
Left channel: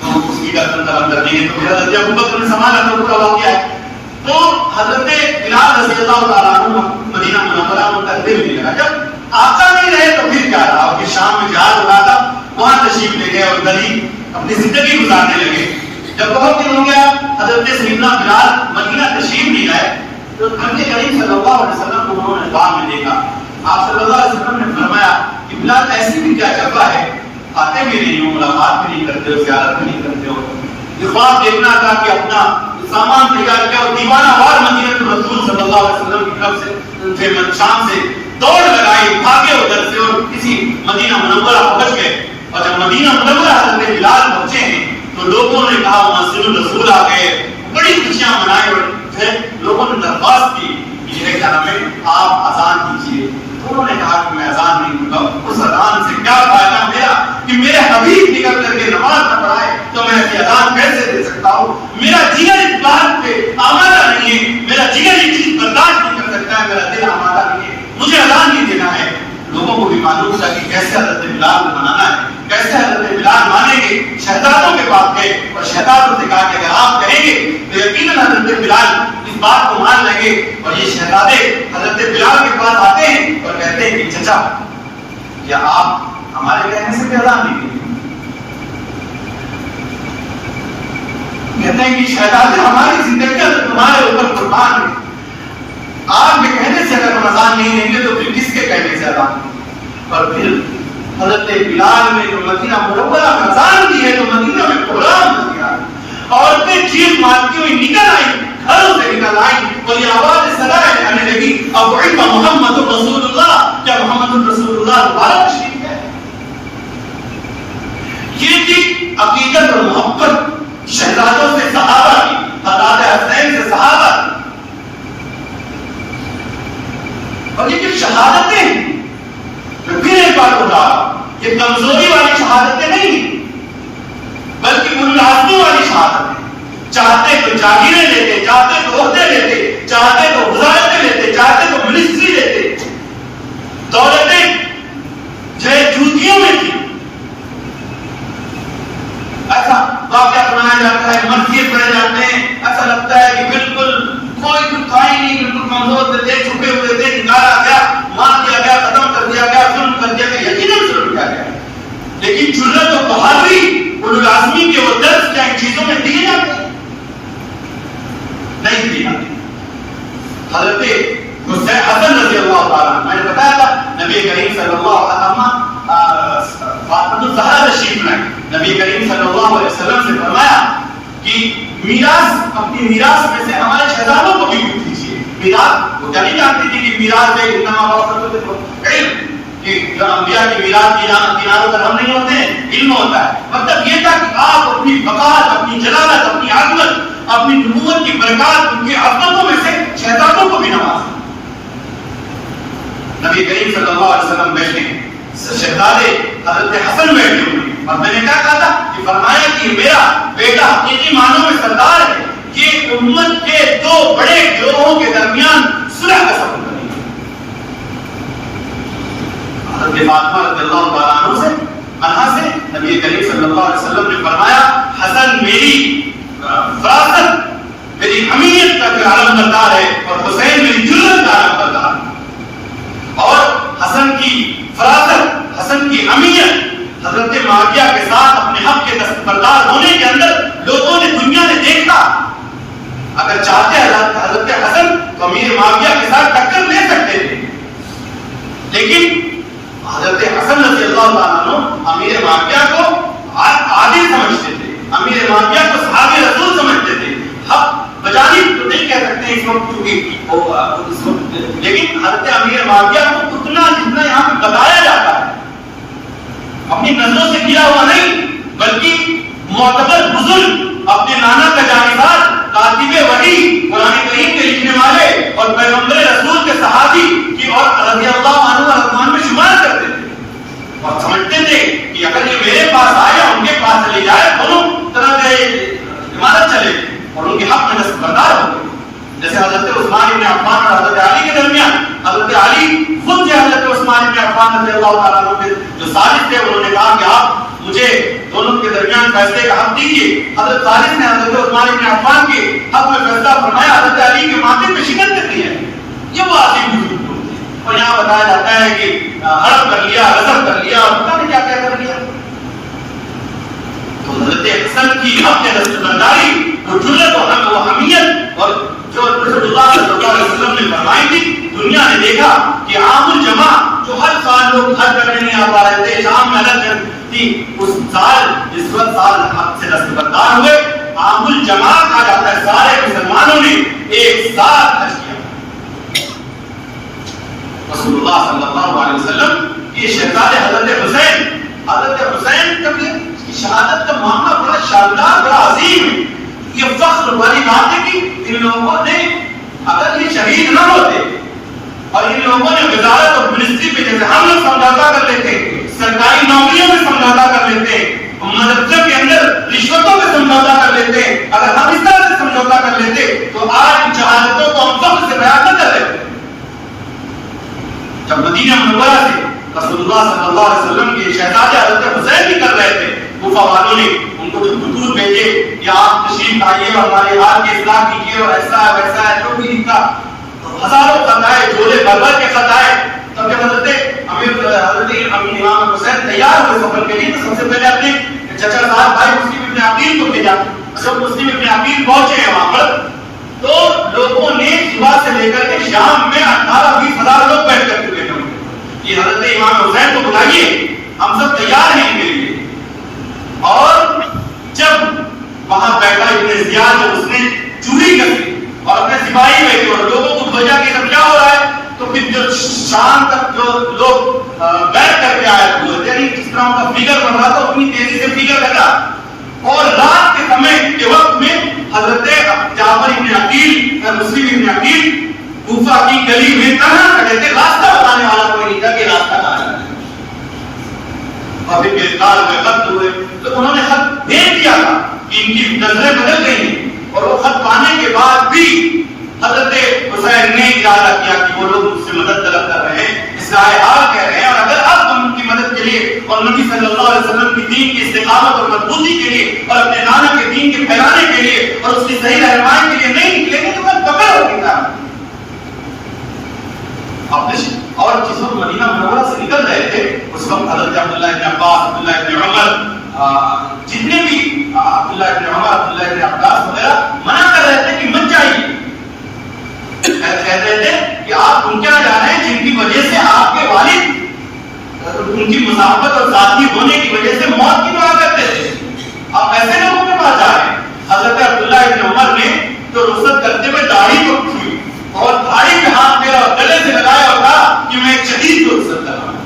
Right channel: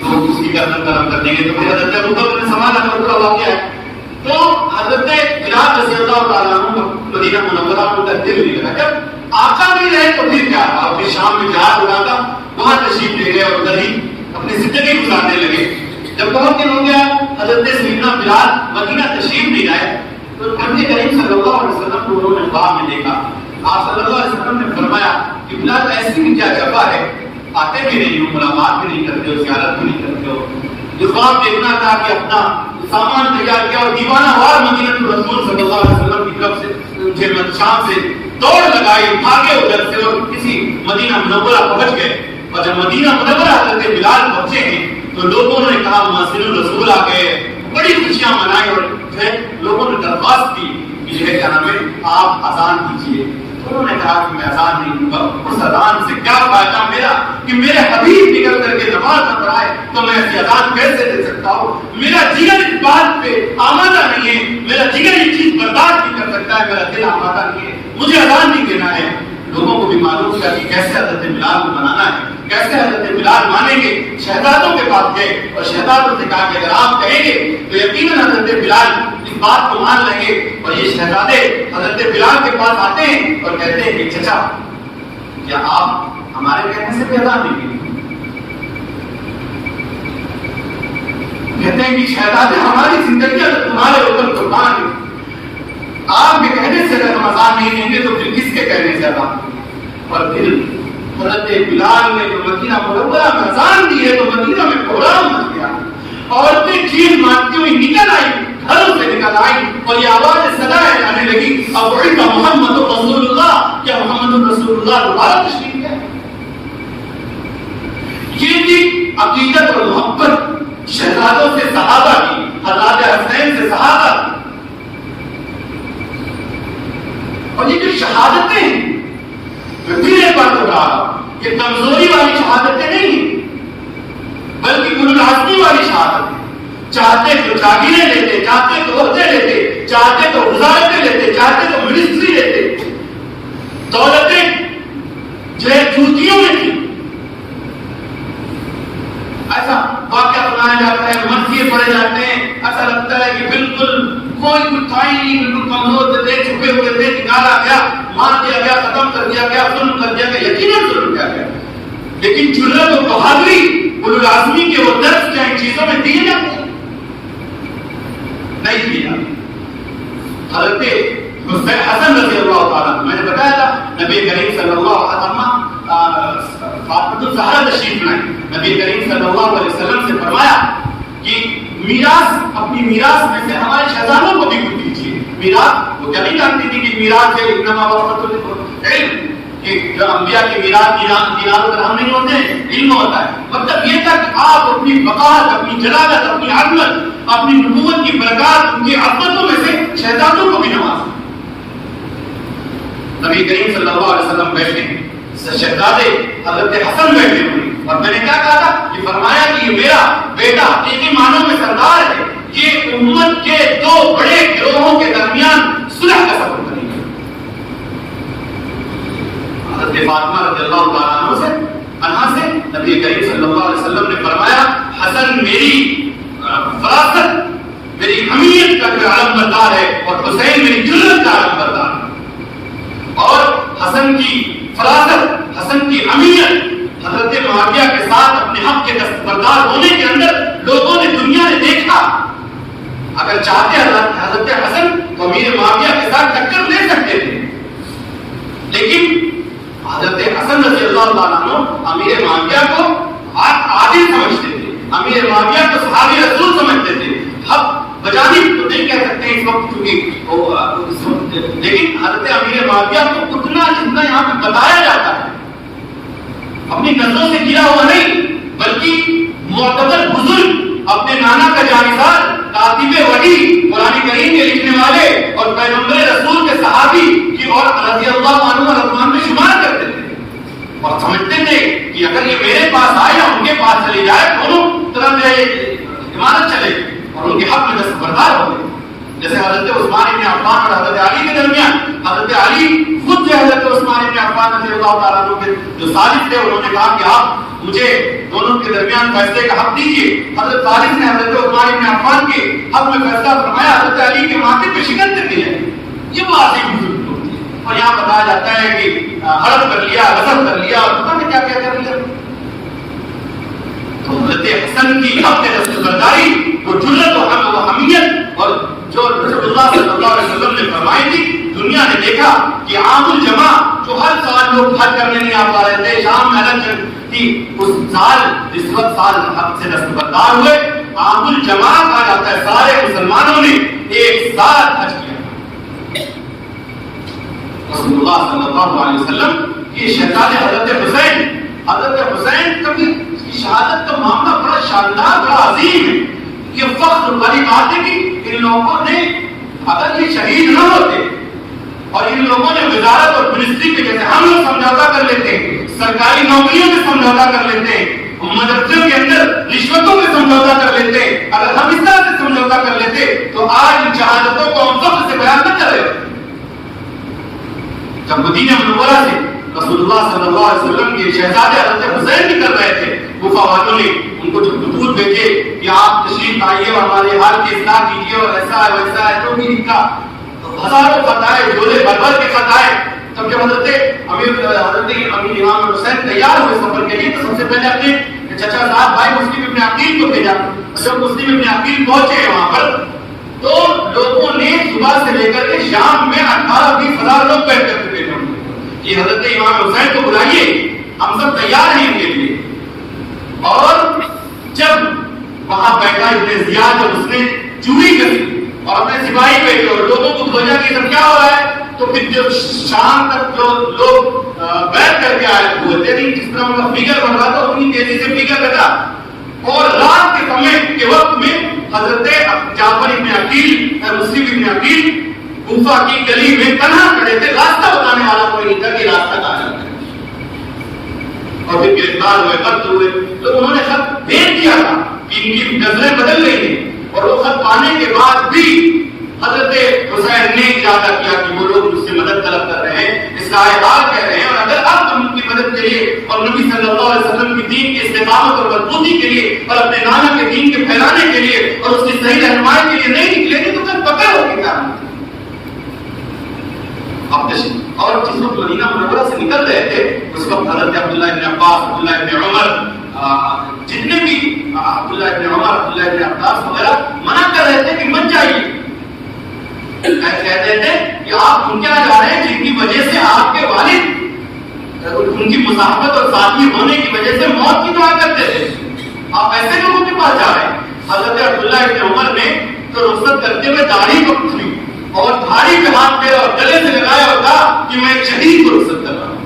تو اس کی گردن قلم کر دیں گے. تو پھر حضرت ابوبکر نے سنبھالا تو پورا واقعہ ہے. تو حضرت بلال رضی اللہ تعالیٰ عنہ مدینہ منورہ کو دل نہیں لگا. جب آقا نہیں رہے تو پھر کیا رہا. اور پھر شام میں جہاد ہو رہا تھا، وہاں تشریف لے گئے اور گلی اپنی زندگی گزارنے لگے. جب بہت دن ہو گیا حضرت سیدنا بلال مدینہ تشریف نہیں لائے تو نبی کریم صلی اللہ علیہ وسلم کو انہوں نے خواب میں دیکھا. آپ صلی اللہ علیہ وسلم نے فرمایا کہ بلال ایسی بھی کیا جفا ہے، آتے بھی نہیں ہو، ملاقات بھی نہیں کرتے ہو، زیارت بھی نہیں کرتے ہو. یہ خواب دیکھنا تھا کہ اپنا سامان تیار کیا اور دیوانہ وار مدینہ رسول صلی اللہ علیہ وسلم کی طرف سے شام سے دوڑ لگائی، بھاگے ادھر سے اور کسی مدینہ منورہ پہنچ گئے. اور جب مدینہ منورہ حضرت بلال پہنچے ہیں تو لوگوں نے کہا مؤذن الرسول آ گئے، بڑی خوشیاں منائی. اور پھر لوگوں نے درخواست کی کہ یہ کیا نام ہے آپ اذان دیجیے. انہوں نے کہا کہ میں اذان نہیں دوں گا. اس اذان سے کیا فائدہ میرا کہ میرے حبیب نکل کر کے نماز نہ پڑھائے تو میں ایسی اذان کیسے دے سکتا ہوں. میرا جگر اس بات پہ آمادہ نہیں ہے، میرا جگر یہ چیز برداشت نہیں کر سکتا ہے، میرا دل آمادہ نہیں ہے، مجھے اذان نہیں دینا ہے. لوگوں کو بھی معلوم تھا کہ کیسے حضرت بلال کو منانا ہے، کیسے حضرت بلال مانیں گے. شہزادوں کے پاس گئے اور شہزادوں سے کہا کہ اگر آپ کہیں گے تو یقیناً حضرت بلال اس بات کو مان لیں گے. اور یہ شہزادے حضرت بلال کے پاس آتے ہیں اور کہتے ہیں کہ چچا کیا آپ ہمارے کہنے سے بھی اذان نہیں دیں؟ کہتے ہیں کہ شہزادے ہماری زندگی تمہارے اوپر قربان ہے، آپ کے کہنے سے اگر ہم اذان نہیں دیں گے تو پھر کس کے کہنے سے اذان دیں گے. اور پھر حضرت بلال نے جو مدینہ منورہ میں اذان دی ہے تو مدینہ میں کوہرام مچ گیا. عورتیں چیخ مارتی ہوئی نکل آئی، گھروں سے نکل آئی اور یہ آواز صدائیں آنے لگی ابعث محمد رسول اللہ، کیا محمد رسول اللہ دوبارہ تشریف ہے. یہ تھی عقیدت اور محبت شہزادوں سے صحابہ کی، حضرت حسین سے صحابہ کی. اور یہ جو شہادتیں ہیں پھر ایک بات ہو رہا، یہ کمزوری والی شہادتیں نہیں بلکہ اولو العزمی والی شہادتیں. چاہتے تو جاگیریں لیتے، چاہتے تو عہدے لیتے، چاہتے تو وزارتیں لیتے، چاہتے تو منسٹری لیتے. دولتیں جو جوتیوں میں تھی. ایسا واقعہ سنایا جاتا ہے، مرثیے پڑھے جاتے ہیں، ایسا لگتا ہے کہ بالکل کوئی کچھ تھا ہی نہیں، بالکل کمزور تھے، چھپے ہوئے تھے، نکالا گیا، مار دیا گیا، ختم کر دیا گیا، ظلم کر دیا گیا. یقیناً ظلم کیا گیا، لیکن جرأت و بہادری اولو العزمی کے وہ درس کیا ان چیزوں میں دیے جاتے ہیں؟ نہیں دیے جاتے. حضرت حسن رضی اللہ تعالیٰ، میں نے بتایا تھا نبی کریم صلی اللہ علیہ وسلم فاطمہ الزہرا تشریف لائیں. نبی کریم صلی اللہ علیہ وسلم سے فرمایا کہ میراث، اپنی میراث میں سے ہمارے شہزادوں کو بھی کچھ دیجیے. میراث وہ کیا نہیں جانتی تھی کہ میراث ہے انما ورثۃ العلم، کہ جو انبیاء کی میراث دینار و درہم نہیں ہوتے ہیں، علم ہوتا ہے. مطلب یہ تھا کہ آپ اپنی وقار، اپنی جلالت، اپنی عظمت، اپنی نبوت کی برکات، ان کی عظمتوں میں سے شہزادوں کو بھی نوازیں. نبی کریم صلی اللہ علیہ وسلم بیٹھے ہیں، شہزادے حضرت حسن بیٹھے ہوئے، اور میں نے کیا کہا تھا کہ فرمایا کہ یہ میرا بیٹا حقیقی معنوں میں سردار ہے، یہ امت کے دو بڑے گروہوں کے درمیان صلح کا سبب بنے گا. حضرت فاطمہ رضی اللہ تعالیٰ عنہ سے نبی کریم صلی اللہ علیہ وسلم نے فرمایا حسن میری فراست، میری حمیت کا جو علم بردار ہے، اور حسین میری جرأت کا علم بردار ہے. اور حسن کی فراست، حسن کی حمیت حضرت معاویہ کے ساتھ اپنے حق کے دستبردار ہونے کے اندر لوگوں نے، دنیا نے دیکھا. اگر چاہتے حضرت حسن تو امیر معاویہ کے ساتھ ٹکر لے سکتے تھے، لیکن حضرت حسن رضی اللہ تعالیٰ عنہ امیر معاویہ کو عادل سمجھتے تھے، امیر معاویہ کو صحابی رسول سمجھتے تھے. حق بجانی تو نہیں کہہ سکتے اس وقت چونکہ لیکن حضرت امیر معاویہ کو اتنا جتنا یہاں پہ بتایا جاتا ہے اپنی نظروں سے کیا ہوا نہیں، بلکہ معتبر بزرگ اپنے نانا کا جانشین کاتب وحی قرآن کریم کے لکھنے والے اور پیغمبر رسول کے صحابی کی اور رضی اللہ عنہ رضوان میں شمار کرتے تھے اور سمجھتے تھے کہ اگر یہ میرے پاس آئے یا ان کے پاس چلی جائے دونوں طرف سے عمارت چلے اور ان کے حق میں دستبردار ہو گئے. جیسے حضرت عثمان بن عفان اور حضرت علی کے درمیان حضرت علی خود سے حضرت عثمان بن عفان رضی اللہ تعالیٰ عنہ کے جو سازش تھے انہوں نے کہا کہ آپ مجھے دونوں کے درمیان فیصلے کا حق دیجیے. حضرت خالد نے حضرت عثمان بن عفان کے حق میں فیصلہ فرمایا. حضرت علی کے ماتھے پہ شکن تک ہے. یہ وہ عظیم بزرگ لوگ تھے اور یہاں بتایا جاتا ہے کہ ہڑپ کر لیا، غصب کر لیا اور پتہ نہیں کیا کیا کر لیا. تو حضرت حسن کی حق دستبرداری، وہ جرأت و حمیت اور جو رسول اللہ صلی اللہ علیہ وسلم نے فرمائی تھی، دنیا نے دیکھا کہ عام الجمع جو ہر سال لوگ حج کرنے نہیں آ پا رہے تھے، شام میں الگ جنگ تھی، اس سال اس وقت سال حق سے دستبردار ہوئے. عام الجمع کہا جاتا ہے سارے مسلمانوں نے ایک ساتھ حج کیا. رسول اللہ صلی اللہ علیہ وسلم یہ شہزادے حضرت حسین کبھی شہادت کا معاملہ بڑا شاندار، بڑا عظیم ہے. یہ فخر والی بات ہے کہ ان لوگوں نے اگر یہ شہید نہ ہوتے اور ان لوگوں نے وزارت اور منسٹری پہ جیسے ہم لوگ سمجھوتا کر لیتے، سرکاری نوکریوں میں سمجھوتا کر لیتے، مدرسوں کے اندر رشوتوں میں سمجھوتا کر لیتے، اگر ہم اس طرح سے سمجھوتا کر لیتے تو آج ان شہادتوں کو ہم فخر سے بیان نہ کر رہے. جب مدینہ منورہ سے رسول اللہ صلی اللہ علیہ وسلم کے شہزادے حضرت حسین نکل رہے تھے، کوفہ والوں نے ان کو جو خطوط بھیجے کہ آپ تشریف آئیے اور ہمارے حال کی اصلاح کیجیے اور ایسا ہے ویسا ہے، جو بھی ان کا ہزاروں خط آئے، جھولے بھر بھر کے خط آئے. تب جب حضرت امیر امام حسین تیار ہوئے سفر کے لیے تو سب سے پہلے اپنے چچا صاحب بھائی مسلم ابن عقیل کو بھیجا. جب مسلم ابن عقیل پہنچے وہاں پر تو لوگوں نے صبح سے لے کر کے شام میں 18-20 ہزار لوگ بیٹھ کر چکے تھے کہ حضرت امام حسین کو بلائیے، ہم سب تیار ہیں ان کے لیے. اور جب وہاں بیٹھا ابن زیاد جب اس نے چوری کری اور اپنے سپاہی بھیجے اور لوگوں کو بھیجا کہ سب کیا ہو رہا ہے، تو پھر جو شام تک جو لوگ بیٹھ کر کے آئے ہوئے تھے، جس طرح ان کا فگر بن رہا تھا اتنی تیزی سے فگر گھٹا اور رات کے سمے کے وقت میں حضرت جعفر ابن عقیل مسلم ابن عقیل کوفہ کی گلی میں تنہا کھڑے تھے، راستہ بتانے والا کوئی نہیں تھا کہ راستہ کہاں جانا ہے. اور پھر گرفتار ہوئے، قتل ہوئے. تو انہوں نے خط بھیج دیا تھا کہ ان کی نظریں بدل گئی ہیں اور وہ خط پانے کے بعد بھی حضرت حسین نے ارادہ کیا کہ وہ لوگ مجھ سے مدد طلب کر رہے ہیں، اصلاح حال کہہ رہے ہیں، اور اگر اب ہم ان کی مدد کے لیے اور نبی صلی اللہ علیہ وسلم کی دین کی استقامت اور مضبوطی کے لیے اور اپنے نانا کے دین کے پھیلانے کے لیے اور اس کی صحیح رہنمائی کے لیے نہیں نکلیں گے تو کل پکڑ ہوگی. اور جس وقت مدینہ منورہ سے نکل رہے تھے اس وقت حضرت عبداللہ ابن عباس، عبداللہ ابن عمر، جتنے بھی عبداللہ ابن عمر، عبداللہ ابن عباس وغیرہ منع کر رہے تھے کہ مت جائیے. کہتے تھے کہ آپ ان کے یہاں جا رہے ہیں جن کی وجہ سے آپ کے والد ان کی مصاحبت اور ساتھی ہونے کی وجہ سے موت کی دعا کرتے تھے، آپ ایسے لوگوں کے پاس جا رہے ہیں. حضرت عبداللہ ابن عمر نے تو رخصت کرتے ہوئے داڑھی کو چھوئی اور دھاڑی پہ ہاتھ پھیرا اور گلے سے لگایا اور کہا کہ میں ایک شہید کو رخصت کر رہا ہوں.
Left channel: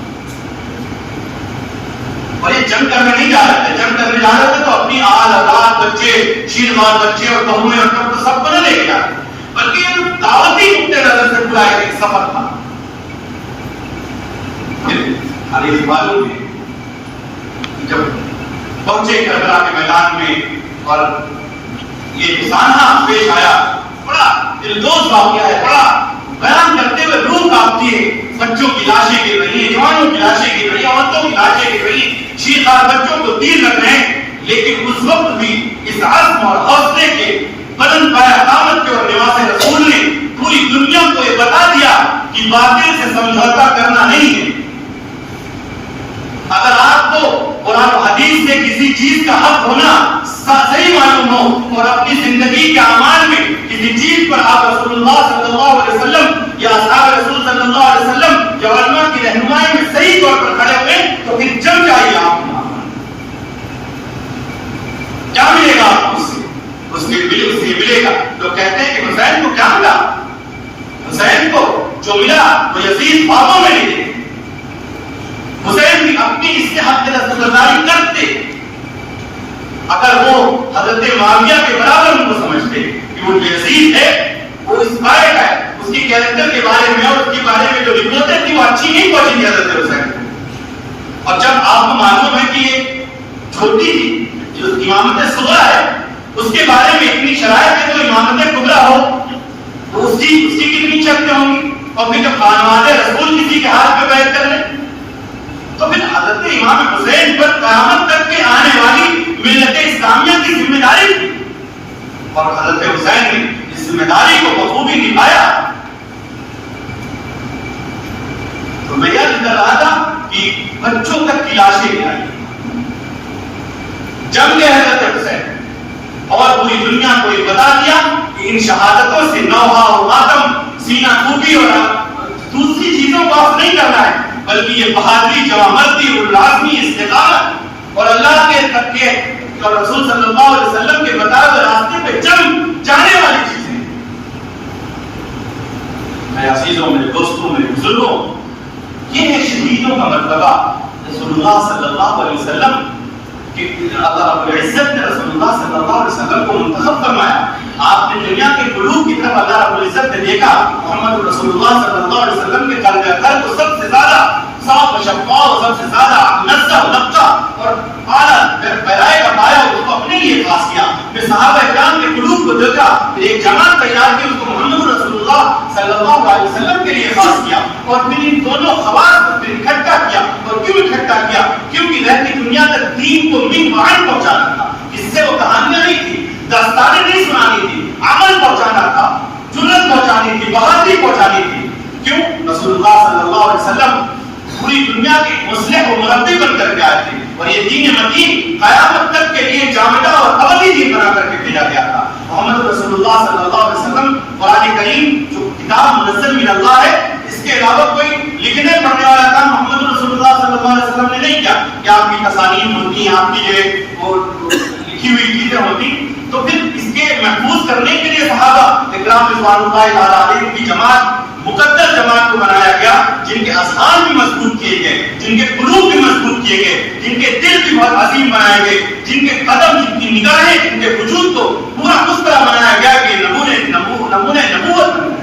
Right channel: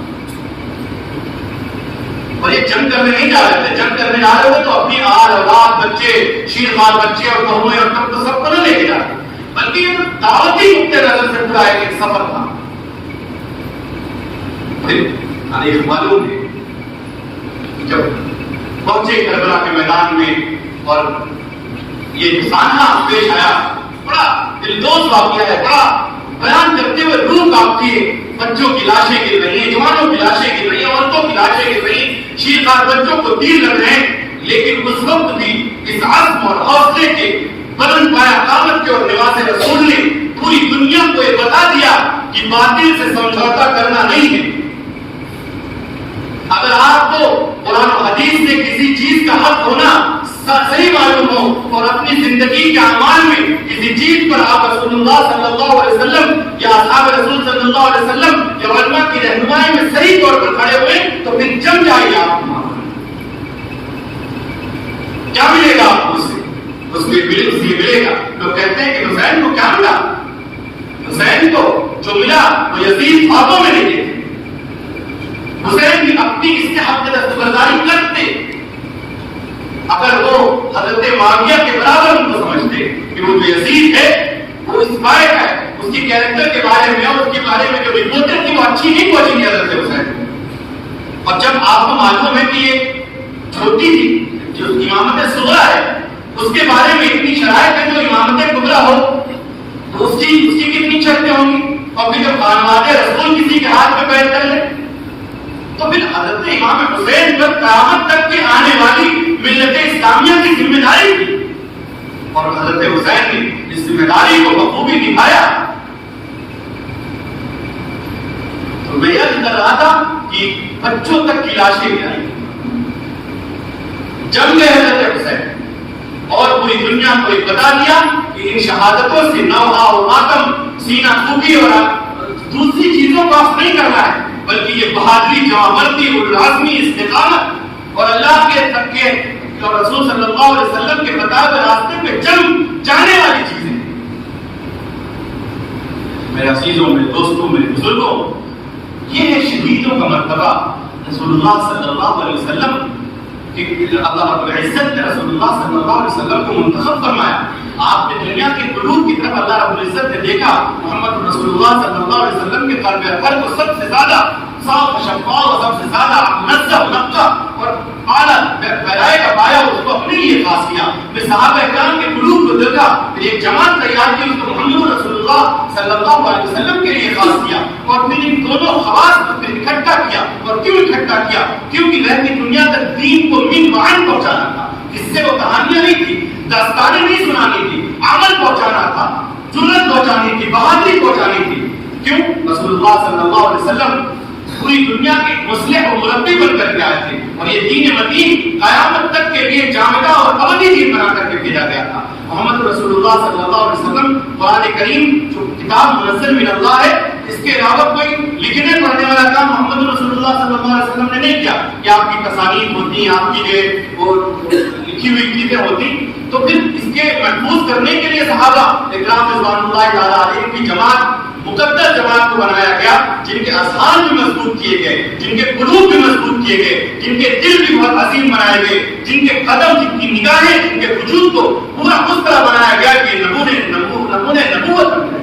اور یہ جنگ کرنے نہیں جا رہے تھے، جنگ کرنے جا رہے تھے تو اپنی آل اولاد، بچے، شیرخوار بچے اور بہویں اور تو سب کو نہ لے کے جا رہے، بلکہ دعوتی نقطۂ نظر سے پورا ایک سفر تھا. پھر معلوم ہے جب پہنچے کربلا کے میدان میں اور یہ سانحہ پیش آیا، بڑا دلدوز واقعہ ہے، بڑا بیان کرتے ہوئے روح کانپتی ہے. بچوں کی لاشیں گر رہی ہیں، جوانوں کی لاشیں گر رہی ہیں، عورتوں کی لاشیں گر رہی ہیں، شیرخوار بچوں کو تیر لگ رہے ہیں. لیکن اس وقت بھی اس عزم اور حوصلے کے بلند پایا قامت کے اور نواز رسول نے پوری دنیا کو یہ بتا دیا کہ باطل سے سمجھوتا کرنا نہیں ہے. اگر آپ کو قرآن و حدیث سے کسی چیز کا حق ہونا صحیح معلوم ہو اور اپنی زندگی کے اعمال میں کسی چیز پر آپ رسول اللہ صلی اللہ علیہ وسلم یا اصحاب رسول صلی اللہ علیہ وسلم جب علماء کی رہنمائی میں صحیح طور پر کھڑے ہوئے تو پھر جم جائیے آپ کو کیا ملے گا آپ کو اس کے ملے گا. تو کہتے ہیں کہ حسین کو کیا ملا؟ حسین کو جو ملا وہ یزید خوابوں میں نہیں دیکھتے. حسین بھی اپنی اس کے حق دستبرداری کرتے اگر وہ حضرت معاویہ کے برابر ان کو سمجھتے کہ وہ جو یزید ہے وہ اس قائد ہے, اس کی کیریکٹر کے بارے میں اور اس کے بارے میں جو رپورٹیں تھی وہ اچھی نہیں پہنچی تھی حضرت حسین. اور جب آپ کو معلوم ہے کہ یہ چھوٹی تھی جو امامت صغرا ہے اس کے بارے میں اتنی شرائط ہے جو امامت کبریٰ ہو تو اس کی کتنی شرطیں ہوں گی. اور پھر جب خانواد رسول کسی کے ہاتھ میں بیعت کر لے تو پھر حضرت امام حسین پر قیامت تک کے آنے والی ملت اسلامیہ کی ذمہ داری تھی اور حضرت حسین نے اس ذمہ داری کو بخوبی نبھایا. تو میں یہ کر رہا تھا کہ بچوں تک کی لاشیں نہیں آئی, جم گئے حضرت حسین اور پوری دنیا کو یہ بتا دیا کہ ان شہادتوں سے نوحہ اور ماتم سینہ پھوٹی اور دوسری چیزوں کو آپ نہیں کرنا ہے بلکہ یہ بہادری, جوامردی اور لازمی استقامت اور اللہ کے تک کے اور رسول صلی اللہ علیہ وسلم کے بتائے ہوئے راستے پہ جم جانے والی چیزیں. میرے عزیزوں, میرے دوستوں, میرے بزرگوں, یہ ہے شہیدوں کا مرتبہ. رسول اللہ صلی اللہ علیہ وسلم اللہ رب العزت نے رسول اللہ صلی اللہ علیہ وسلم کو منتخب فرمایا. آپ نے دنیا کے قلوب کی طرف اللہ رب العزت نے دیکھا, محمد رسول اللہ صلی اللہ علیہ وسلم کے قلب اطہر کو سب سے زیادہ صاف و شفاف اور سب سے زیادہ منزہ نقہ اور اعلیٰ پیرائے کا پایا اس کو اپنے لیے خاص کیا. پھر صحابہ اکرام کے قلوب کو دیکھا, پھر ایک جماعت تیار کی اس کو محمد رسول اللہ صلی اللہ علیہ وسلم کے لیے خاص کیا اور پھر ان دونوں خواص کو پھر اکٹھا کیا. اور کیوں اکٹھا کیا؟ کیونکہ رہتی دنیا تک دین کو من معن پہنچانا تھا. اس سے وہ کہانیاں نہیں تھی, داستانیں نہیں سنانی تھی, عمل پہنچانا تھا, جرأت پہنچانی تھی, بہادری پہنچانی تھی. کیوں؟ رسول اللہ صلی اللہ علیہ وسلم پوری دنیا کے مصلح و مربی بن کر کے آئے تھے اور یہ دین مدین قیامت تک کے لیے جامدہ اور ابدی دین بنا کر کے بھیجا گیا تھا. محمد رسول اللہ صلی اللہ علیہ وسلم قرآن کریم جو کتاب منزل من اللہ ہے اس کے علاوہ کوئی لکھنے پڑھنے والا کام محمد رسول اللہ صلی اللہ علیہ وسلم نے نہیں کیا کہ آپ کی تصانیف ہوتی ہیں, آپ کی جو لکھی ہوئی چیزیں ہوتی. تو پھر اس کے محفوظ کرنے کے لیے صحابہ اکرام رضوان اللہ تعالیٰ علیہ کی جماعت مقدس جماعت کو بنایا گیا جن کے اذہان بھی مضبوط کیے گئے, جن کے قلوب بھی مضبوط کیے گئے, جن کے دل بھی بہت عظیم بنائے گئے, جن کے قدم, جن کی نگاہیں, جن کے وجود کو پورا اس طرح بنایا گیا کہ نمونے نبوت بن گئے.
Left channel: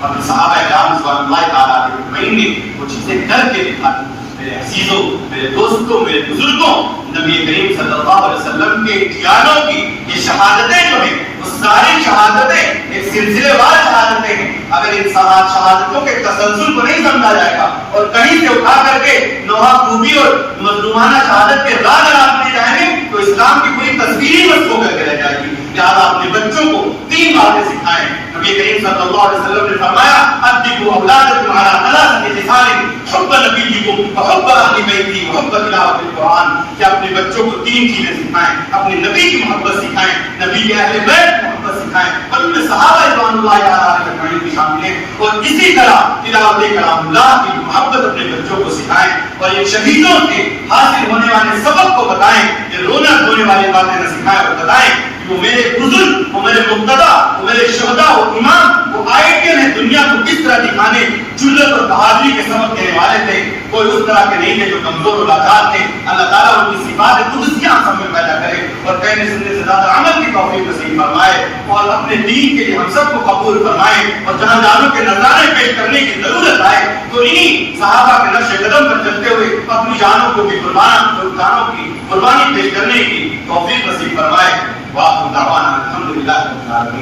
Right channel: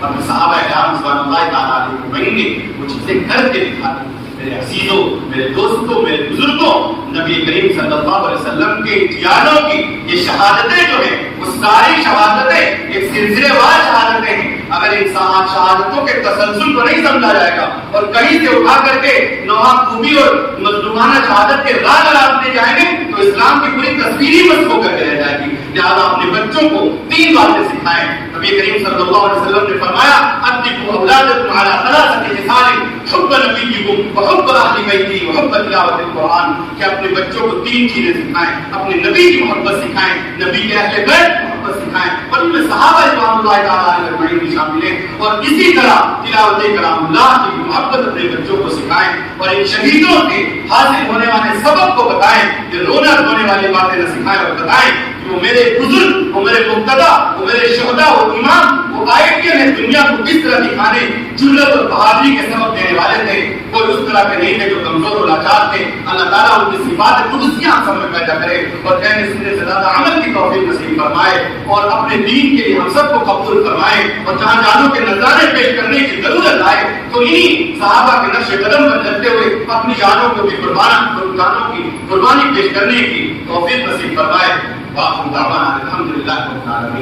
اور صحابہ اکرام رضوان اللہ تعالیٰ علیہ نے وہ چیزیں کر کے دکھائی. میرے عزیزوں, میرے دوستوں, میرے بزرگوں, نبی کریم صلی اللہ علیہ وسلم کے جیانوں کی یہ شہادتیں جو ہیں وہ ساری شہادتیں ایک سلسلے وار شہادتیں ہیں. اگر ان شہادتوں کے تسلسل کو نہیں سمجھا جائے گا اور کہیں سے اٹھا کر کے نوحہ خوبی اور مظلومانہ شہادت کے راہ لگاتے جائیں گے تو اسلام کی پوری تصویر ہی مست ہو کر کے رہ جائے گی. لہٰذا اپنے بچوں کو 3 باتیں سکھائیں. نبی کریم صلی اللہ علیہ وسلم نے فرمایا ادبوا اولادکم علی 3 خصال حب نبیکم وحب اہل بیتی وحب تلاوت القرآن. کہ اپنے بچوں کو 3 چیزیں سکھائیں, اپنے نبی کی محبت سکھائیں, نبی کے اہل بیت محبت سکھائیں اور ان میں صحابہ رضوان اللہ تعالیٰ علیہ اجمعین بھی شامل ہیں. اور اسی طرح تلاوت کلام اللہ کی محبت اپنے بچوں کو سکھائیں اور ان شہیدوں سے حاصل ہونے والے سبق کو بتائیں. یہ رونا دھونے والی باتیں نہ سکھائیں اور بتائیں کہ وہ میرے بزرگ, وہ میرے مقتدا, وہ میرے شہداء, وہ امام, وہ آئیڈین ہیں دنیا کو کس طرح دکھانے, جرأت اور بہادری کے سبق دینے والے تھے. کوئی اس طرح کے نہیں تھے جو کمزور و لاچار تھے. اللہ تعالیٰ ان کی صفات قدسیاں سب میں پیدا کرے اور کہنے سننے سے زیادہ عمل کی توفیق نصیب فرمائے اور اپنے دین کے لیے ہم سب کو قبول فرمائے. اور جہاں جانوں کے نذرانے پیش کرنے کی ضرورت آئے تو انہی صحابہ کے نقش قدم پر چلتے ہوئے اپنی جانوں کو بھی قربانی پیش کرنے کی توفیق نصیب فرمائے. واخر دعوانا الحمدللہ رب العالمین.